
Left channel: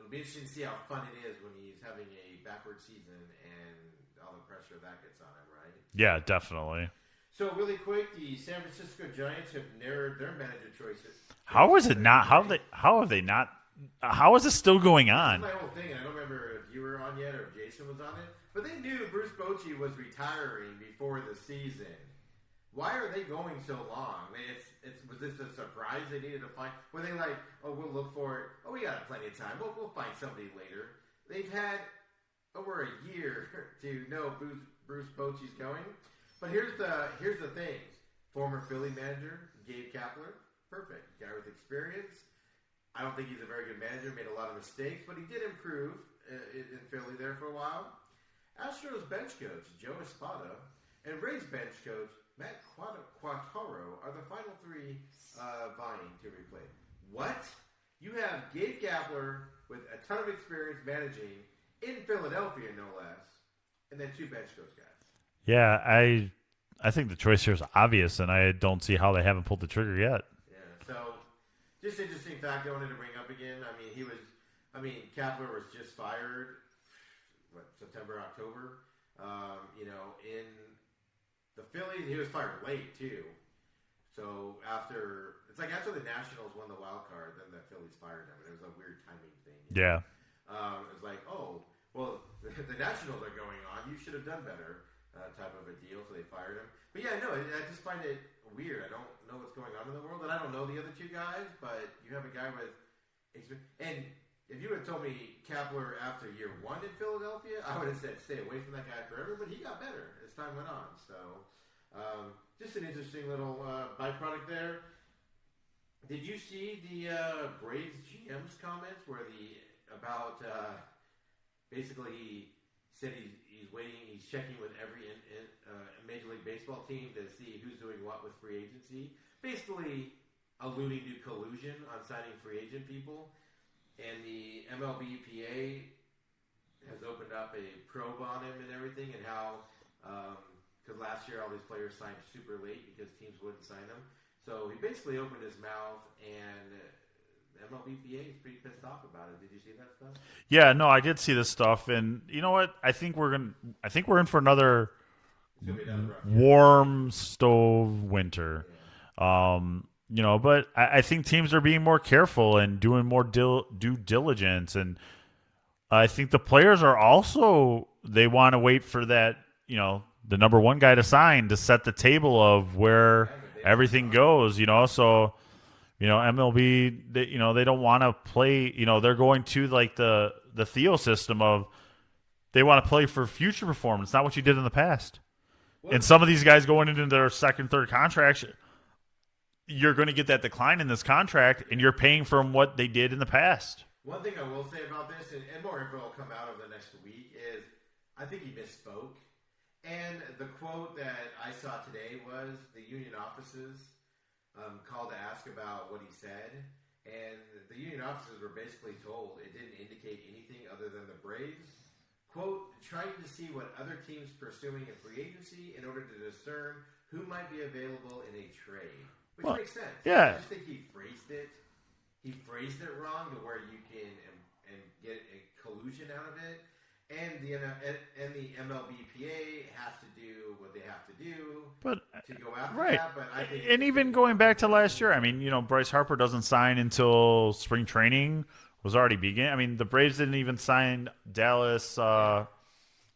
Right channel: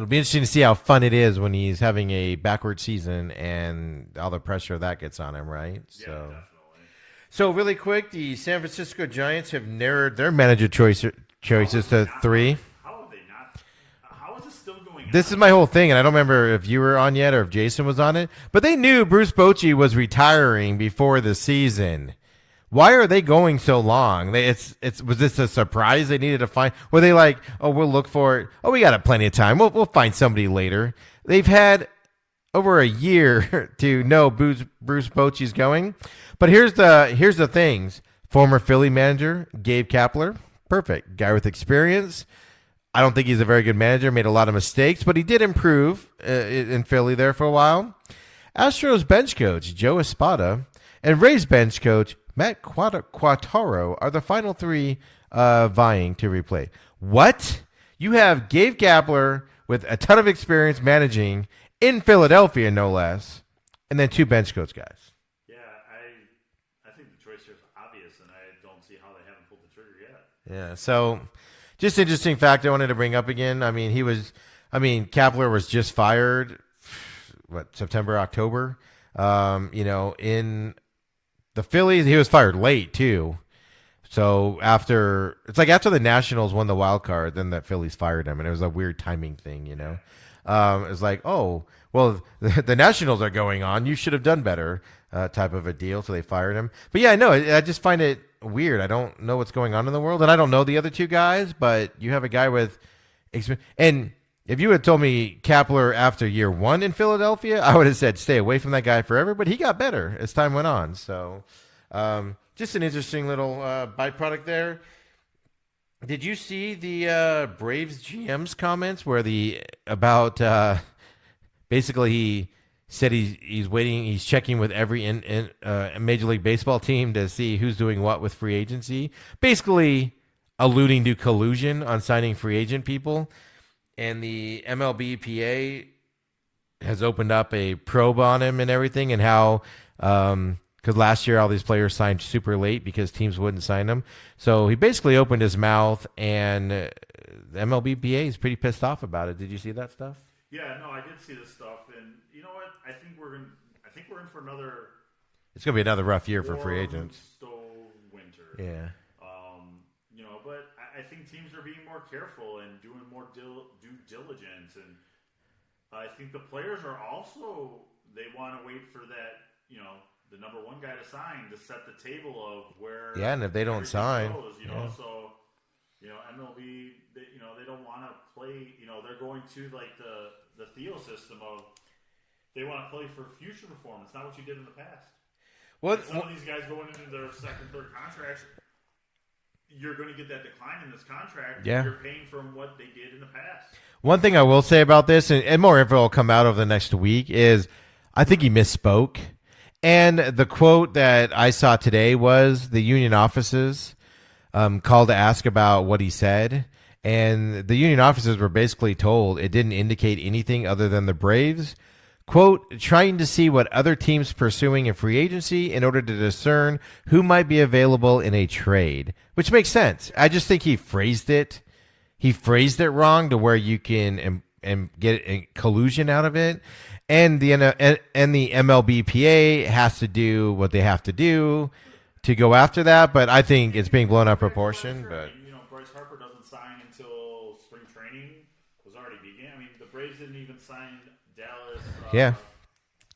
be interesting to see how fun it is when he's having a backward season and all the pressure that gets on him, right? Yeah, definitely. So really quick, the San Francisco Giants have narrowed their manager choices to 3. How have they not? How is this still going on? This is my whole thing, and I don't remember if you were on yet or if Jason was on it, but they knew Bruce Bochy was retiring before the season. Why are they going so long? Was this a surprise they needed to find? Were they like, oh, we'll look for it. Oh, we got plenty of time. We'll find somebody later. They've had over a year to know Bruce Bochy's going. But here's the things. Former Philly manager Gabe Kapler, perfect guy with experience. I don't think he's a very good manager. Made a lot of mistakes, but he did improve in Philly there for a while. Astros bench coach Joe Espada and Rays bench coach Matt Quattaro are the final 3 vying to replace. What? You have Gabe Kapler with a ton of experience managing in Philadelphia, no less, and then 2 bench coach guys. Yeah, I think the choice here is obvious, and I don't see how they haven't pulled the trigger yet. Yeah, so just interesting fact I wanted to bring up again. Kapler was just fired, September, October, in the Phillies, he was fired late too. So after the Nationals won the wild card, then the Phillies fired him, and it was a weird timing thing. You know? It was like, oh, well, the Nationals are going on. You should have done better, type of a deal. So they fired him. But yeah, no, I just find it weird. I don't know what's going on in the world, and I don't know the other two guys. But you have a guy with experience, and if you had told me Kapler after year 1 in Philadelphia, I would have said stay away from that guy forever. But he got better as time went on. So. Just an interesting little byproduct there. Did you see the Braves GM's comments where basically he said he's waiting, he's checking with every Major League Baseball team to see who's doing what with free agency, basically alluding to collusion on signing free agent people. And the MLBPA has opened up a probe on him and everything, and how because last year all these players signed super late because teams wouldn't sign them. So he basically opened his mouth, and the MLBPA is pretty pissed off about it. Did you see that stuff? Yeah, no, I did see this stuff, and you know what? I think we're in for another. It's gonna be another rough year. Warm stove winter. Yeah. You know, but I think teams are being more careful and doing more due diligence, and I think the players are also, they want to wait for that, you know, the number one guy to sign to set the table of where everything goes, you know. So, you know, MLB, they don't want to play, you know, they're going to like the Theo system of they want to play for future performance, not what you did in the past. And some of these guys going into their second, third contracts, you're going to get that decline in this contract, and you're paying from what they did in the past. One thing I will say about this, and more info will come out over the next week, is I think he misspoke. And the quote that I saw today was the union offices called to ask about what he said. And the union officers were basically told it didn't indicate anything other than the Braves, quote, trying to see what other teams pursuing in free agency in order to discern who might be available in a trade, which makes sense. Yeah. I just think he phrased it wrong to where you can and get a collusion out of it. And the MLBPA has to do what they have to do to go after that, but I think it's being blown up proportion. Back to last year, I mean, you know, Bryce Harper doesn't sign until spring training was already beginning. I mean, the Braves didn't even sign Dallas. But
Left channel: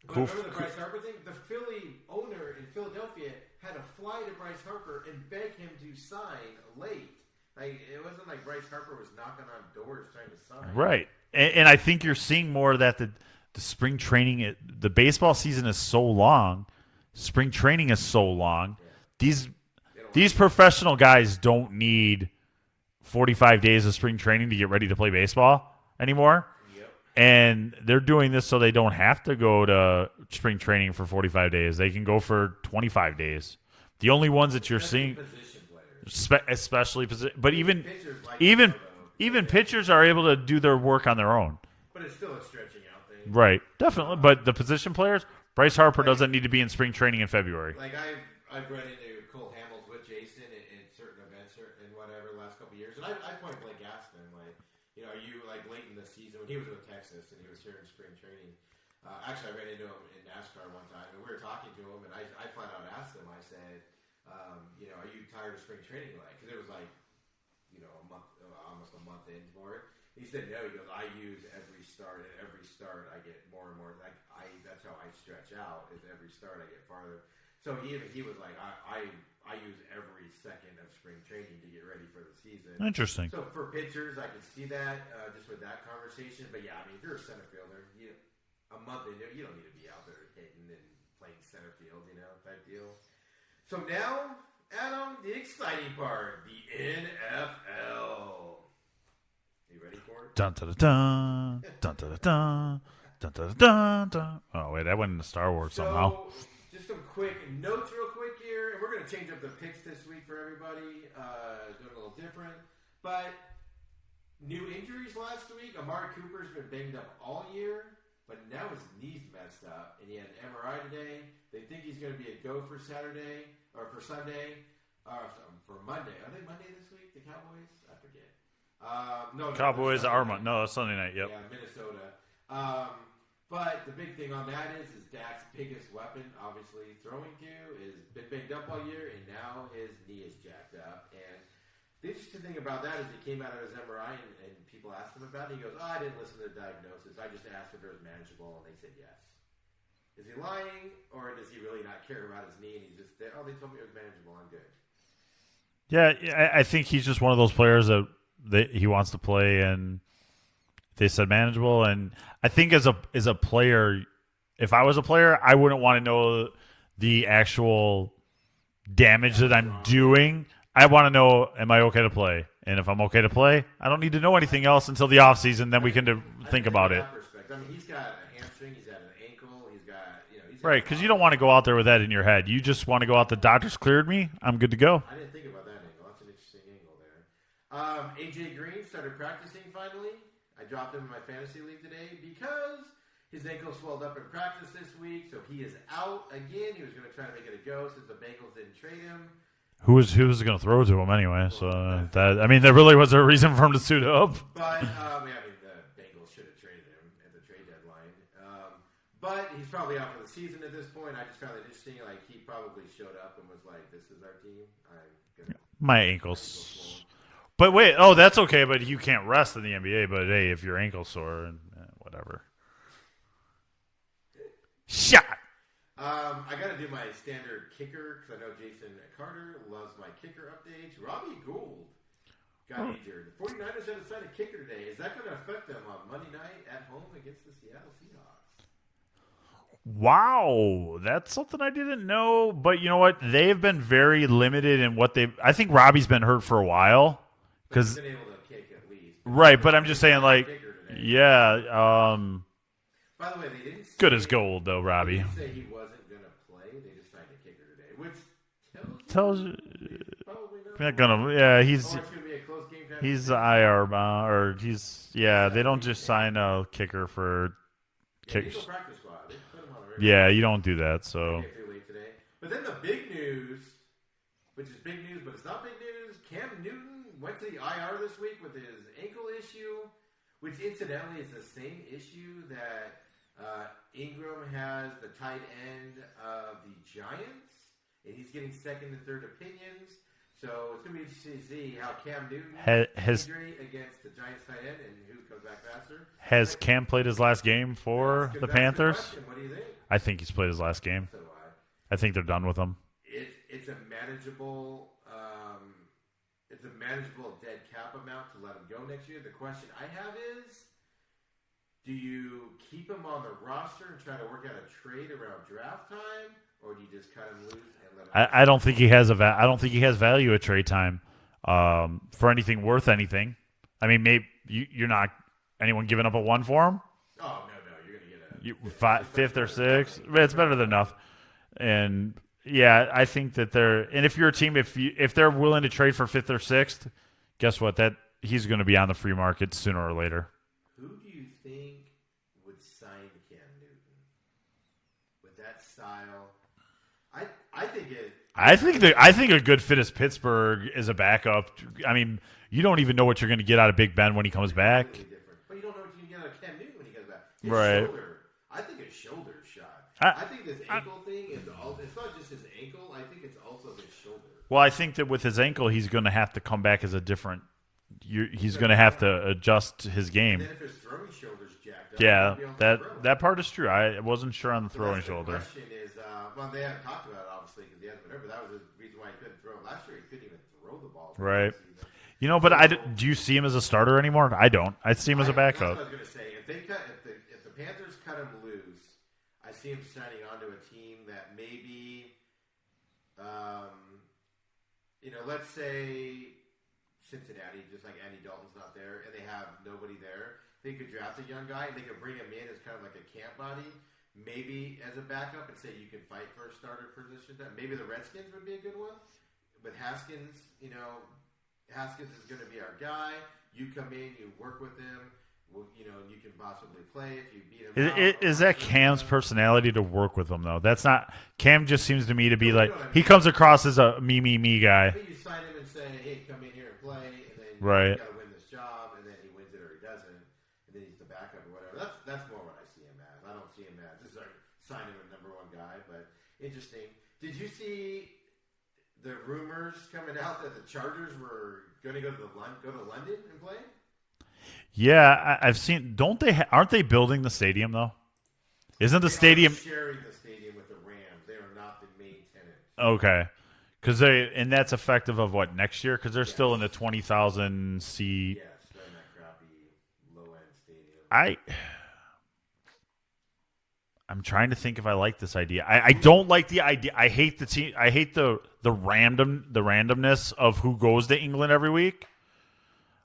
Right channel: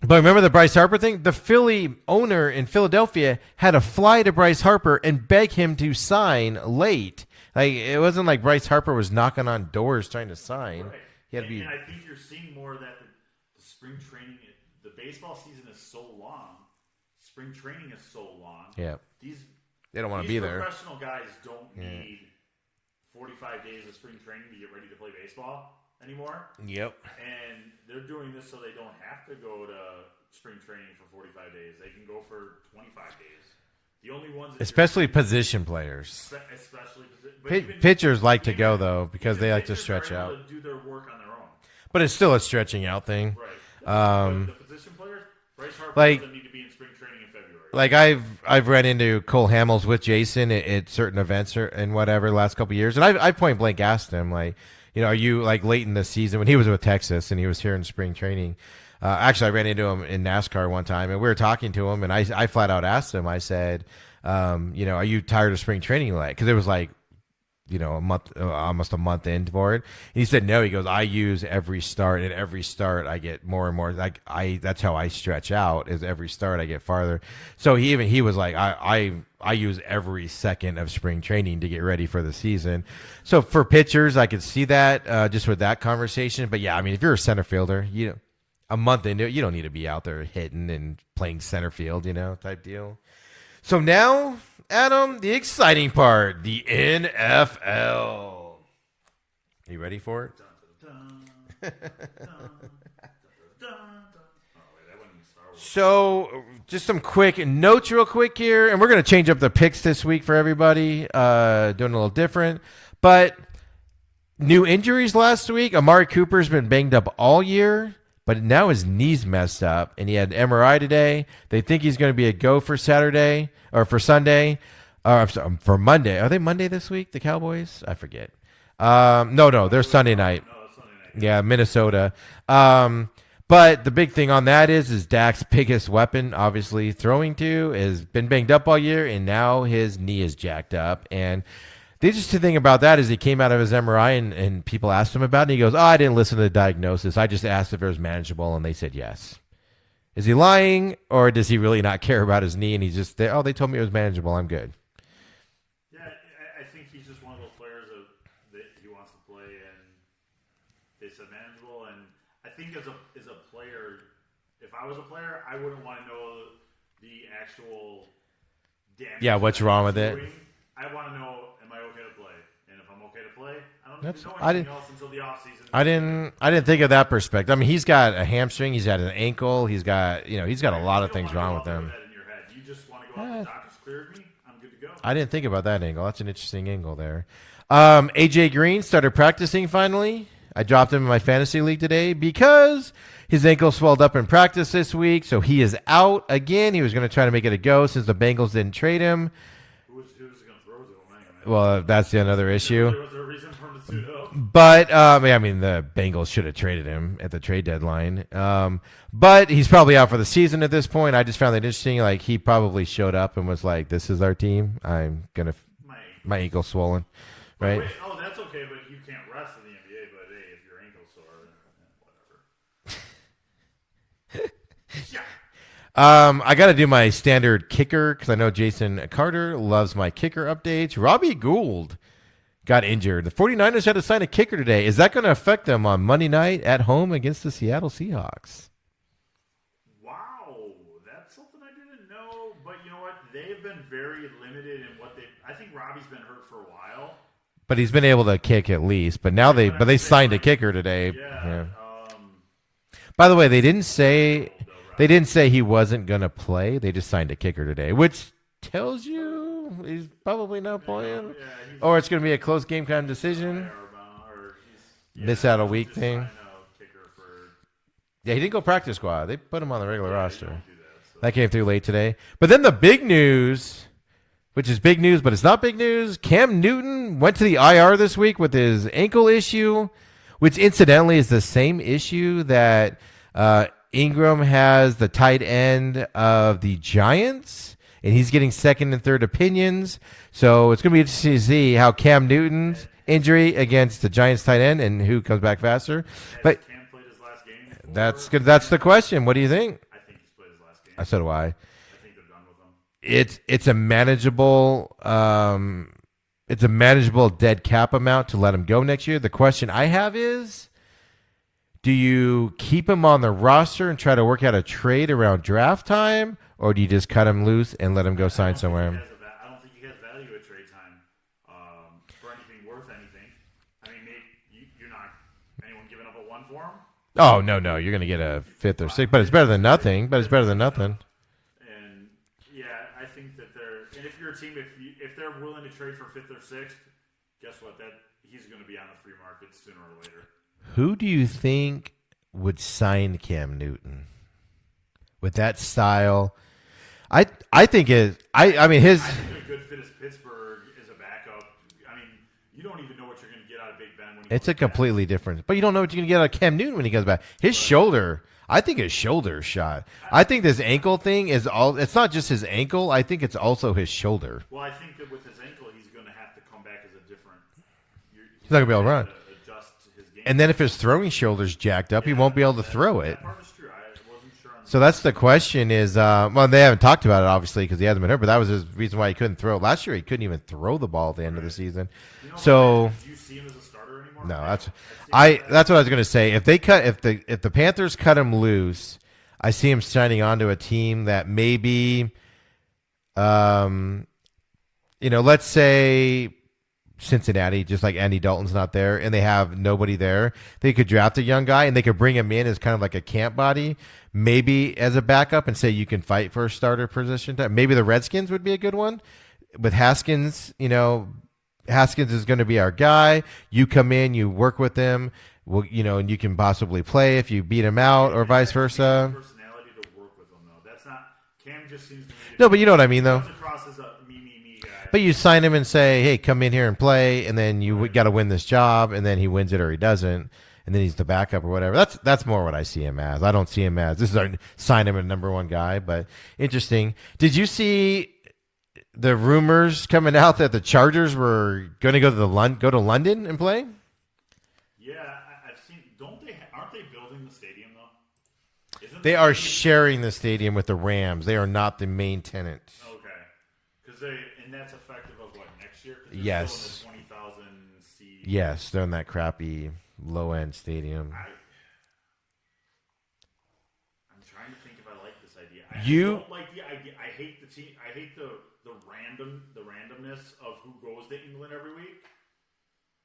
remember the Bryce Harper thing? The Philly owner in Philadelphia had to fly to Bryce Harper and beg him to sign late. Like, it wasn't like Bryce Harper was knocking on doors trying to sign. Right. And I think you're seeing more of that. The spring training, the baseball season is so long. Spring training is so long. Yeah. These professional guys don't need 45 days of spring training to get ready to play baseball anymore. Yep. And they're doing this so they don't have to go to spring training for 45 days. They can go for 25 days. The only ones that especially you're seeing, position players, but even pitchers like to go though, because even pitchers are able to do their work on their own. But it's still a stretching out thing, right? Definitely. But the position players, Bryce Harper doesn't need to be in spring training in February. Like I've ran into Cole Hamels with Jason at certain events and whatever the last couple of years, and I point blank asked him, like, you know, are you like late in the season when he was with Texas and he was here in spring training? Actually, I ran into him in NASCAR one time, and we were talking to him, and I flat out asked him. I said, you know, are you tired of spring training? Like, because it was like, you know, almost a month in for it. And he said, no. He goes, I use every start, and every start I get more and more. Like that's how I stretch out. Is every start I get farther. So he was like, I use every second of spring training to get ready for the season. Interesting. So for pitchers, I could see that just with that conversation. But yeah, I mean, if you're a center fielder, you know, a month into it, you don't need to be out there hitting and playing center field, you know, type deal. So now, Adam, the exciting part, the NFL. You ready for it? Dun, dun, dun, dun, dun, dun, dun, dun, dun, dun, dun. Oh, wait, that went into Star Wars. So, just some quick notes real quick here. And we're going to change up the picks this week for everybody, doing a little different. But new injuries last week. Amari Cooper's been banged up all year. But now his knee's messed up, and he had MRI today. They think he's going to be a go for Saturday or for Sunday, or for Monday. Are they Monday this week, the Cowboys? I forget. No, they're Sunday night. No, it's Sunday night. Yeah, Minnesota. But But the big thing on that is Dak's biggest weapon, obviously throwing to, has been banged up all year, and now his knee is jacked up. And the interesting thing about that is he came out of his MRI, and people asked him about it, and he goes, I didn't listen to the diagnosis. I just asked if it was manageable, and they said yes. Is he lying, or does he really not care about his knee, and he's just, they told me it was manageable. I'm good. Yeah, I think he's just one of those players that he wants to play, and they said manageable. And I think as a player, if I was a player, I wouldn't want to know the actual damage that I'm doing. I want to know, am I okay to play? And if I'm okay to play, I don't need to know anything else until the offseason. I didn't think of that perspective. I mean, he's got a hamstring, he's got an ankle, he's got a lot of things. You don't want to go out there with that in your head. You just want to go out. The doctors cleared me. I'm good to go. I didn't think about that angle. That's an interesting angle there. AJ Green started practicing finally. I dropped him in my fantasy league today because his ankle swelled up in practice this week, so he is out again. He was going to try to make it a go since the Bengals didn't trade him. Who was going to throw to him anyway? Well, so that's the other issue. there really was a reason for him to suit up. But, I mean, the Bengals should have traded him at the trade deadline. But he's probably out for the season at this point. I just found that interesting. Like, he probably showed up and was like, this is our team. I'm going to – My ankle's swollen. But right? Wait, that's okay, but you can't rest in the NBA. But, hey, if your ankle's sore, whatever. Shot. I got to do my standard kicker because I know Jason Carter loves my kicker updates. Robbie Gould got injured. The 49ers had to sign a kicker today. Is that going to affect them on Monday night at home against the Seattle Seahawks? Wow, that's something I didn't know. But you know what? They've been very limited in what they've – I think Robbie's been hurt for a while. But he's been able to kick at least. But now they signed a kicker today. Yeah. By the way, they didn't say gold, though, they didn't say he wasn't going to play. They just signed a kicker today, which tells you he's probably not playing. Or it's going to be a close game kind of decision. He's IR or he's they don't just sign a kicker for. Yeah, he didn't go practice squad. They put him on the regular. Yeah, roster. you don't do that. So that came through late today. But then the big news, which is big news, but it's not big news. Cam Newton went to the IR this week with his ankle issue, which incidentally is the same issue that Ingram has, the tight end of the Giants, and he's getting second and third opinions. So it's going to be interesting to see how Cam Newton's injury against the Giants tight end and who comes back faster. Has Cam played his last game for That's the That's Panthers? The question. What do you think? I think he's played his last game. So do I. I think they're done with him. It's a manageable dead cap amount to let him go next year. The question I have is, do you keep him on the roster and try to work out a trade around draft time, or do you just cut him loose and let him go? I don't think he has I don't think he has value at trade time for anything worth anything. I mean, maybe you're not anyone giving up a 1 for him. Oh no, you're going to get a 5th or 6th, but it's better than nothing. But it's better than nothing. And yeah, I think that and if you're a team, if they're willing to trade for 5th or 6th, guess what? That he's going to be on the free market sooner or later. Who do you think would sign Cam Newton with that style? I think I think a good fit is Pittsburgh as a backup. I mean, you don't even know what you're going to get out of Big Ben when he comes back. It's a completely different. But you don't know what you're going to get out of Cam Newton when he comes back. His shoulder, I think his shoulder is shot. I think this ankle thing is it's not just his ankle. I think it's also his shoulder. Well, I think that with his ankle, he's going to have to come back as a different. He's going to have to adjust his game. And then if his throwing shoulder's jacked up, he won't be able to throw it. That part is true. I wasn't sure on the So that's the question is, well, they haven't talked about it, obviously, because he hasn't been hurt, but that was his reason why he couldn't throw. Last year, he couldn't even throw the ball at the end of the season. You know, but do you see him as a starter anymore? No, I don't. I see him as a backup. That's what I was going to say. If the Panthers cut him loose, I see him signing on to a team that maybe, let's say Cincinnati, just like Andy Dalton's not there, and they have nobody there. They could draft a young guy, and they could bring him in as kind of like a camp body, maybe as a backup, and say you can fight for a starter position. Maybe the Redskins would be a good one. With Haskins, Haskins is going to be our guy. You come in, you work with him. Well, and you can possibly play if you beat him out, or vice versa. Cam's personality to work with him, though. That's not Cam. Just seems to me to be. No, but you know what I mean. He comes across as a me guy. But you sign him and say, "Hey, come in here and play," and then we got to win this job, and then he wins it or he doesn't. and then he's the backup or whatever. That's more what I see him as. I don't see him as this is our sign him a number one guy. But interesting. Did you see the rumors coming out that the Chargers were going to go to London and play? Yeah, I've seen. Don't they? Aren't they building the stadium though? Isn't the they stadium are sharing the stadium with the Rams? They are not the main tenant. Okay, and that's effective of what next year? Because they're still in the 20,000 seat. Yes, they're in that crappy low end stadium. I'm trying to think if I like this idea. I don't like the idea. I hate the team. I hate the randomness of who goes to England every week.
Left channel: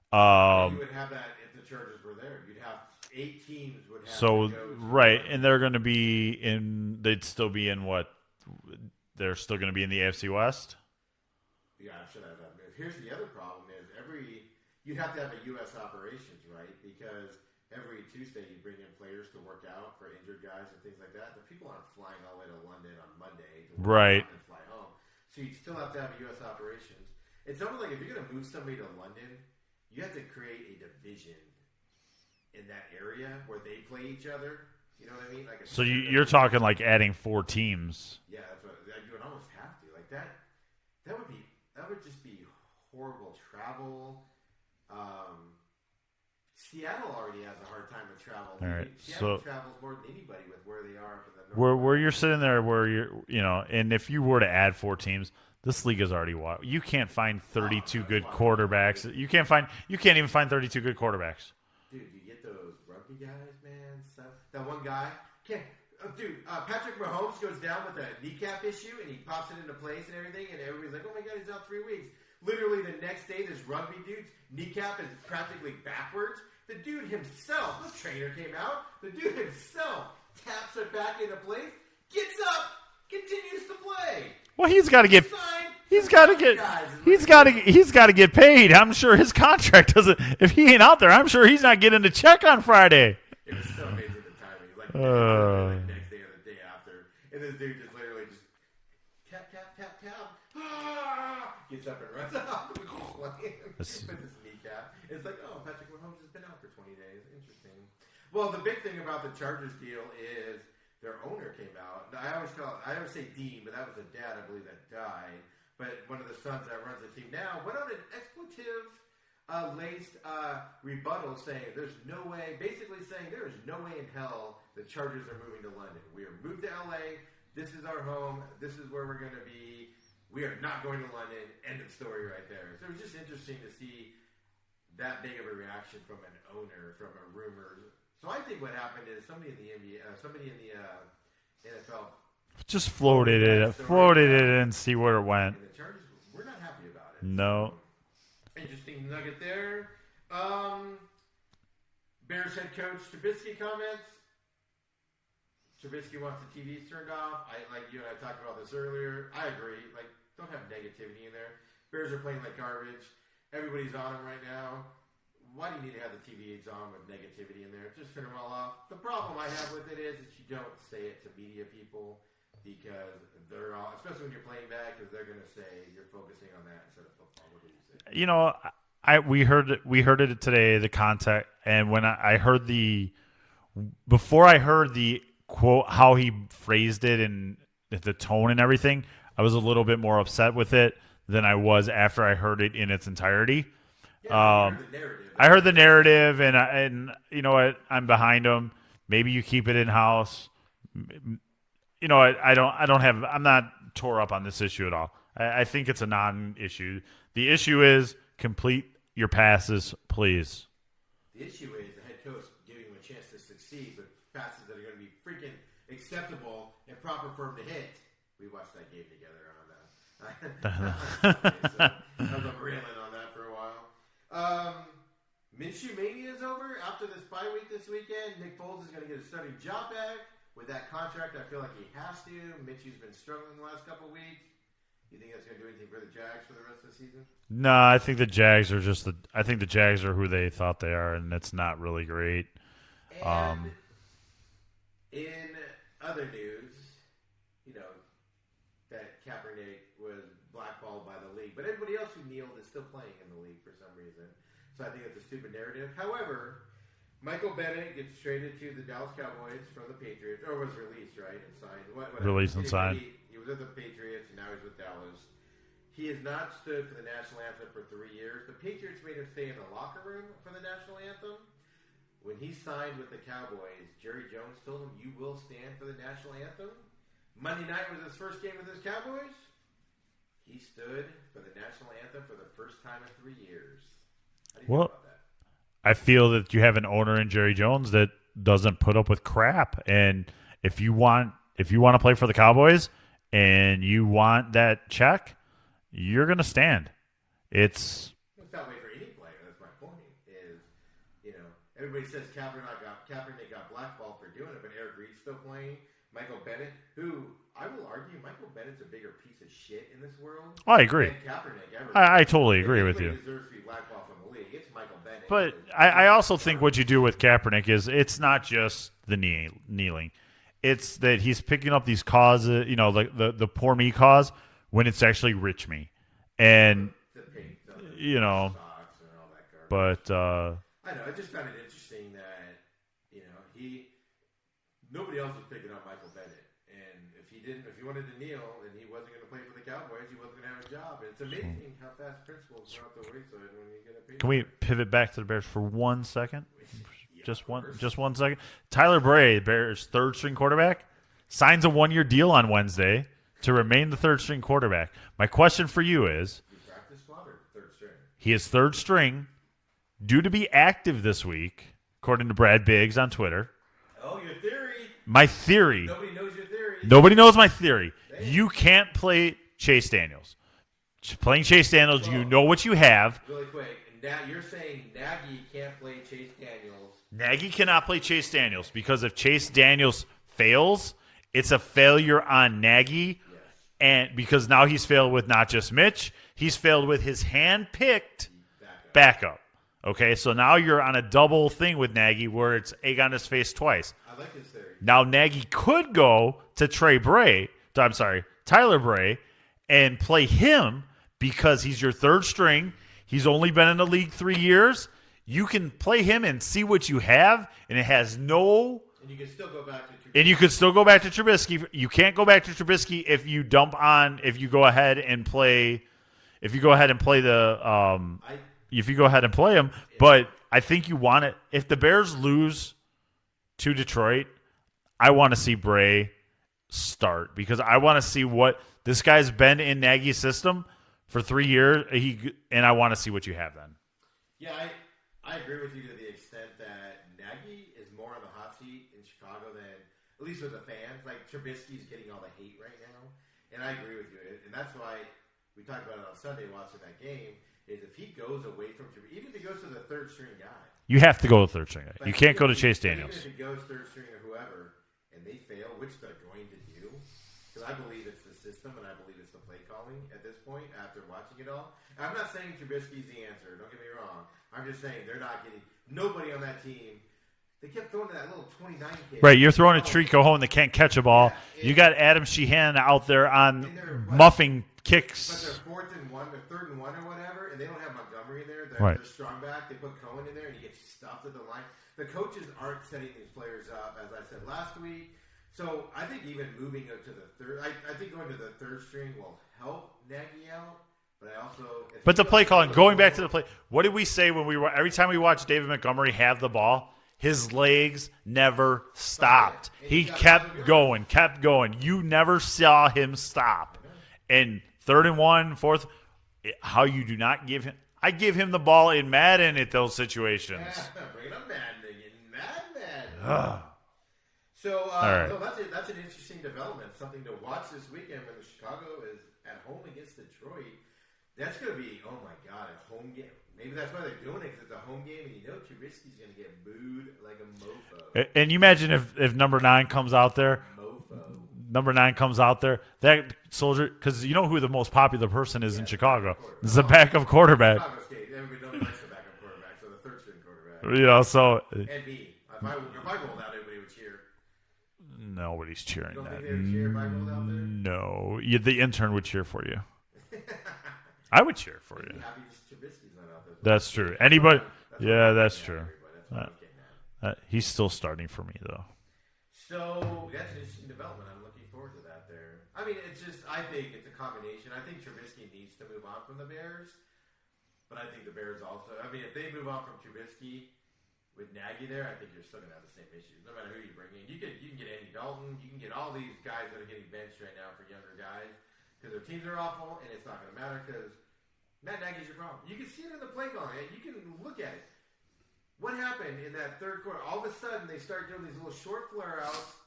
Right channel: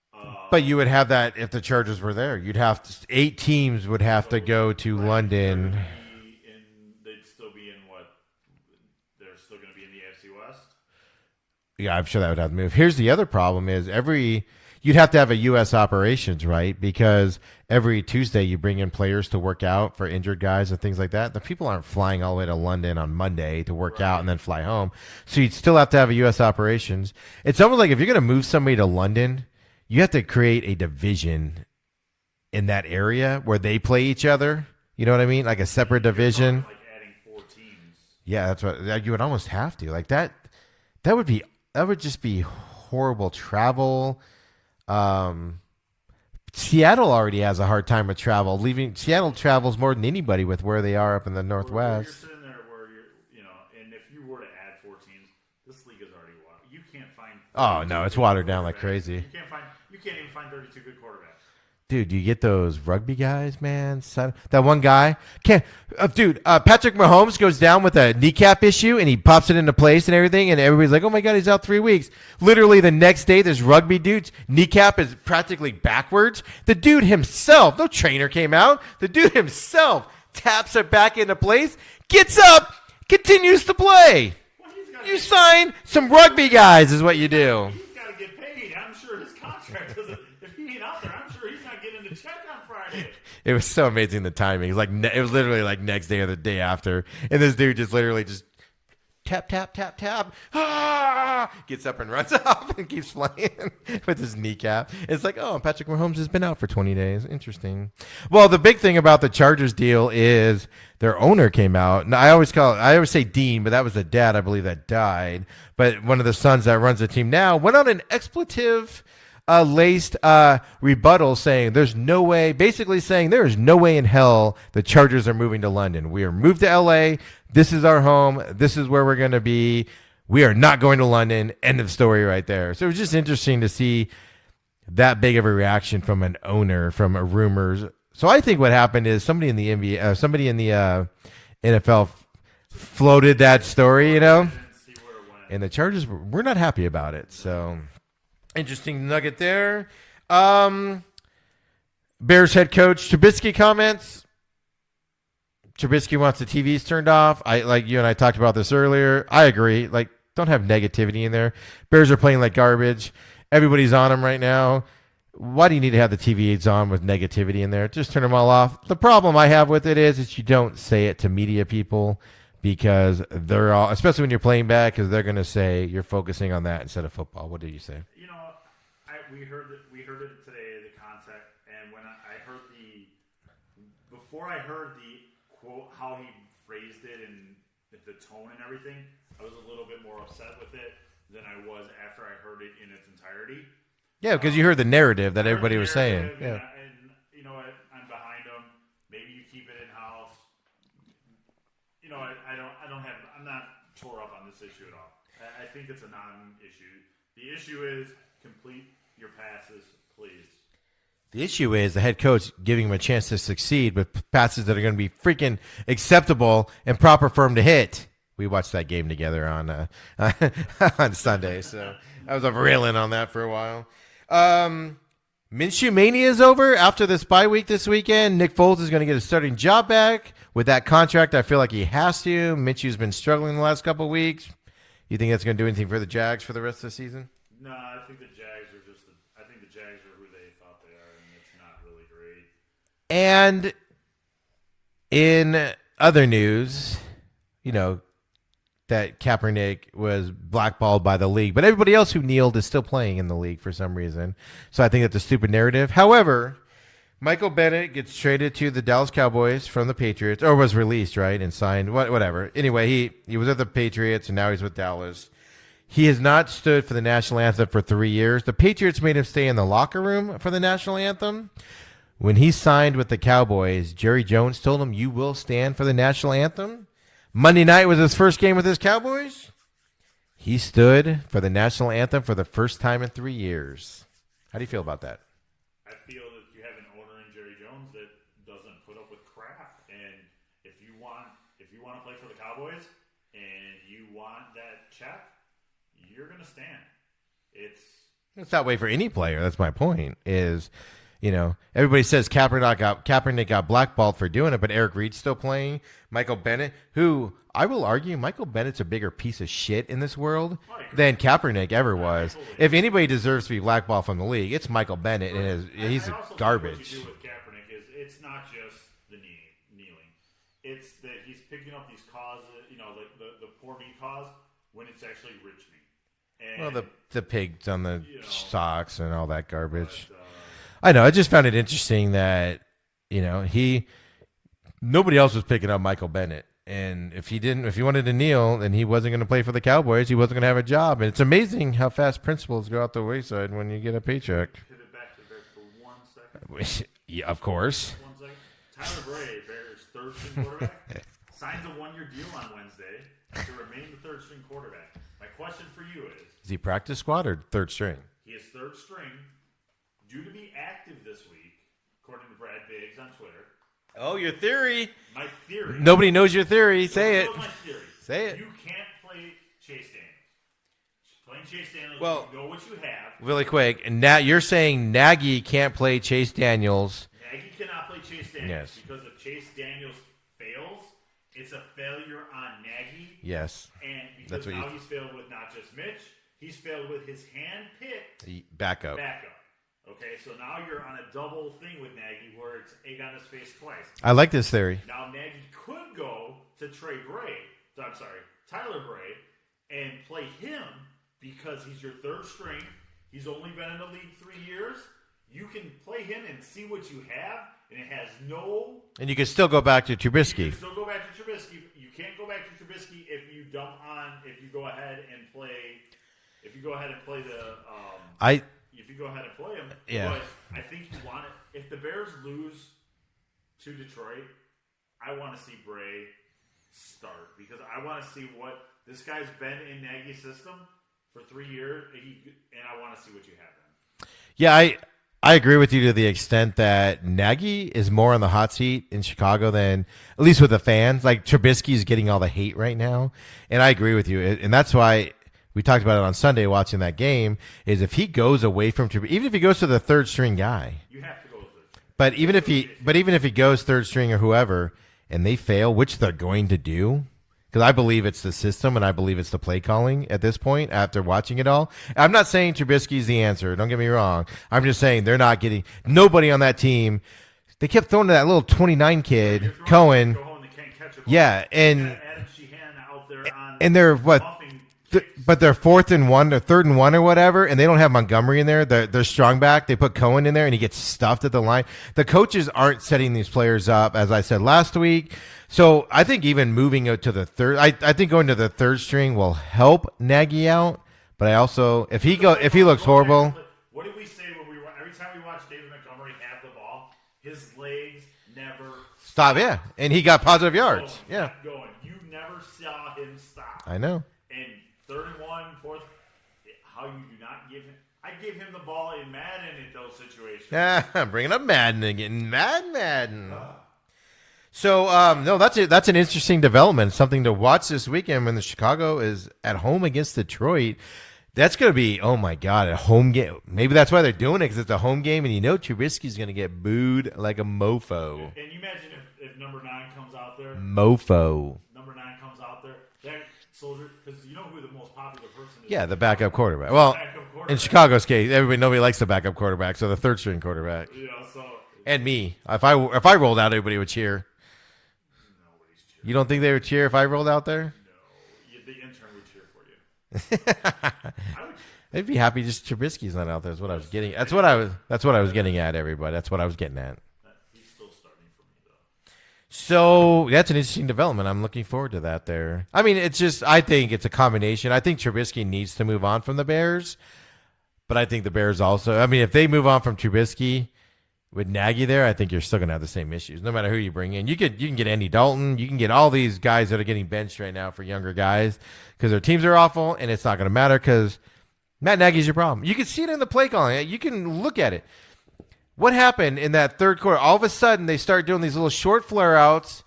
But you would have that if the Chargers were there. You'd have 8 teams would have to go to London. And they're going to be in. They'd still be in what? They're still going to be in the AFC West. Yeah, I'm sure that would have to move. Here's the other problem: is you'd have to have a U.S. operations, right? Because every Tuesday you bring in players to work out for injured guys and things like that. The people aren't flying all the way to London on Monday to work out and then fly home. So you'd still have to have a U.S. operations. It's almost like if you're going to move somebody to London, you have to create a division in that area where they play each other. You know what I mean? Like a separate division. You're talking like adding 4 teams. Yeah, that's what you would almost have to. Like that would just be horrible travel. Seattle already has a hard time with travel. Seattle travels more than anybody with where they are up in the Northwest. Where you're sitting there, and if you were to add 4 teams, this league is already watered. You can't find 32 good quarterbacks. Like crazy. You can't even find 32 good quarterbacks. Dude, you get those rugby guys, man. That one guy Patrick Mahomes goes down with a kneecap issue and he pops it into place and everything, and everybody's like, "Oh my God, he's out 3 weeks." Literally the next day, this rugby dude's kneecap is practically backwards. The dude himself, no trainer came out. The dude himself taps it back into place, gets up, continues to play. Well, he's got to get signed some rugby guys is what you do. He's got to get paid. I'm sure his contract doesn't. If he ain't out there, I'm sure he's not getting a check on Friday. It was so amazing the timing. It was literally like next day or the day after, and this dude just literally just tap tap tap tap. Gets up and runs off and keeps playing with his kneecap. It's like, oh, Patrick Mahomes has been out for 20 days. Interesting. Well, the big thing about the Chargers deal is their owner came out, and I always say Dean, but that was the dad, I believe, that died. But one of the sons that runs the team now went on an expletive laced rebuttal saying there's no way, basically saying there is no way in hell the Chargers are moving to London. We are moved to LA. This is our home. This is where we're going to be. We are not going to London. End of story right there. So it was just interesting to see that big of a reaction from an owner, from a rumors. So I think what happened is somebody in the NBA, somebody in the NFL just floated that story, and see where it went. And the Chargers were not happy about it. No. So interesting nugget there. Bears head coach Trubisky comments. Trubisky wants the TVs turned off. Like you and I talked about this earlier. I agree. Like, don't have negativity in there. Bears are playing like garbage. Everybody's on them right now. Why do you need to have the TVs on with negativity in there? Just turn them all off. The problem I have with it is you don't say it to media people because they're all, especially when you're playing bad, because they're going to say you're focusing on that instead of football. What did you say? You know, we heard it today, the context, and when I heard before I heard the quote, how he phrased it and the tone and everything, I was a little bit more upset with it than I was after I heard it in its entirety. Yeah, because you heard the narrative. I heard the narrative, and you know what? I'm behind him. Maybe you keep it in house. You know, I'm not tore up on this issue at all. I think it's a non-issue. The issue is complete your passes, please. The issue is the head coach giving him a chance to succeed with passes that are going to be freaking acceptable and proper for him to hit. We watched that game together on on Sunday, so I was railing on that for a while. Minshew Mania is over after this bye week this weekend. Nick Foles is going to get a starting job back. With that contract, I feel like he has to. Minshew's been struggling the last couple of weeks. You think that's going to do anything for the Jags for the rest of the season? No, I think the Jags are I think the Jags are who they thought they are, and it's not really great. And in other news, you know, that Kaepernick was blackballed by the league, but everybody else who kneeled is still playing in the league for some reason. So I think that's a stupid narrative. However, Michael Bennett gets traded to the Dallas Cowboys from the Patriots, or was released, right, and signed. Whatever. Released and Anyway, signed. he was at the Patriots, and now he's with Dallas. He has not stood for the national anthem for 3 years. The Patriots made him stay in the locker room for the national anthem. When he signed with the Cowboys, Jerry Jones told him, "You will stand for the national anthem." Monday night was his first game with his Cowboys. He stood for the national anthem for the first time in 3 years. How do you feel about that? I feel that you have an owner in Jerry Jones that doesn't put up with crap. And if you want to play for the Cowboys and you want that check, you're going to stand. It's that way for any player. That's my point. Is, everybody says Kaepernick got blackballed for doing it, but Eric Reed's still playing. Michael Bennett, who I will argue, Michael Bennett's a bigger piece of shit in this world I agree. than Kaepernick ever was. I totally agree. If anybody with you. deserves to be blackballed from the league, it's Michael Bennett. But and I also think garbage. what you do with Kaepernick is it's not just the kneeling. It's that he's picking up these causes, like the poor me cause, when it's actually rich me. And the pigs on the socks and all that garbage. But I know. I just found it interesting that nobody else was picking up Michael Bennett, and if he wanted to kneel, then he wasn't going to play for the Cowboys. He wasn't going to have a job, and it's amazing how fast principles go out the wayside when you get a paycheck. can we pivot back to the Bears for 1 second? Yeah, of course. Just 1 second. Tyler Bray, Bears' third-string quarterback, signs a 1-year deal on Wednesday to remain the third-string quarterback. My question for you is he practice squad or third string? He is third string, due to be active this week, according to Brad Biggs on Twitter. Oh, your theory. My theory. Nobody knows your theory. Nobody knows my theory. Say it. You can't play Chase Daniels. Playing Chase Daniels, you know what you have. Really quick, and now you're saying Nagy can't play Chase Daniels. Nagy cannot play Chase Daniels because if Chase Daniels fails, it's a failure on Nagy. Yes. And because now he's failed with not just Mitch, he's failed with his hand-picked backup. Okay, so now you're on a double thing with Nagy where it's egg on his face twice. I like this theory. Now Nagy could go to Tyler Bray, and play him because he's your third string. He's only been in the league 3 years. You can play him and see what you have, and it has no. And you can still go back to Trubisky. And you can still go back to Trubisky. You can't go back to Trubisky if you go ahead and play. If you go ahead and play if you go ahead and play him, but I think you want it. If the Bears lose to Detroit, I want to see Bray start because I want to see what this guy's been in Nagy's system for 3 years. And I want to see what you have then. Yeah, I agree with you to the extent that Nagy is more on the hot seat in Chicago than, at least with the fans. Like Trubisky's getting all the hate right now, and I agree with you, and that's why. We talked about it on Sunday watching that game, is if he goes away from Trubisky, even if he goes to the third string guy. You have to go with third string guy. But even if he goes third string or whoever, and they fail, which they're going to do, because I believe it's the system and I believe it's the play calling at this point after watching it all. I'm not saying Trubisky's the answer. Don't get me wrong. I'm just saying they're not getting – nobody on that team – they kept throwing to that little 29 kid. Right, you're throwing a Trent Cohen that can't catch a ball. Yeah, and you got Adam Sheehan out there on and they're muffing kicks. But they're 4th and 1 or 3rd and 1 or whatever, and they don't have Montgomery in there. They're strong back. They put Cohen in there, and he gets stuffed at the line. The coaches aren't setting these players up, as I said last week. So I think even moving to the third, I think going to the third string will help Nagy out. But I also, if he looks horrible, what did we say when every time we watched David Montgomery have the ball? His legs never stopped. Yeah. And he got positive yards. Kept going. You never saw him stop. I know. And 3rd and 1, 4th, how you do not give him. I give him the ball in Madden at those situations. Bringing up Madden again. Madden. So, no, that's an interesting development. Something to watch this weekend when the Chicago is at home against Detroit. That's going to be, oh, my God, a home game. Maybe that's why they're doing it, because it's a home game, and Trubisky's going to get booed like a mofo. And you imagine if number 9 comes out there. Mofo. Number 9 comes out there. That soldier, because you know who the most popular person is in the Chicago. backup quarterback. The backup quarterback. In Chicago's case, nobody likes the backup quarterback, so the third-string quarterback. And me. If I rolled out, everybody would cheer. Nobody's cheering. You don't think they would cheer if I rolled out there? No. The intern would cheer for you. I would cheer for They'd be happy just Trubisky's not out there. That's true. That's what I was getting at, everybody. That's what I was getting at. He's still starting for me, though. So that's an interesting development. I'm looking forward to that there. I mean, I think it's a combination. I think Trubisky needs to move on from the Bears, but I think the Bears also, I mean, if they move on from Trubisky with Nagy there, I think you're still going to have the same issues, no matter who you bring in. You can get Andy Dalton. You can get all these guys that are getting benched right now for younger guys because their teams are awful, and it's not going to matter because Matt Nagy's your problem. You can see it in the play calling. You can look at it. What happened in that third quarter? All of a sudden, they start doing these little short flare-outs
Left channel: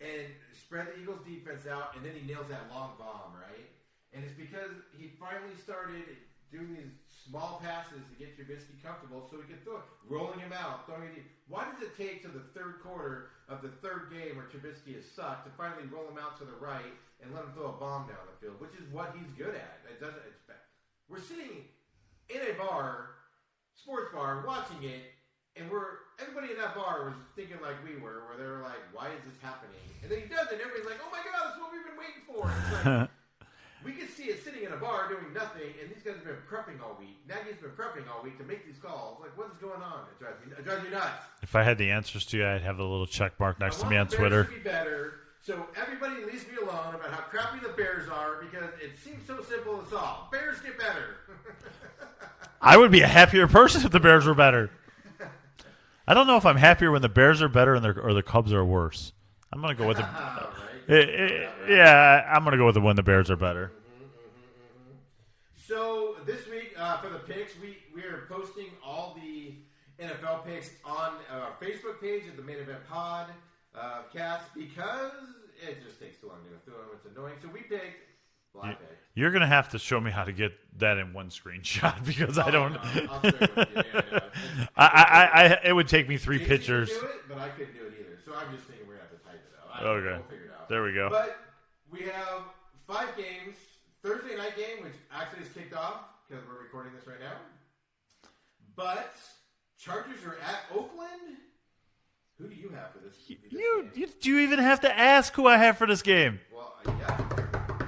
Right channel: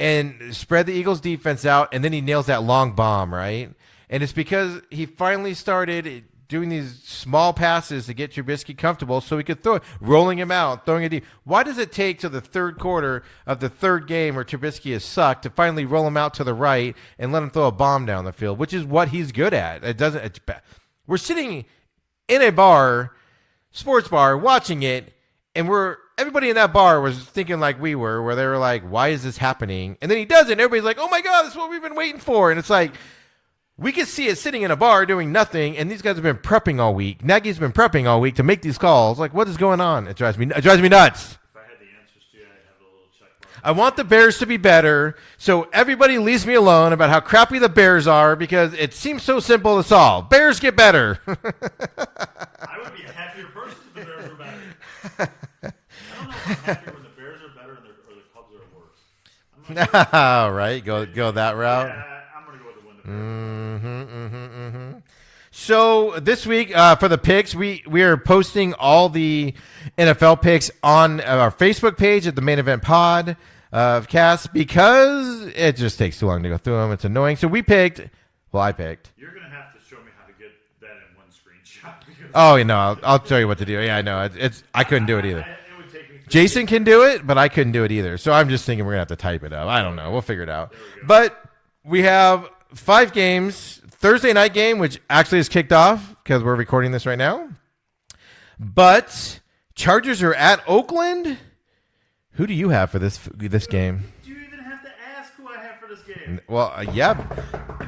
and spread the Eagles' defense out, and then he nails that long bomb, right? And it's because he finally started doing these small passes to get Trubisky comfortable so he could throw it, rolling him out, throwing it deep. Why does it take to the third quarter of the third game where Trubisky is sucked to finally roll him out to the right and let him throw a bomb down the field, which is what he's good at? We're sitting in a bar, sports bar, watching it, and everybody in that bar was thinking like we were, where they were like, why is this happening? And then he does it, and everybody's like, oh, my God, that's what we've been waiting for. And it's like, we could see it sitting in a bar doing nothing, and these guys have been prepping all week. Nagy's been prepping all week to make these calls. Like, what is going on? It drives me nuts. If I had the answers to you, I'd have a little check mark next I want the Bears to be better, so everybody leaves me alone about how crappy the Bears are because it seems so simple to solve. Bears get better. I would be a happier person if the Bears were better. I don't know if I'm happier when the Bears are better or the Cubs are worse. I'm going to go with right. Go that route. Yeah, I'm going to go with when the Bears are better. So this week for the picks, we are posting all the NFL picks on our Facebook page at the Main Event Pod cast because it just takes too long to go through them. It's annoying. So I picked. You're going to have to show me how to get that in one screenshot because I'll show you what to do. Yeah, I know. I couldn't do it either. It would take me 3 Jason pictures. can do it, but I couldn't do it either. So I'm just thinking we're going to have to type it up. I don't know. We'll figure it out. There we go. But we have 5 games. Thursday night game, which actually is kicked off because we're recording this right now. But Chargers are at Oakland. Who do you have for this game? Do you even have to ask who I have for this game? Well, yeah.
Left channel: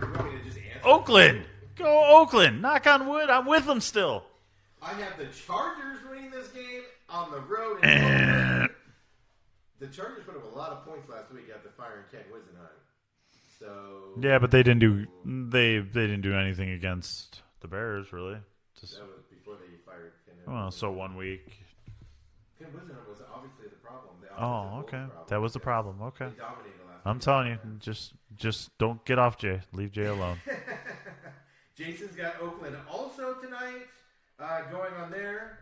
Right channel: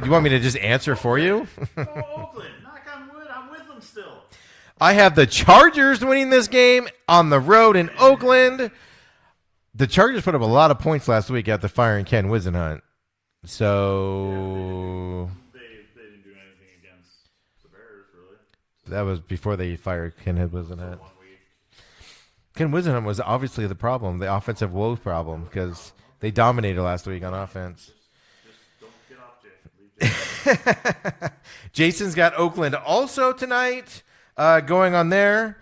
You want me to just answer Oakland. for you? Go Oakland. Knock on wood. I'm with them still. I have the Chargers winning this game on the road in Oakland. The Chargers put up a lot of points last week after firing Ken Wisenhunt. So yeah, but they didn't do anything against the Bears really. That was before they fired Ken Wisenhunt. So 1 week. Ken Wisenhunt was obviously the problem, the offensive woes problem. That was the problem. Okay. They dominated last week on offense. Just don't get off Jay. Leave Jay alone. Jason's got Oakland also tonight going on there.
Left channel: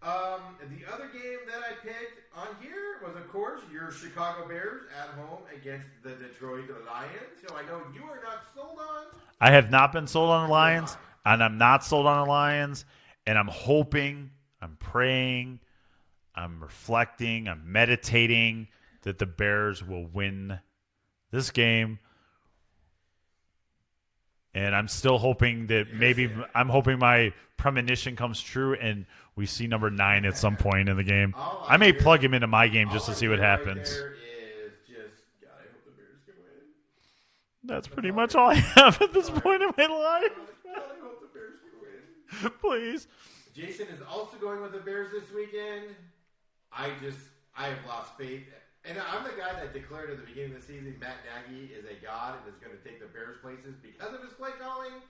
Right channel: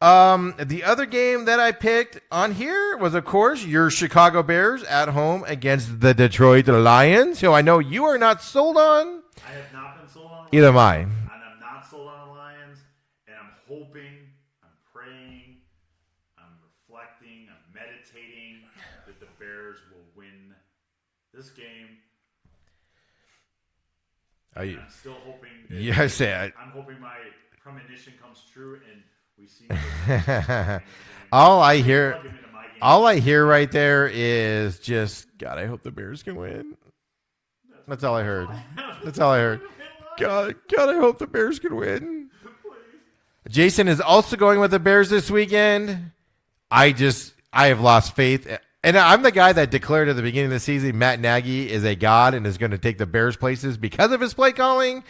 The other game that I picked on here was, of course, your Chicago Bears at home against the Detroit Lions, who I know you are not sold on. I have not been sold on the Lions. Neither am I. And I'm not sold on the Lions. And I'm hoping, I'm praying, I'm reflecting, I'm meditating that the Bears will win this game. And I'm still hoping that I'm hoping my premonition comes true and we see number 9 at some point in the game. I may plug him into my game. All I hear right there is just, God, I hope the Bears can win. That's pretty much all I have at this point in my life. God, I hope the Bears can win. Please. Jason is also going with the Bears this weekend. I have lost faith. And I'm the guy that declared at the beginning of the season Matt Nagy is a god and is going to take the Bears places because of his play calling.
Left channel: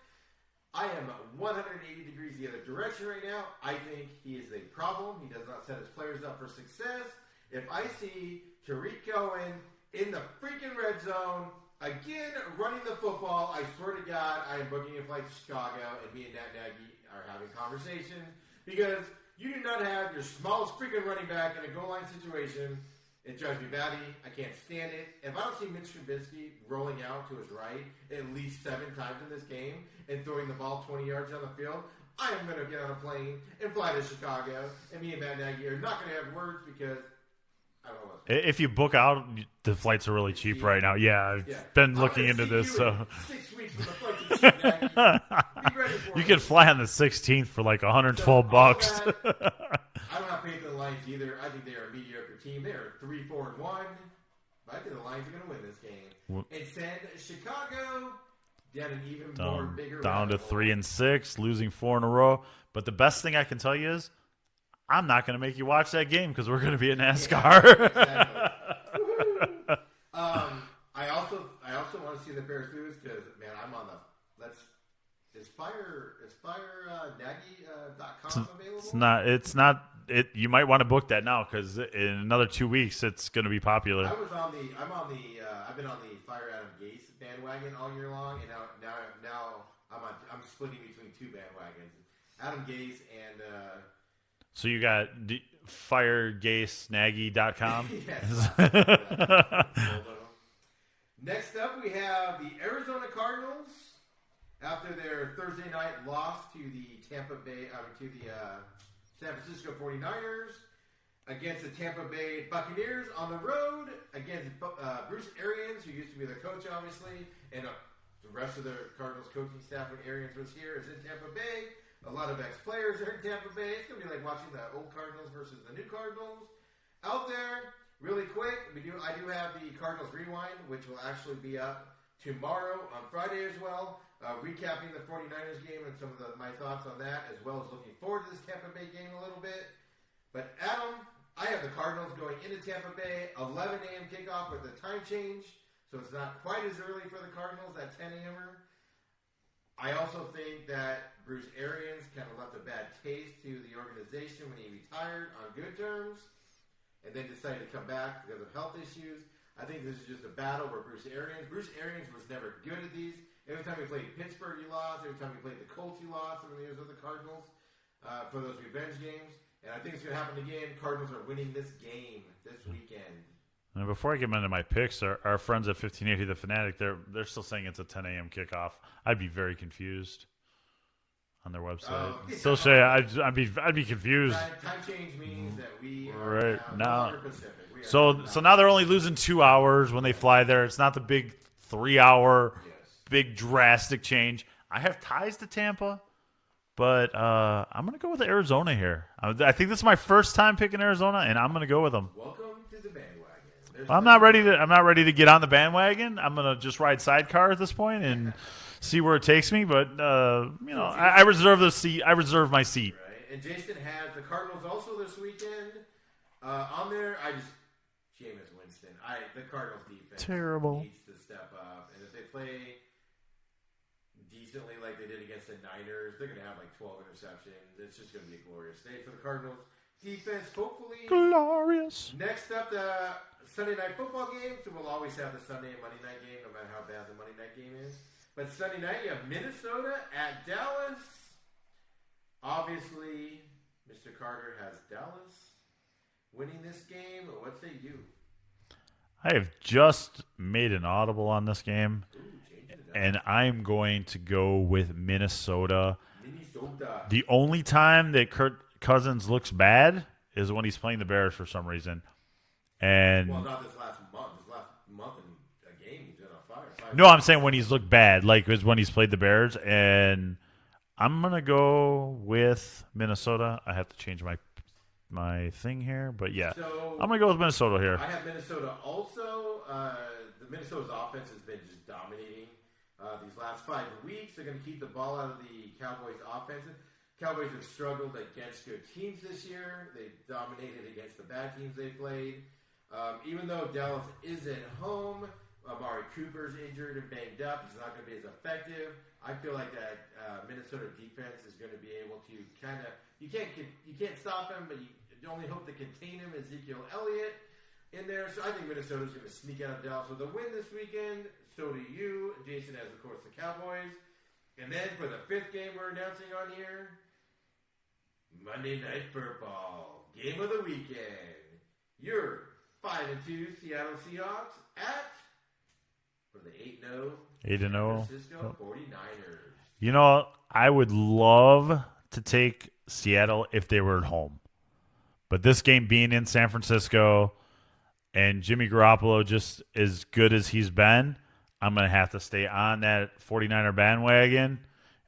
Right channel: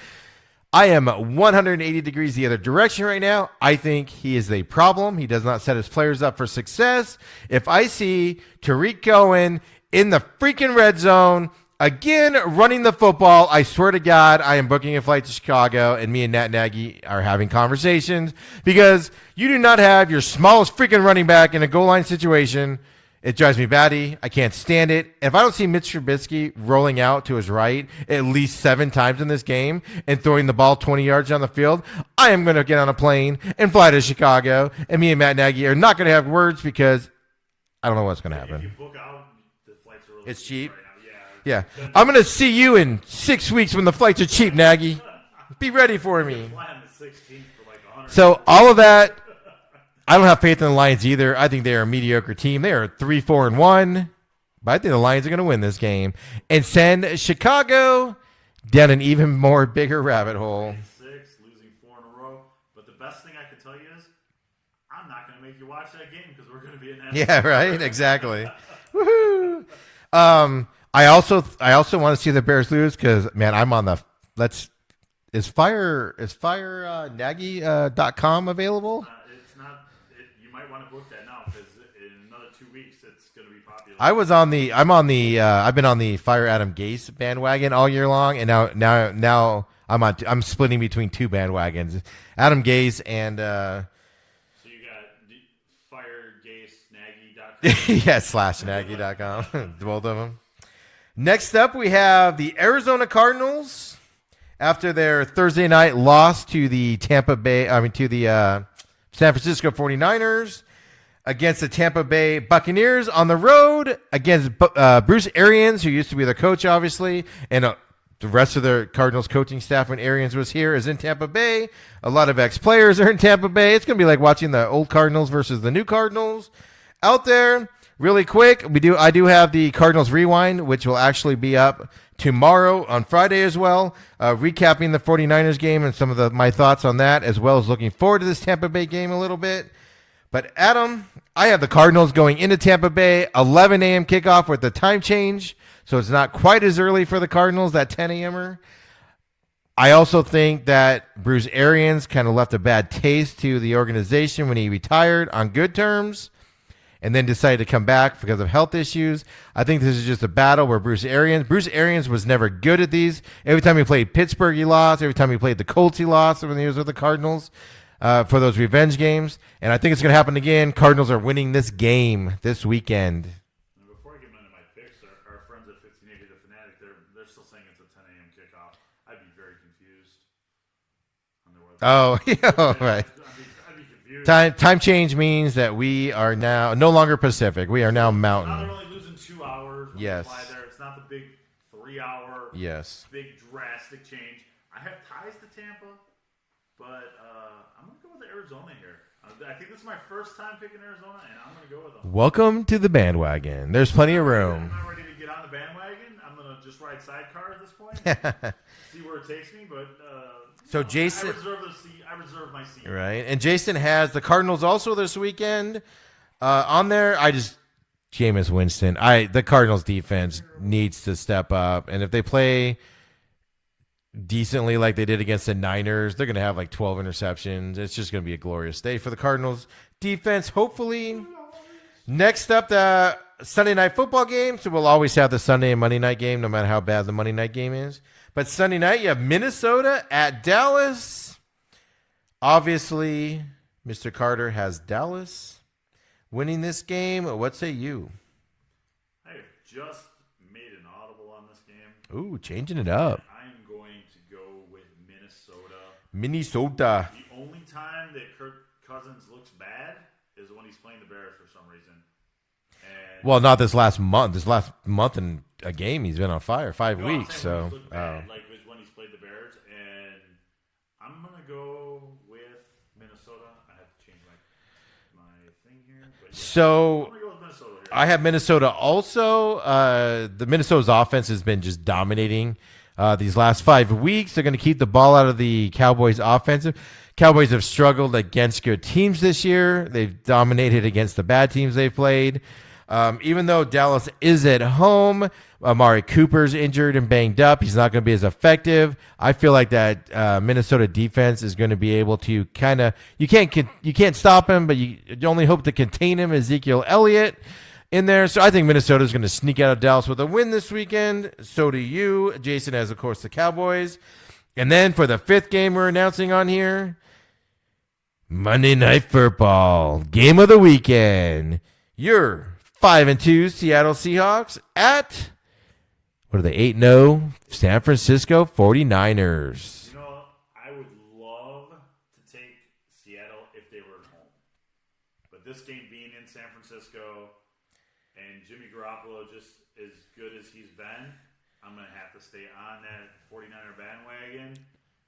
I am 180 degrees the other direction right now. I think he is a problem. He does not set his players up for success. If I see Tariq Cohen in the freaking red zone, again, running the football, I swear to God, I am booking a flight to Chicago, and me and Matt Nagy are having conversations because you do not have your smallest freaking running back in a goal line situation. It drives me batty. I can't stand it. If I don't see Mitch Trubisky rolling out to his right at least 7 times in this game and throwing the ball 20 yards down the field, I am going to get on a plane and fly to Chicago, and me and Matt Nagy are not going to have words because I don't know what's going to happen. If you book out, the flights are really cheap right now. Yeah. I'm going to see you in 6 weeks when the flights are cheap, Nagy. Be ready for me. You could fly on the 16th for like $112. So all of that, I don't have faith in the Lions either. I think they are a mediocre team. They are 3-4-1, but I think the Lions are going to win this game and send Chicago down an even more bigger rabbit hole. 3-6, losing 4 in a row. But the best thing I can tell you is I'm not going to make you watch that game because we're going to be in NASCAR. Yeah, right. Exactly. Woohoo! I also want to see the Bears lose because man, I'm on the is Nagy.com available? It's not. You might want to book that now because in another 2 weeks it's going to be popular. I've been on the Fire Adam Gase bandwagon all year long, and now I'm splitting between two bandwagons, Adam Gase and so you got firegasenaggy.com. yes, /Nagy.com. Both of them. Next up, we have the Arizona Cardinals after their Thursday night loss to the San Francisco 49ers against the Tampa Bay Buccaneers on the road against Bruce Arians, who used to be their coach, obviously, and the rest of the Cardinals coaching staff when Arians was here is in Tampa Bay. A lot of ex-players are in Tampa Bay. It's going to be like watching the old Cardinals versus the new Cardinals out there. Really quick, I do have the Cardinals Rewind, which will actually be up tomorrow on Friday as well, recapping the 49ers game and some of my thoughts on that, as well as looking forward to this Tampa Bay game a little bit. But, Adam, I have the Cardinals going into Tampa Bay, 11 a.m. kickoff with the time change, so it's not quite as early for the Cardinals, that 10 a.m.er. I also think that Bruce Arians kind of left a bad taste to the organization when he retired on good terms and then decided to come back because of health issues. I think this is just a battle where Bruce Arians was never good at these. Every time he played Pittsburgh, he lost. Every time he played the Colts, he lost when he was with the Cardinals for those revenge games. And I think it's going to happen again. Cardinals are winning this game this weekend. And before I get into my picks, our friends at 1580 The Fanatic, they're still saying it's a 10 a.m. kickoff. I'd be very confused on their website. Oh, yeah. So I'd be confused. Time change means that we are now no longer Pacific. We are now Mountain. So now they're only losing 2 hours when they fly there. It's not the big 3-hour, big drastic change. I have ties to Tampa, but I'm going to go with Arizona here. I think this is my first time picking Arizona, and I'm going to go with them. Welcome to the bandwagon. There's plenty of room. I'm not ready to get on the bandwagon. I'm going to just ride sidecar at this point and see where it takes me. But Jason, I reserve the seat. I reserve my seat. Right. And Jason has the Cardinals also this weekend on there. Jameis Winston. The Cardinals defense needs to step up, and if they play decently like they did against the Niners, they're going to have like 12 interceptions. It's just going to be a glorious day for the Cardinals defense, hopefully. Glorious. Next up, the Sunday night football game. So we'll always have the Sunday and Monday night game, no matter how bad the Monday night game is. But Sunday night, you have Minnesota at Dallas. Obviously, Mr. Carter has Dallas winning this game. What say you? I have just made an audible on this game. Ooh, changing it up. And I'm going to go with Minnesota. Minnesota. The only time that Kirk Cousins looks bad is when he's playing the Bears for some reason. And not this last month. This last month in a game, he's been on fire. 5 weeks. No, I'm saying when he's looked bad, like it was when he's played the Bears. And I'm going to go with Minnesota. I have to change my thing here, but yeah. So I'm gonna go with Minnesota here. I have Minnesota also. The Minnesota's offense has been just dominating these last 5 weeks. They're going to keep the ball out of the Cowboys' offensive. Cowboys have struggled against good teams this year. They've dominated against the bad teams they've played. Even though Dallas is at home, Amari Cooper's injured and banged up. He's not going to be as effective. I feel like that Minnesota defense is going to be able to kind of you can't stop him, but you only hope to contain him. Ezekiel Elliott in there, so I think Minnesota is going to sneak out of Dallas with a win this weekend. So do you. Jason has, of course, the Cowboys, and then for the fifth game we're announcing on here, Monday Night Football game of the weekend. Your 5-2 Seattle Seahawks at. What are they, 8-0? San Francisco 49ers. You know, I would love to take Seattle if they were at home. But this game being in San Francisco and Jimmy Garoppolo just as good as he's been, I'm going to have to stay on that 49er bandwagon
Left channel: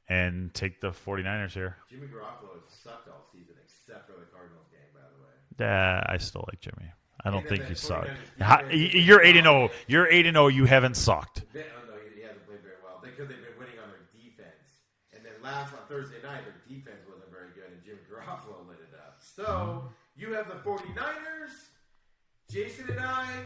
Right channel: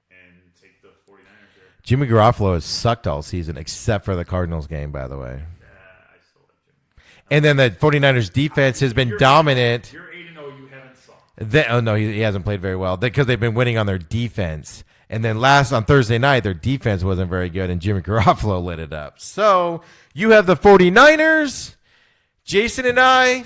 and take the 49ers here. Jimmy Garoppolo has sucked all season except for the Cardinals game, by the way. I still like Jimmy. And then the 49ers defense has been dominant. You're 8-0. You haven't sucked. No, he hasn't played very well because they've been winning on their defense. And then last on Thursday night, their defense wasn't very good, and Jimmy Garoppolo lit it up. So you have the 49ers, Jason and I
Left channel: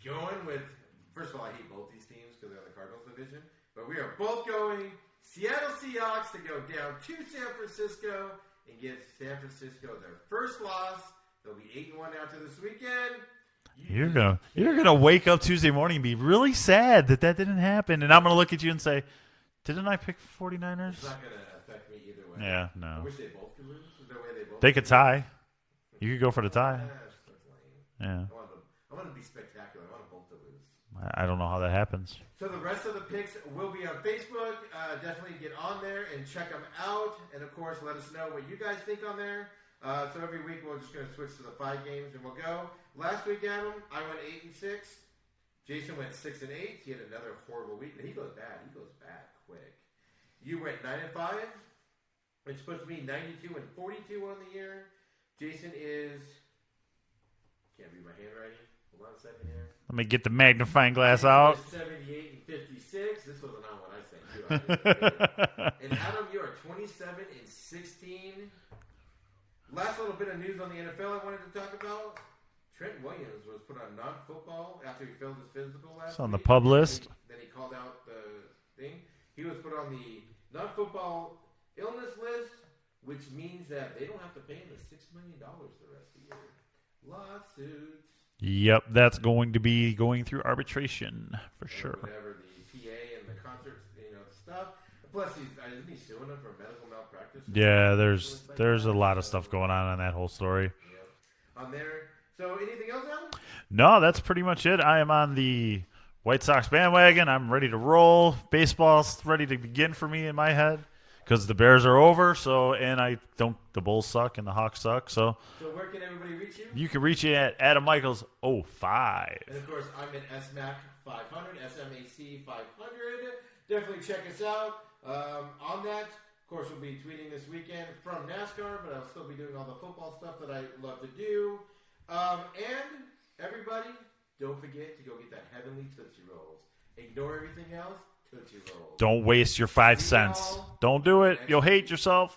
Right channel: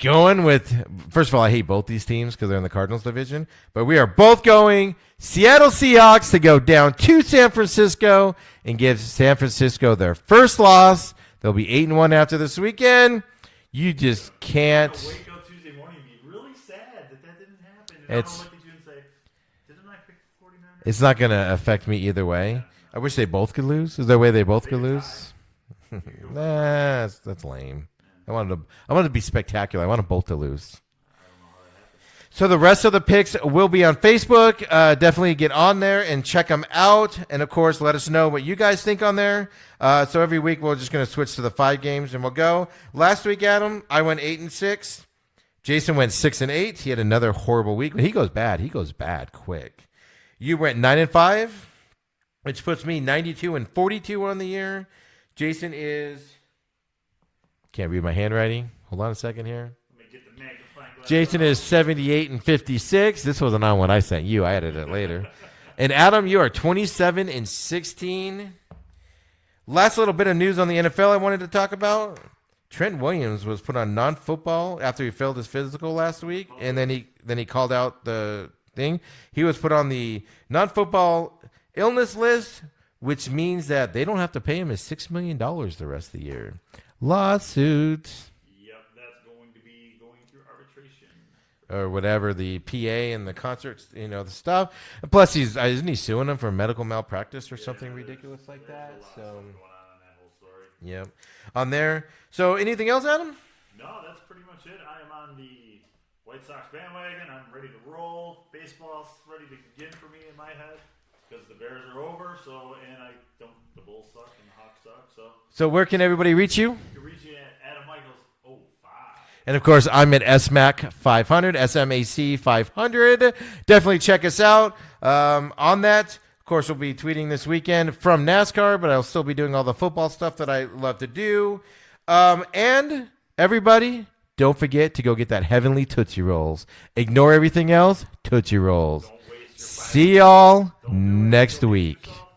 going with, first of all, I hate both these teams because they're in the Cardinals division, but we are both going Seattle Seahawks to go down to San Francisco and give San Francisco their first loss. They'll be 8-1 after this weekend. You're can't. You're going to wake up Tuesday morning and be really sad that didn't happen. And I'm going to look at you and say, didn't I pick 49ers? It's not going to affect me either way. Yeah, no. I wish they both could lose. Is there a way they both could lose? They could tie. You could go for the tie. That's lame. Yeah. I wanted to be spectacular. I want them both to lose. I don't know how that happens. So the rest of the picks will be on Facebook. Definitely get on there and check them out. And, of course, let us know what you guys think on there. So every week we're just going to switch to the 5 games, and we'll go. Last week, Adam, I went 8-6. Jason went 6-8. He had another horrible week. When he goes bad, quick. You went 9-5, which puts me 92-42 on the year. Jason is, can't read my handwriting. Hold on a second here. Let me get the magnifying glass Jason out. is 78-56. This wasn't on what I sent you. I added it later. And Adam, you are 27-16. Last little bit of news on the NFL I wanted to talk about. Trent Williams was put on non-football after he failed his physical last week. And then he called out the thing. He was put on the non-football illness list, which means that they don't have to pay him his $6 million the rest of the year. Lawsuit. Yep, that's going to be going through arbitration for sure. Or whatever, the PA and the concerts, the stuff. And plus, isn't he suing them for medical malpractice or something? Yeah, there's a lot of stuff going on that whole story. Yeah, on there. So anything else, Adam? No, that's pretty much it. I am on the White Sox bandwagon. I'm ready to roll. Baseball's ready to begin for me in my head because the Bears are over. The Bulls suck and the Hawks suck. So where can everybody reach you? You can reach me at Adam Michaels 05. And of course, I'm at SMAC 500, SMAC 500. Definitely check us out on that. Of course, we'll be tweeting this weekend from NASCAR, but I'll still be doing all the football stuff that I love to do. And everybody, don't forget to go get that Heavenly Tootsie Rolls. Ignore everything else. Tootsie Rolls. Don't waste your 5 cents. See y'all Don't do it. next You'll week. hate yourself.